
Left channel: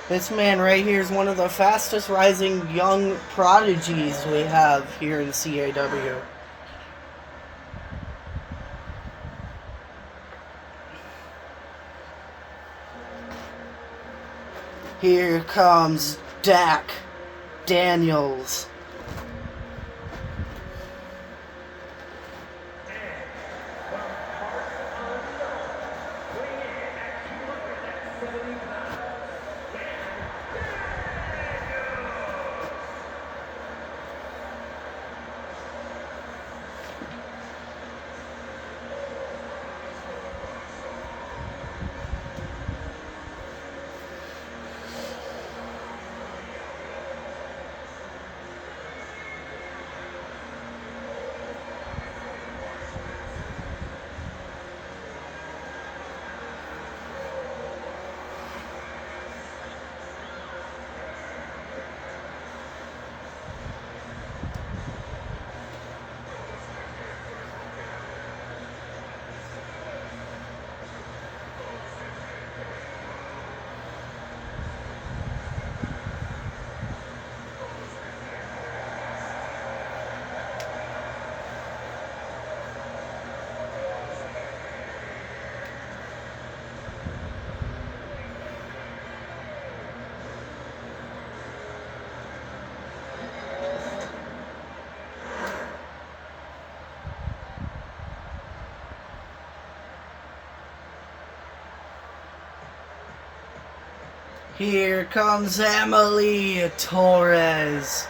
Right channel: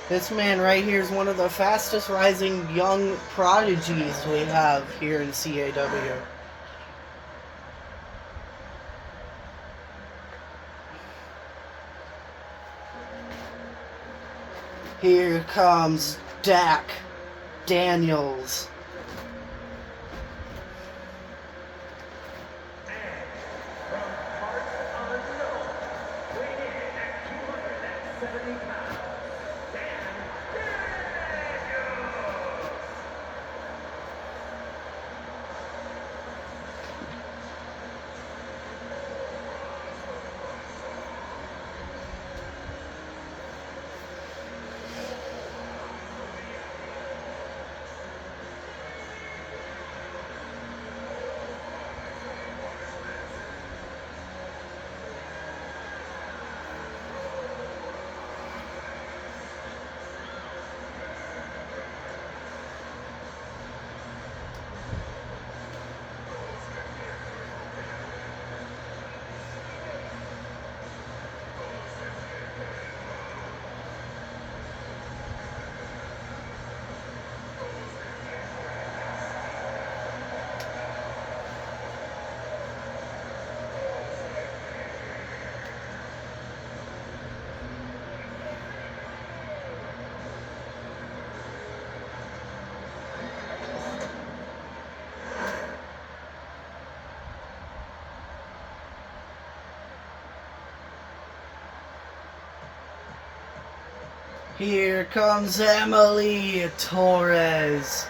This man right here is one of the fastest rising young prodigies we have here in CAW. Here comes Dak Daniels. from parts unknown, weighing in at 270 pounds, Here comes Emily Torres.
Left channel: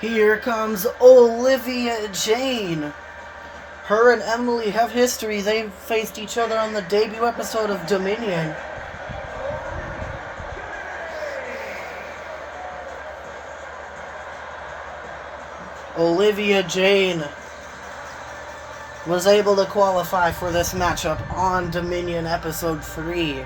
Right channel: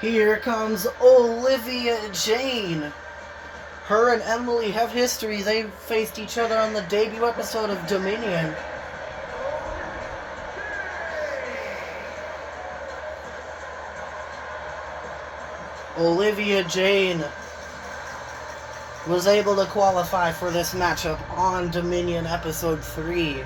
Here comes Olivia Jane. Her and Emily have history. They faced each other on the debut episode of Dominion. Olivia Jane was able to qualify for this matchup on Dominion Episode 3.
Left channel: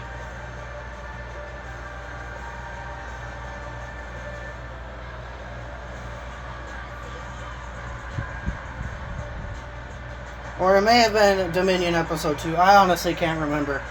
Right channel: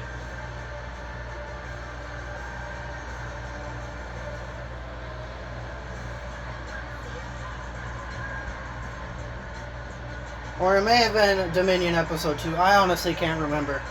Or it may have been Dominion Episode 2. I honestly can't remember.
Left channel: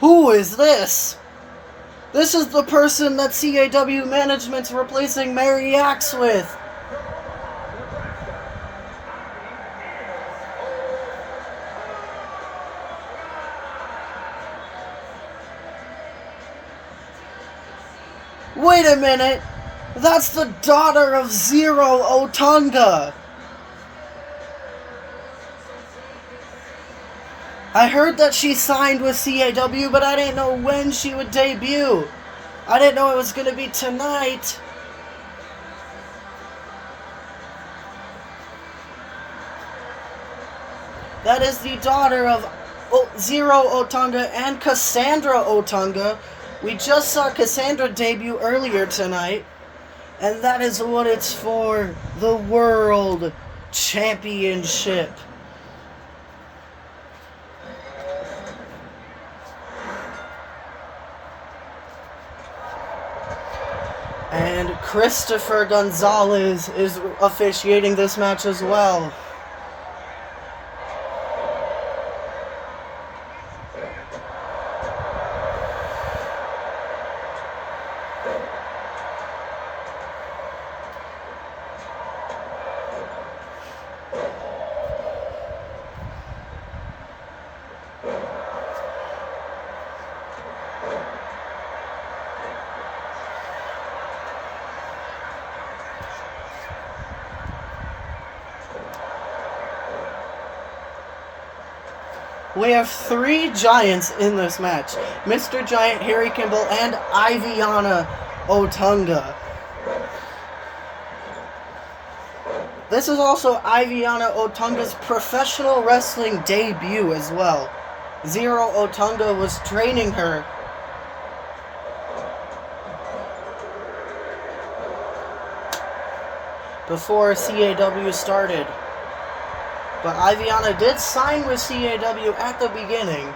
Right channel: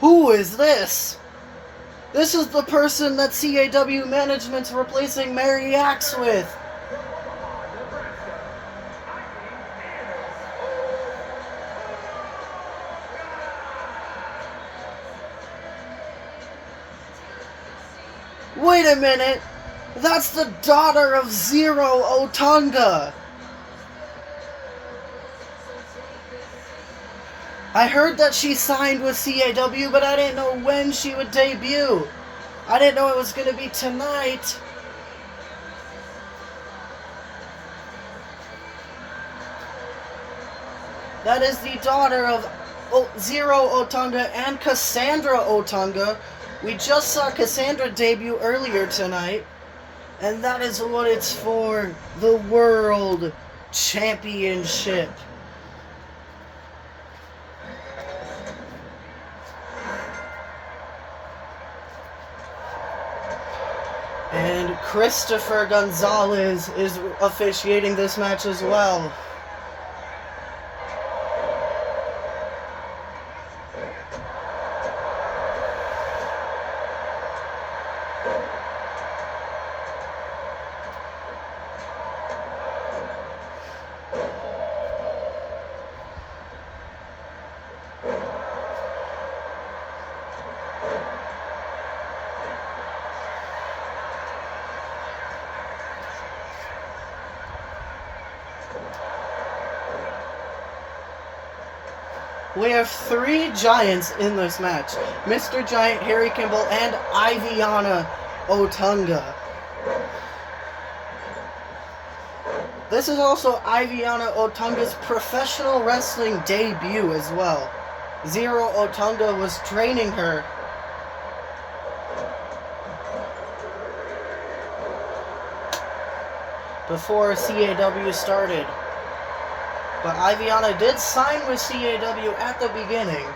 Who is this? This is the person that CAW management's replacing Mary Axe with. Wait a minute! That's the daughter of Zero Otunga! I heard that she signed with CAW, but I didn't know when she would debut. I didn't know it was going to be tonight. That is the daughter of Zero Otunga and Cassandra Otunga. We just saw Cassandra debut earlier tonight. And that is what it's for. The World Championship. And Christopher Gonzalez is officiating this match as well. We have three Giants in this match. Mr. Giant, Harry Kimball, and Iviana Otunga. This is also Iviana Otunga's professional wrestling debut as well. Zero Otunga was training her before CAW started. But Iviana did sign with CAW at the beginning.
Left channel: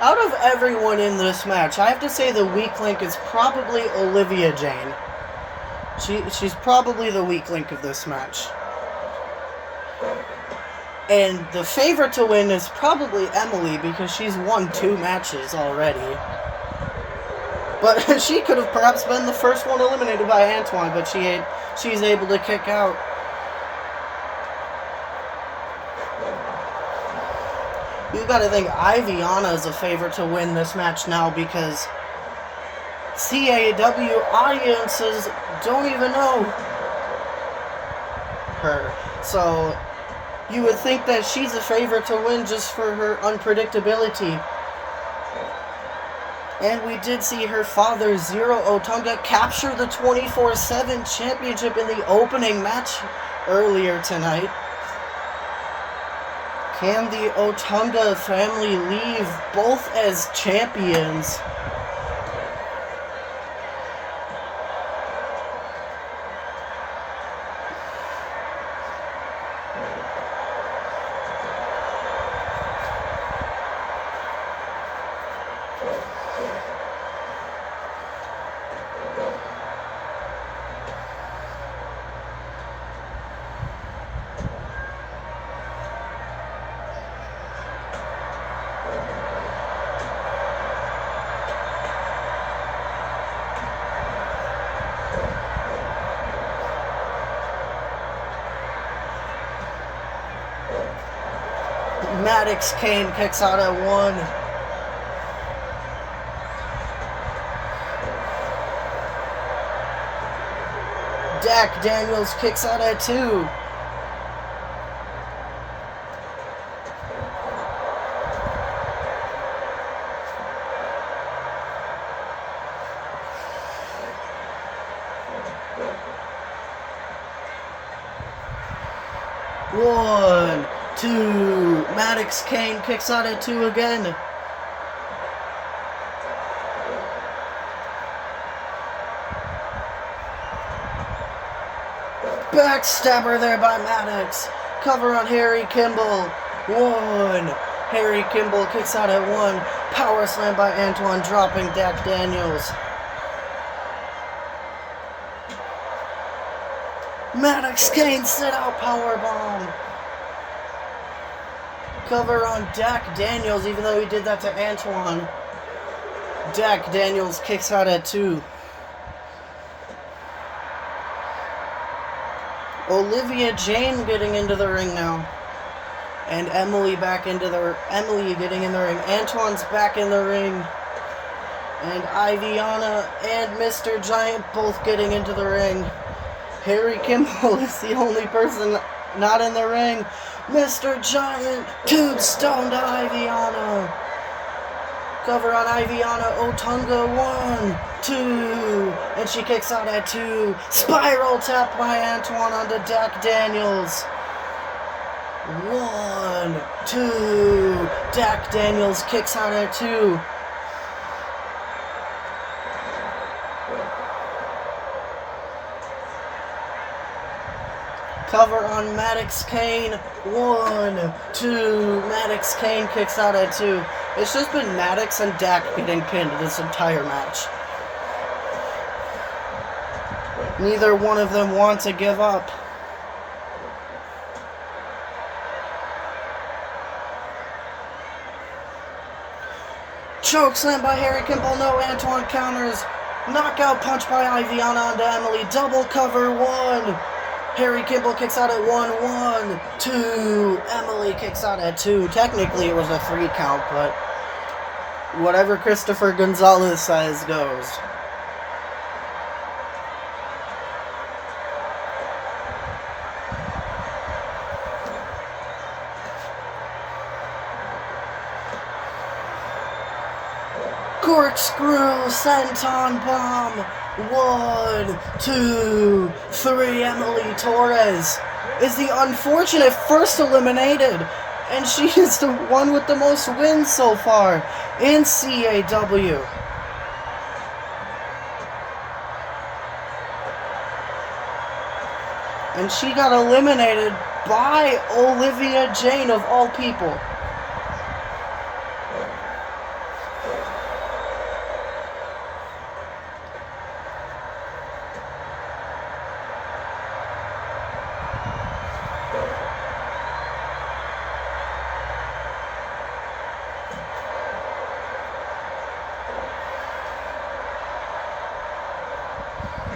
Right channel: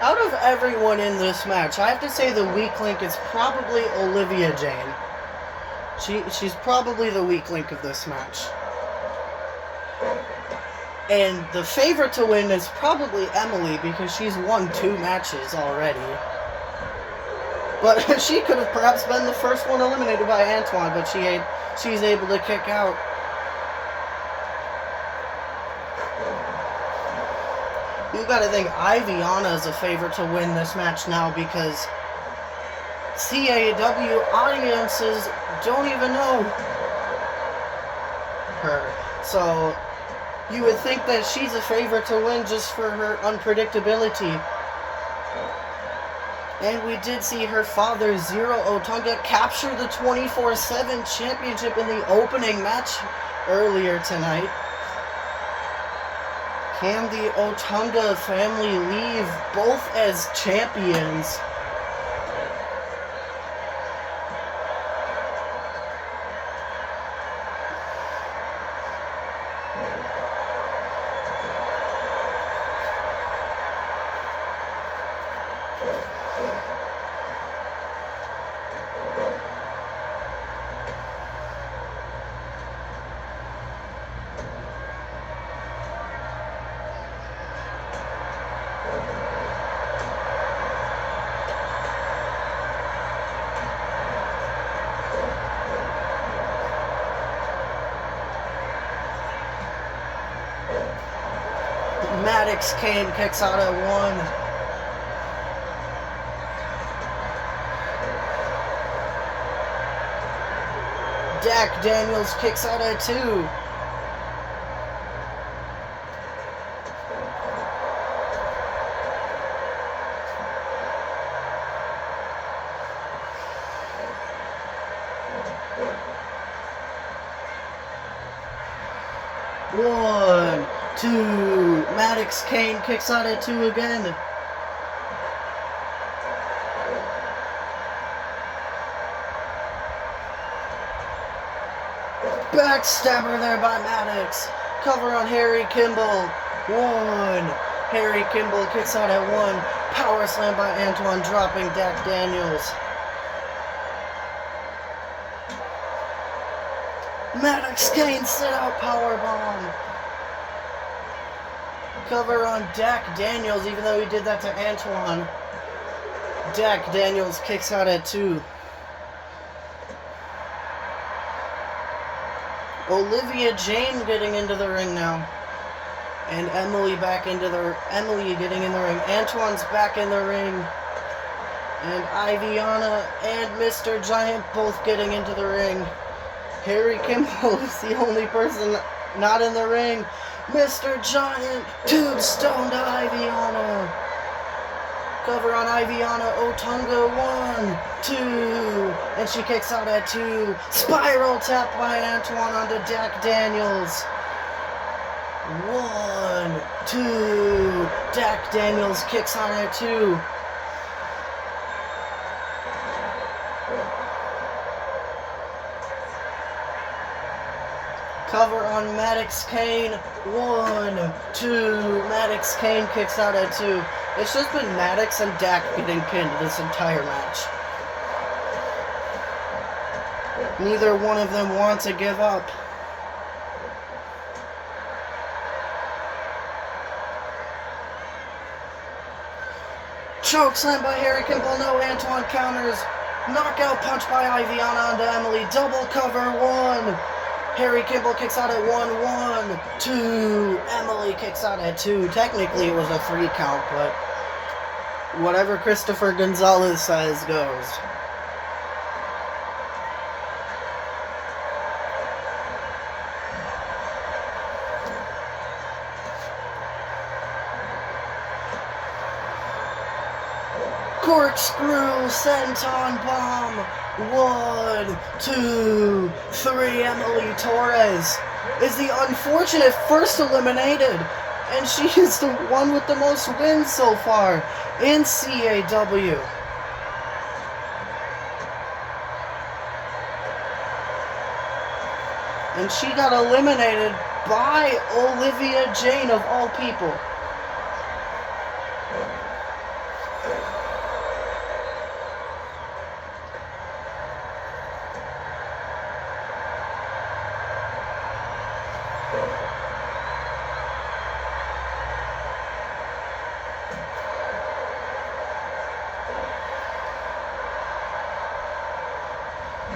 Out of everyone in this match, I have to say the weak link is probably Olivia Jane. She's probably the weak link of this match. And the favorite to win is probably Emily because she's won 2 matches already. But she could have perhaps been the first one eliminated by Antoine, but she's able to kick out. You gotta think Iviana is a favorite to win this match now because CAW audiences don't even know her. So you would think that she's a favorite to win just for her unpredictability. And we did see her father, Zero Otunga, capture the 24/7 championship in the opening match earlier tonight. Can the Otunga family leave both as champions? Maddox Kane kicks out at 1. Dak Daniels kicks out at 2. One, two. Maddox Kane kicks out at 2 again. Backstabber there by Maddox. Cover on Harry Kimball. 1. Harry Kimball kicks out at 1. Power slam by Antoine, dropping Dak Daniels. Maddox Kane sit out powerbomb. Cover on Dak Daniels, even though he did that to Antoine. Dak Daniels kicks out at 2. Olivia Jane getting into the ring now. And Emily getting in the ring. Antoine's back in the ring. And Iviana and Mr. Giant both getting into the ring. Harry Kimball is the only person not in the ring. Mr. Giant tombstone to Iviana. Cover on Iviana Otunga. 1, 2. And she kicks out at 2. Spiral tap by Antoine onto Dak Daniels. 1, 2. Dak Daniels kicks out at 2. Cover on Maddox Kane. 1, 2. Maddox Kane kicks out at 2. It's just been Maddox and Dak getting pinned this entire match. Neither one of them want to give up. Chokeslam by Harry Kimball. No Antoine counters. Knockout punch by Iviana onto Emily. Double cover. 1. Harry Kimball kicks out at 1, 1, 2. Emily kicks out at 2. Technically, it was a 3 count, but whatever Christopher Gonzalez says goes. Corkscrew senton bomb. 1, 2, 3. Emily Torres is the unfortunate first eliminated, and she is the one with the most wins so far in CAW. And she got eliminated by Olivia Jane, of all people.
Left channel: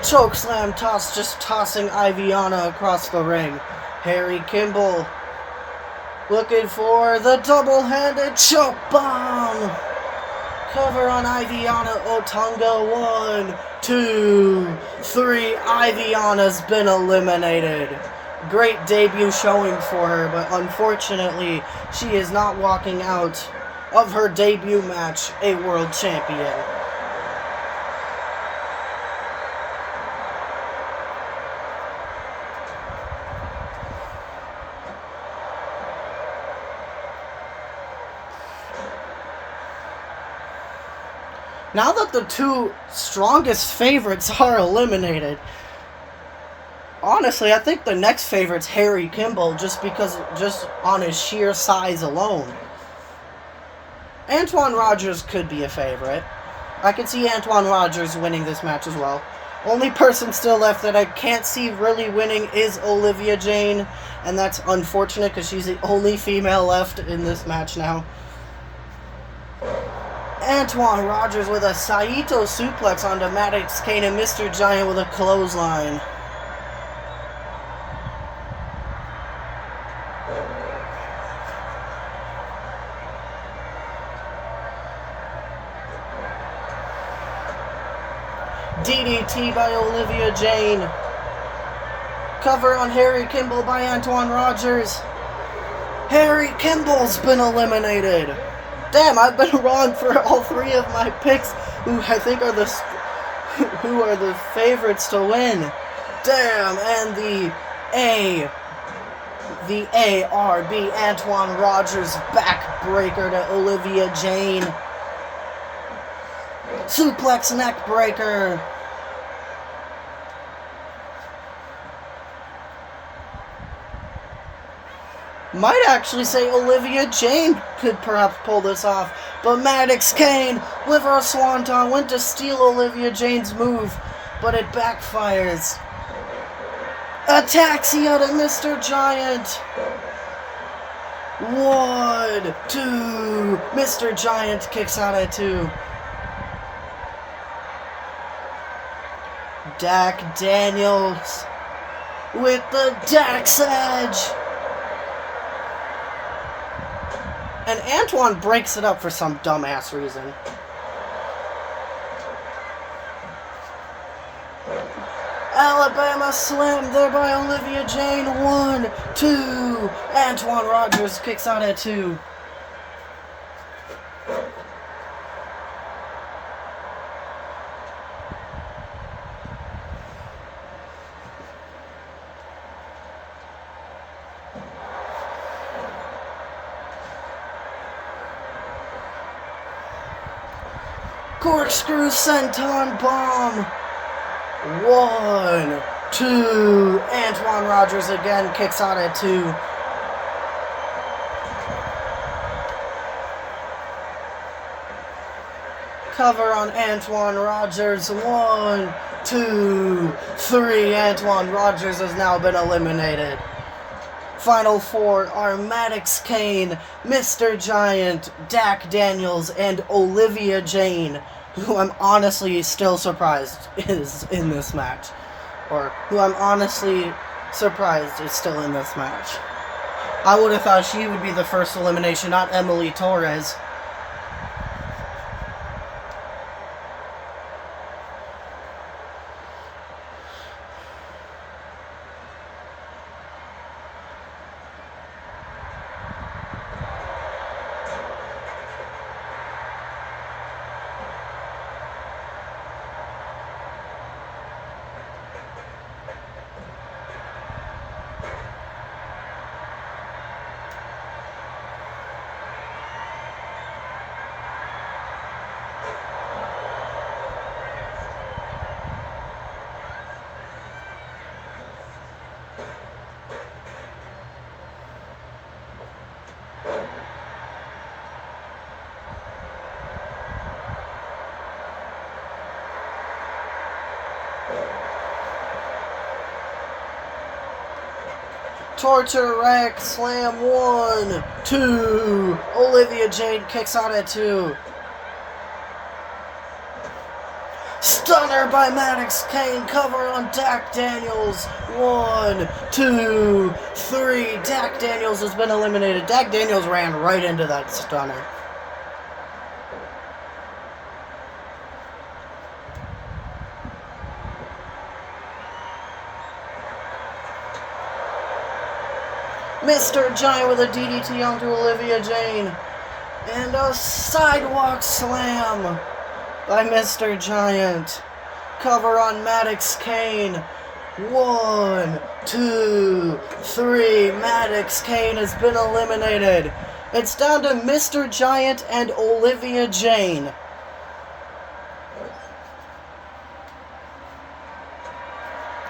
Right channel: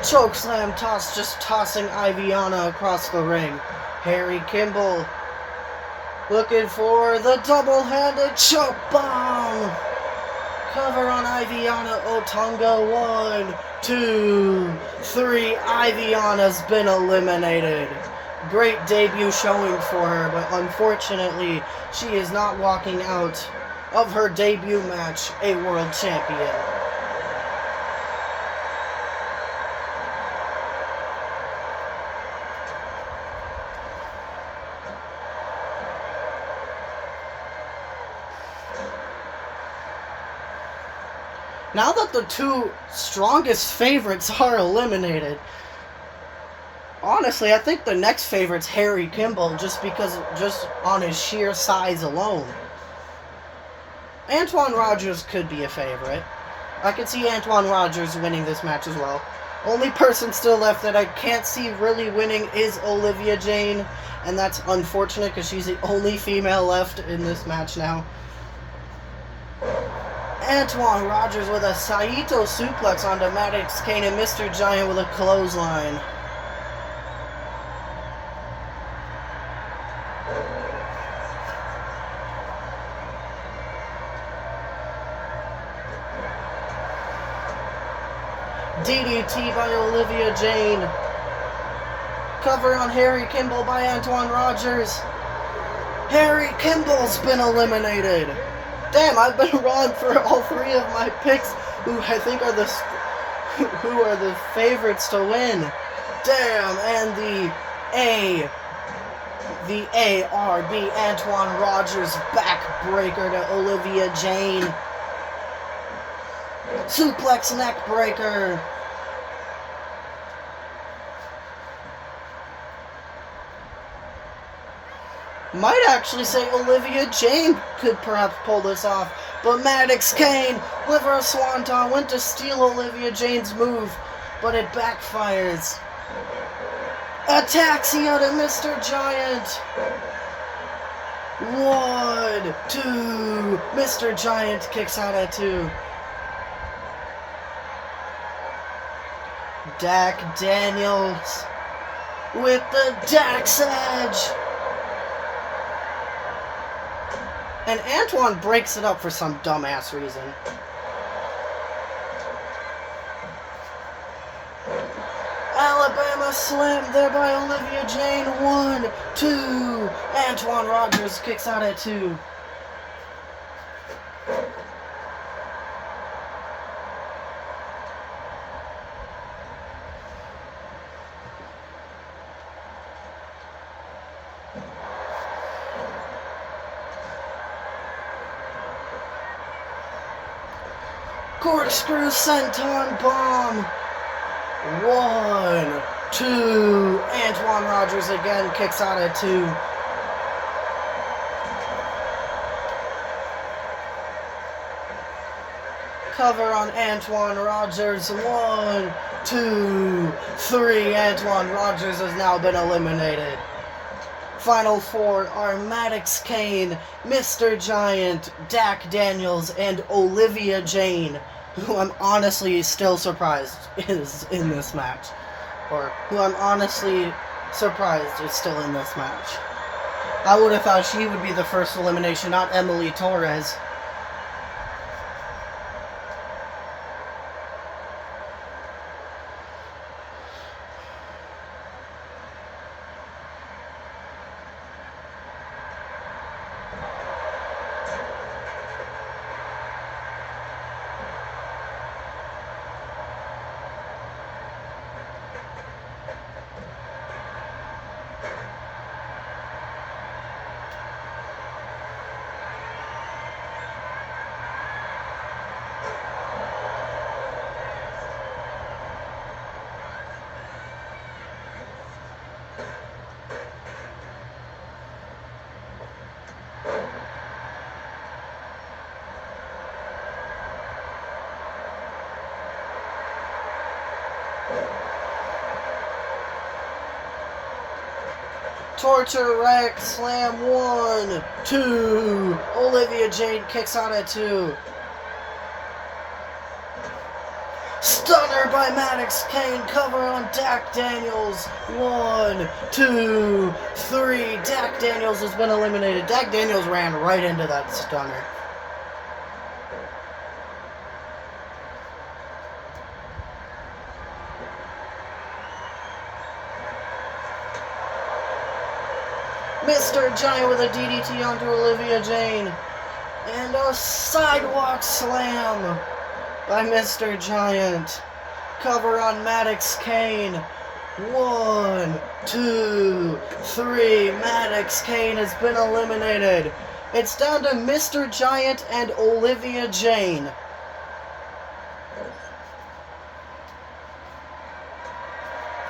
Chokeslam toss, just tossing Iviana across the ring. Harry Kimball looking for the double-handed choke bomb. Cover on Iviana Otunga. 1, 2, 3. Iviana's been eliminated. Great debut showing for her, but unfortunately, she is not walking out of her debut match a world champion. Now that the 2 strongest favorites are eliminated, honestly, I think the next favorite's Harry Kimball, just on his sheer size alone. Antoine Rogers could be a favorite. I could see Antoine Rogers winning this match as well. Only person still left that I can't see really winning is Olivia Jane, and that's unfortunate because she's the only female left in this match now. Antoine Rogers with a Saito suplex onto Maddox Kane, and Mr. Giant with a clothesline. DDT by Olivia Jane. Cover on Harry Kimball by Antoine Rogers. Harry Kimball's been eliminated. Damn, I've been wrong for all three of my picks, who I think are the favorites to win. Damn, and the ARB Antoine Rogers backbreaker to Olivia Jane. Suplex neck breaker. Might actually say Olivia Jane could perhaps pull this off, but Maddox Kane with her swanton went to steal Olivia Jane's move, but it backfires. Ataxia to Mr. Giant. 1, 2. Mr. Giant kicks out at 2. Dak Daniels with the Dax Edge. And Antoine breaks it up for some dumbass reason. Alabama Slam there by Olivia Jane. 1, 2. Antoine Rogers kicks out at 2. Corkscrew senton bomb. 1, 2. Antoine Rogers again kicks out at 2. Cover on Antoine Rogers. 1, 2, 3. Antoine Rogers has now been eliminated. Final 4 are Maddox Kane, Mr. Giant, Dak Daniels, and Olivia Jane, who I'm honestly still surprised is in this match. Or who I'm honestly surprised is still in this match. I would have thought she would be the first elimination, not Emily Torres. Torture Rack Slam. 1, 2. Olivia Jane kicks out at 2. Stunner by Maddox Kane. Cover on Dak Daniels. 1, 2, 3. Dak Daniels has been eliminated. Dak Daniels ran right into that stunner. Mr. Giant with a DDT onto Olivia Jane. And a sidewalk slam by Mr. Giant. Cover on Maddox Kane. 1, 2, 3. Maddox Kane has been eliminated. It's down to Mr. Giant and Olivia Jane.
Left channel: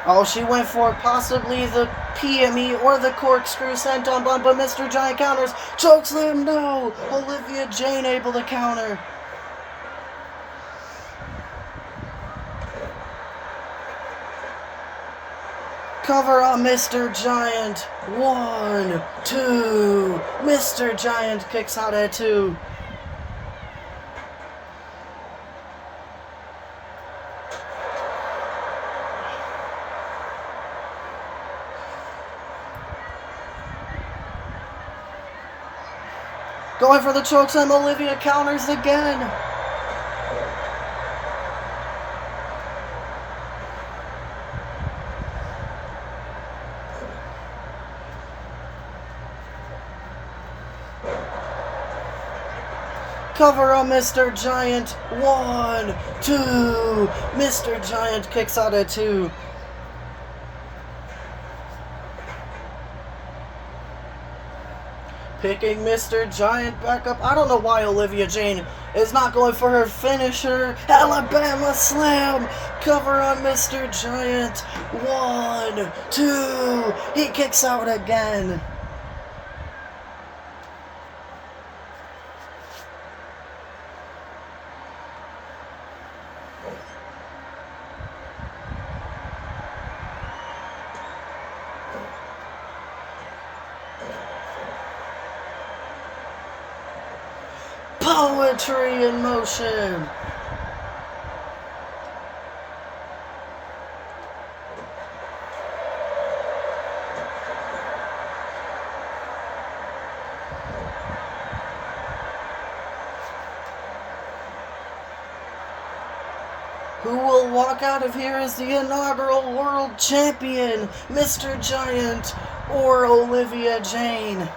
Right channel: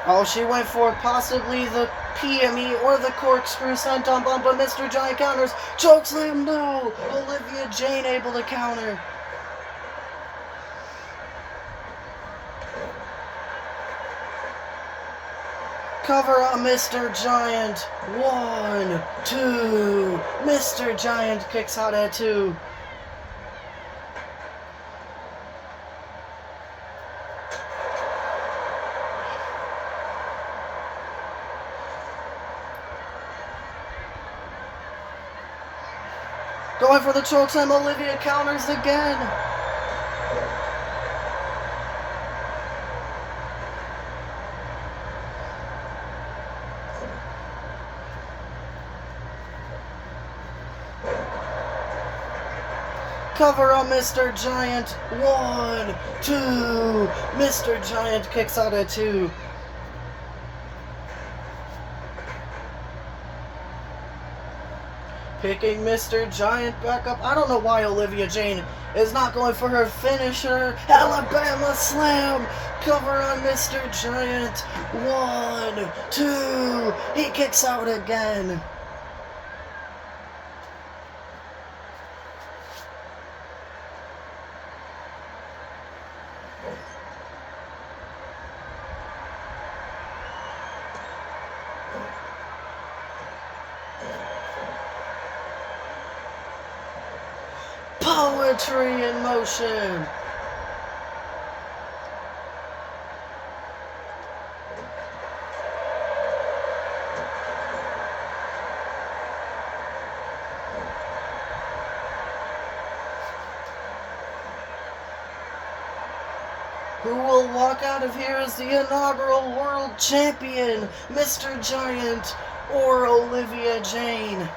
Oh, she went for possibly the PME or the corkscrew senton bomb, but Mr. Giant counters. Chokeslam, no! Olivia Jane able to counter. Cover on Mr. Giant. 1, 2. Mr. Giant kicks out at 2. Going for the chokeslam, Olivia counters again. Cover on Mr. Giant. 1, 2. Mr. Giant kicks out at 2. Picking Mr. Giant back up. I don't know why Olivia Jane is not going for her finisher. Alabama Slam. Cover on Mr. Giant. 1, 2. He kicks out again. Poetry in motion. Who will walk out of here as the inaugural world champion, Mr. Giant or Olivia Jane?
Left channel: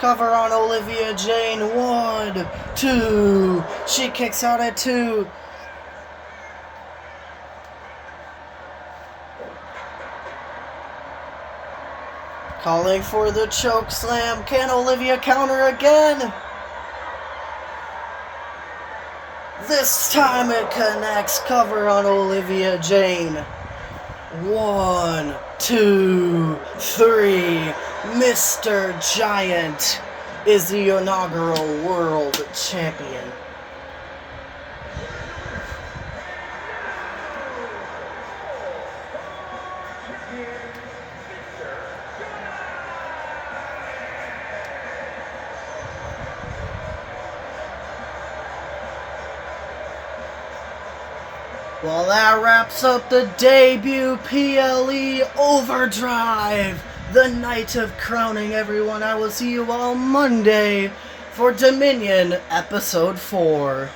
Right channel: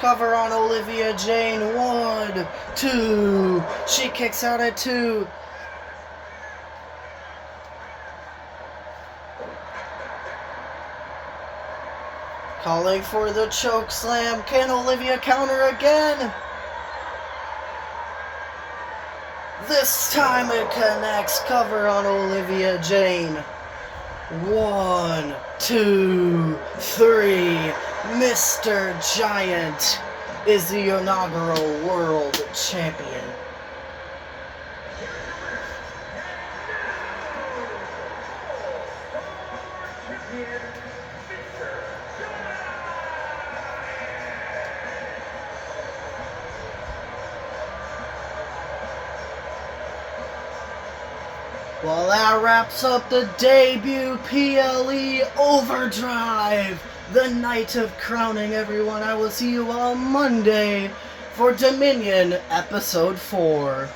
Cover on Olivia Jane. 1, 2. She kicks out at 2. Calling for the choke slam. Can Olivia counter again? This time it connects. Cover on Olivia Jane. 1, 2, 3. Mr. Giant is the inaugural world champion. Well, that wraps up the debut PLE Overdrive. The night of crowning, everyone. I will see you all Monday for Dominion Episode 4.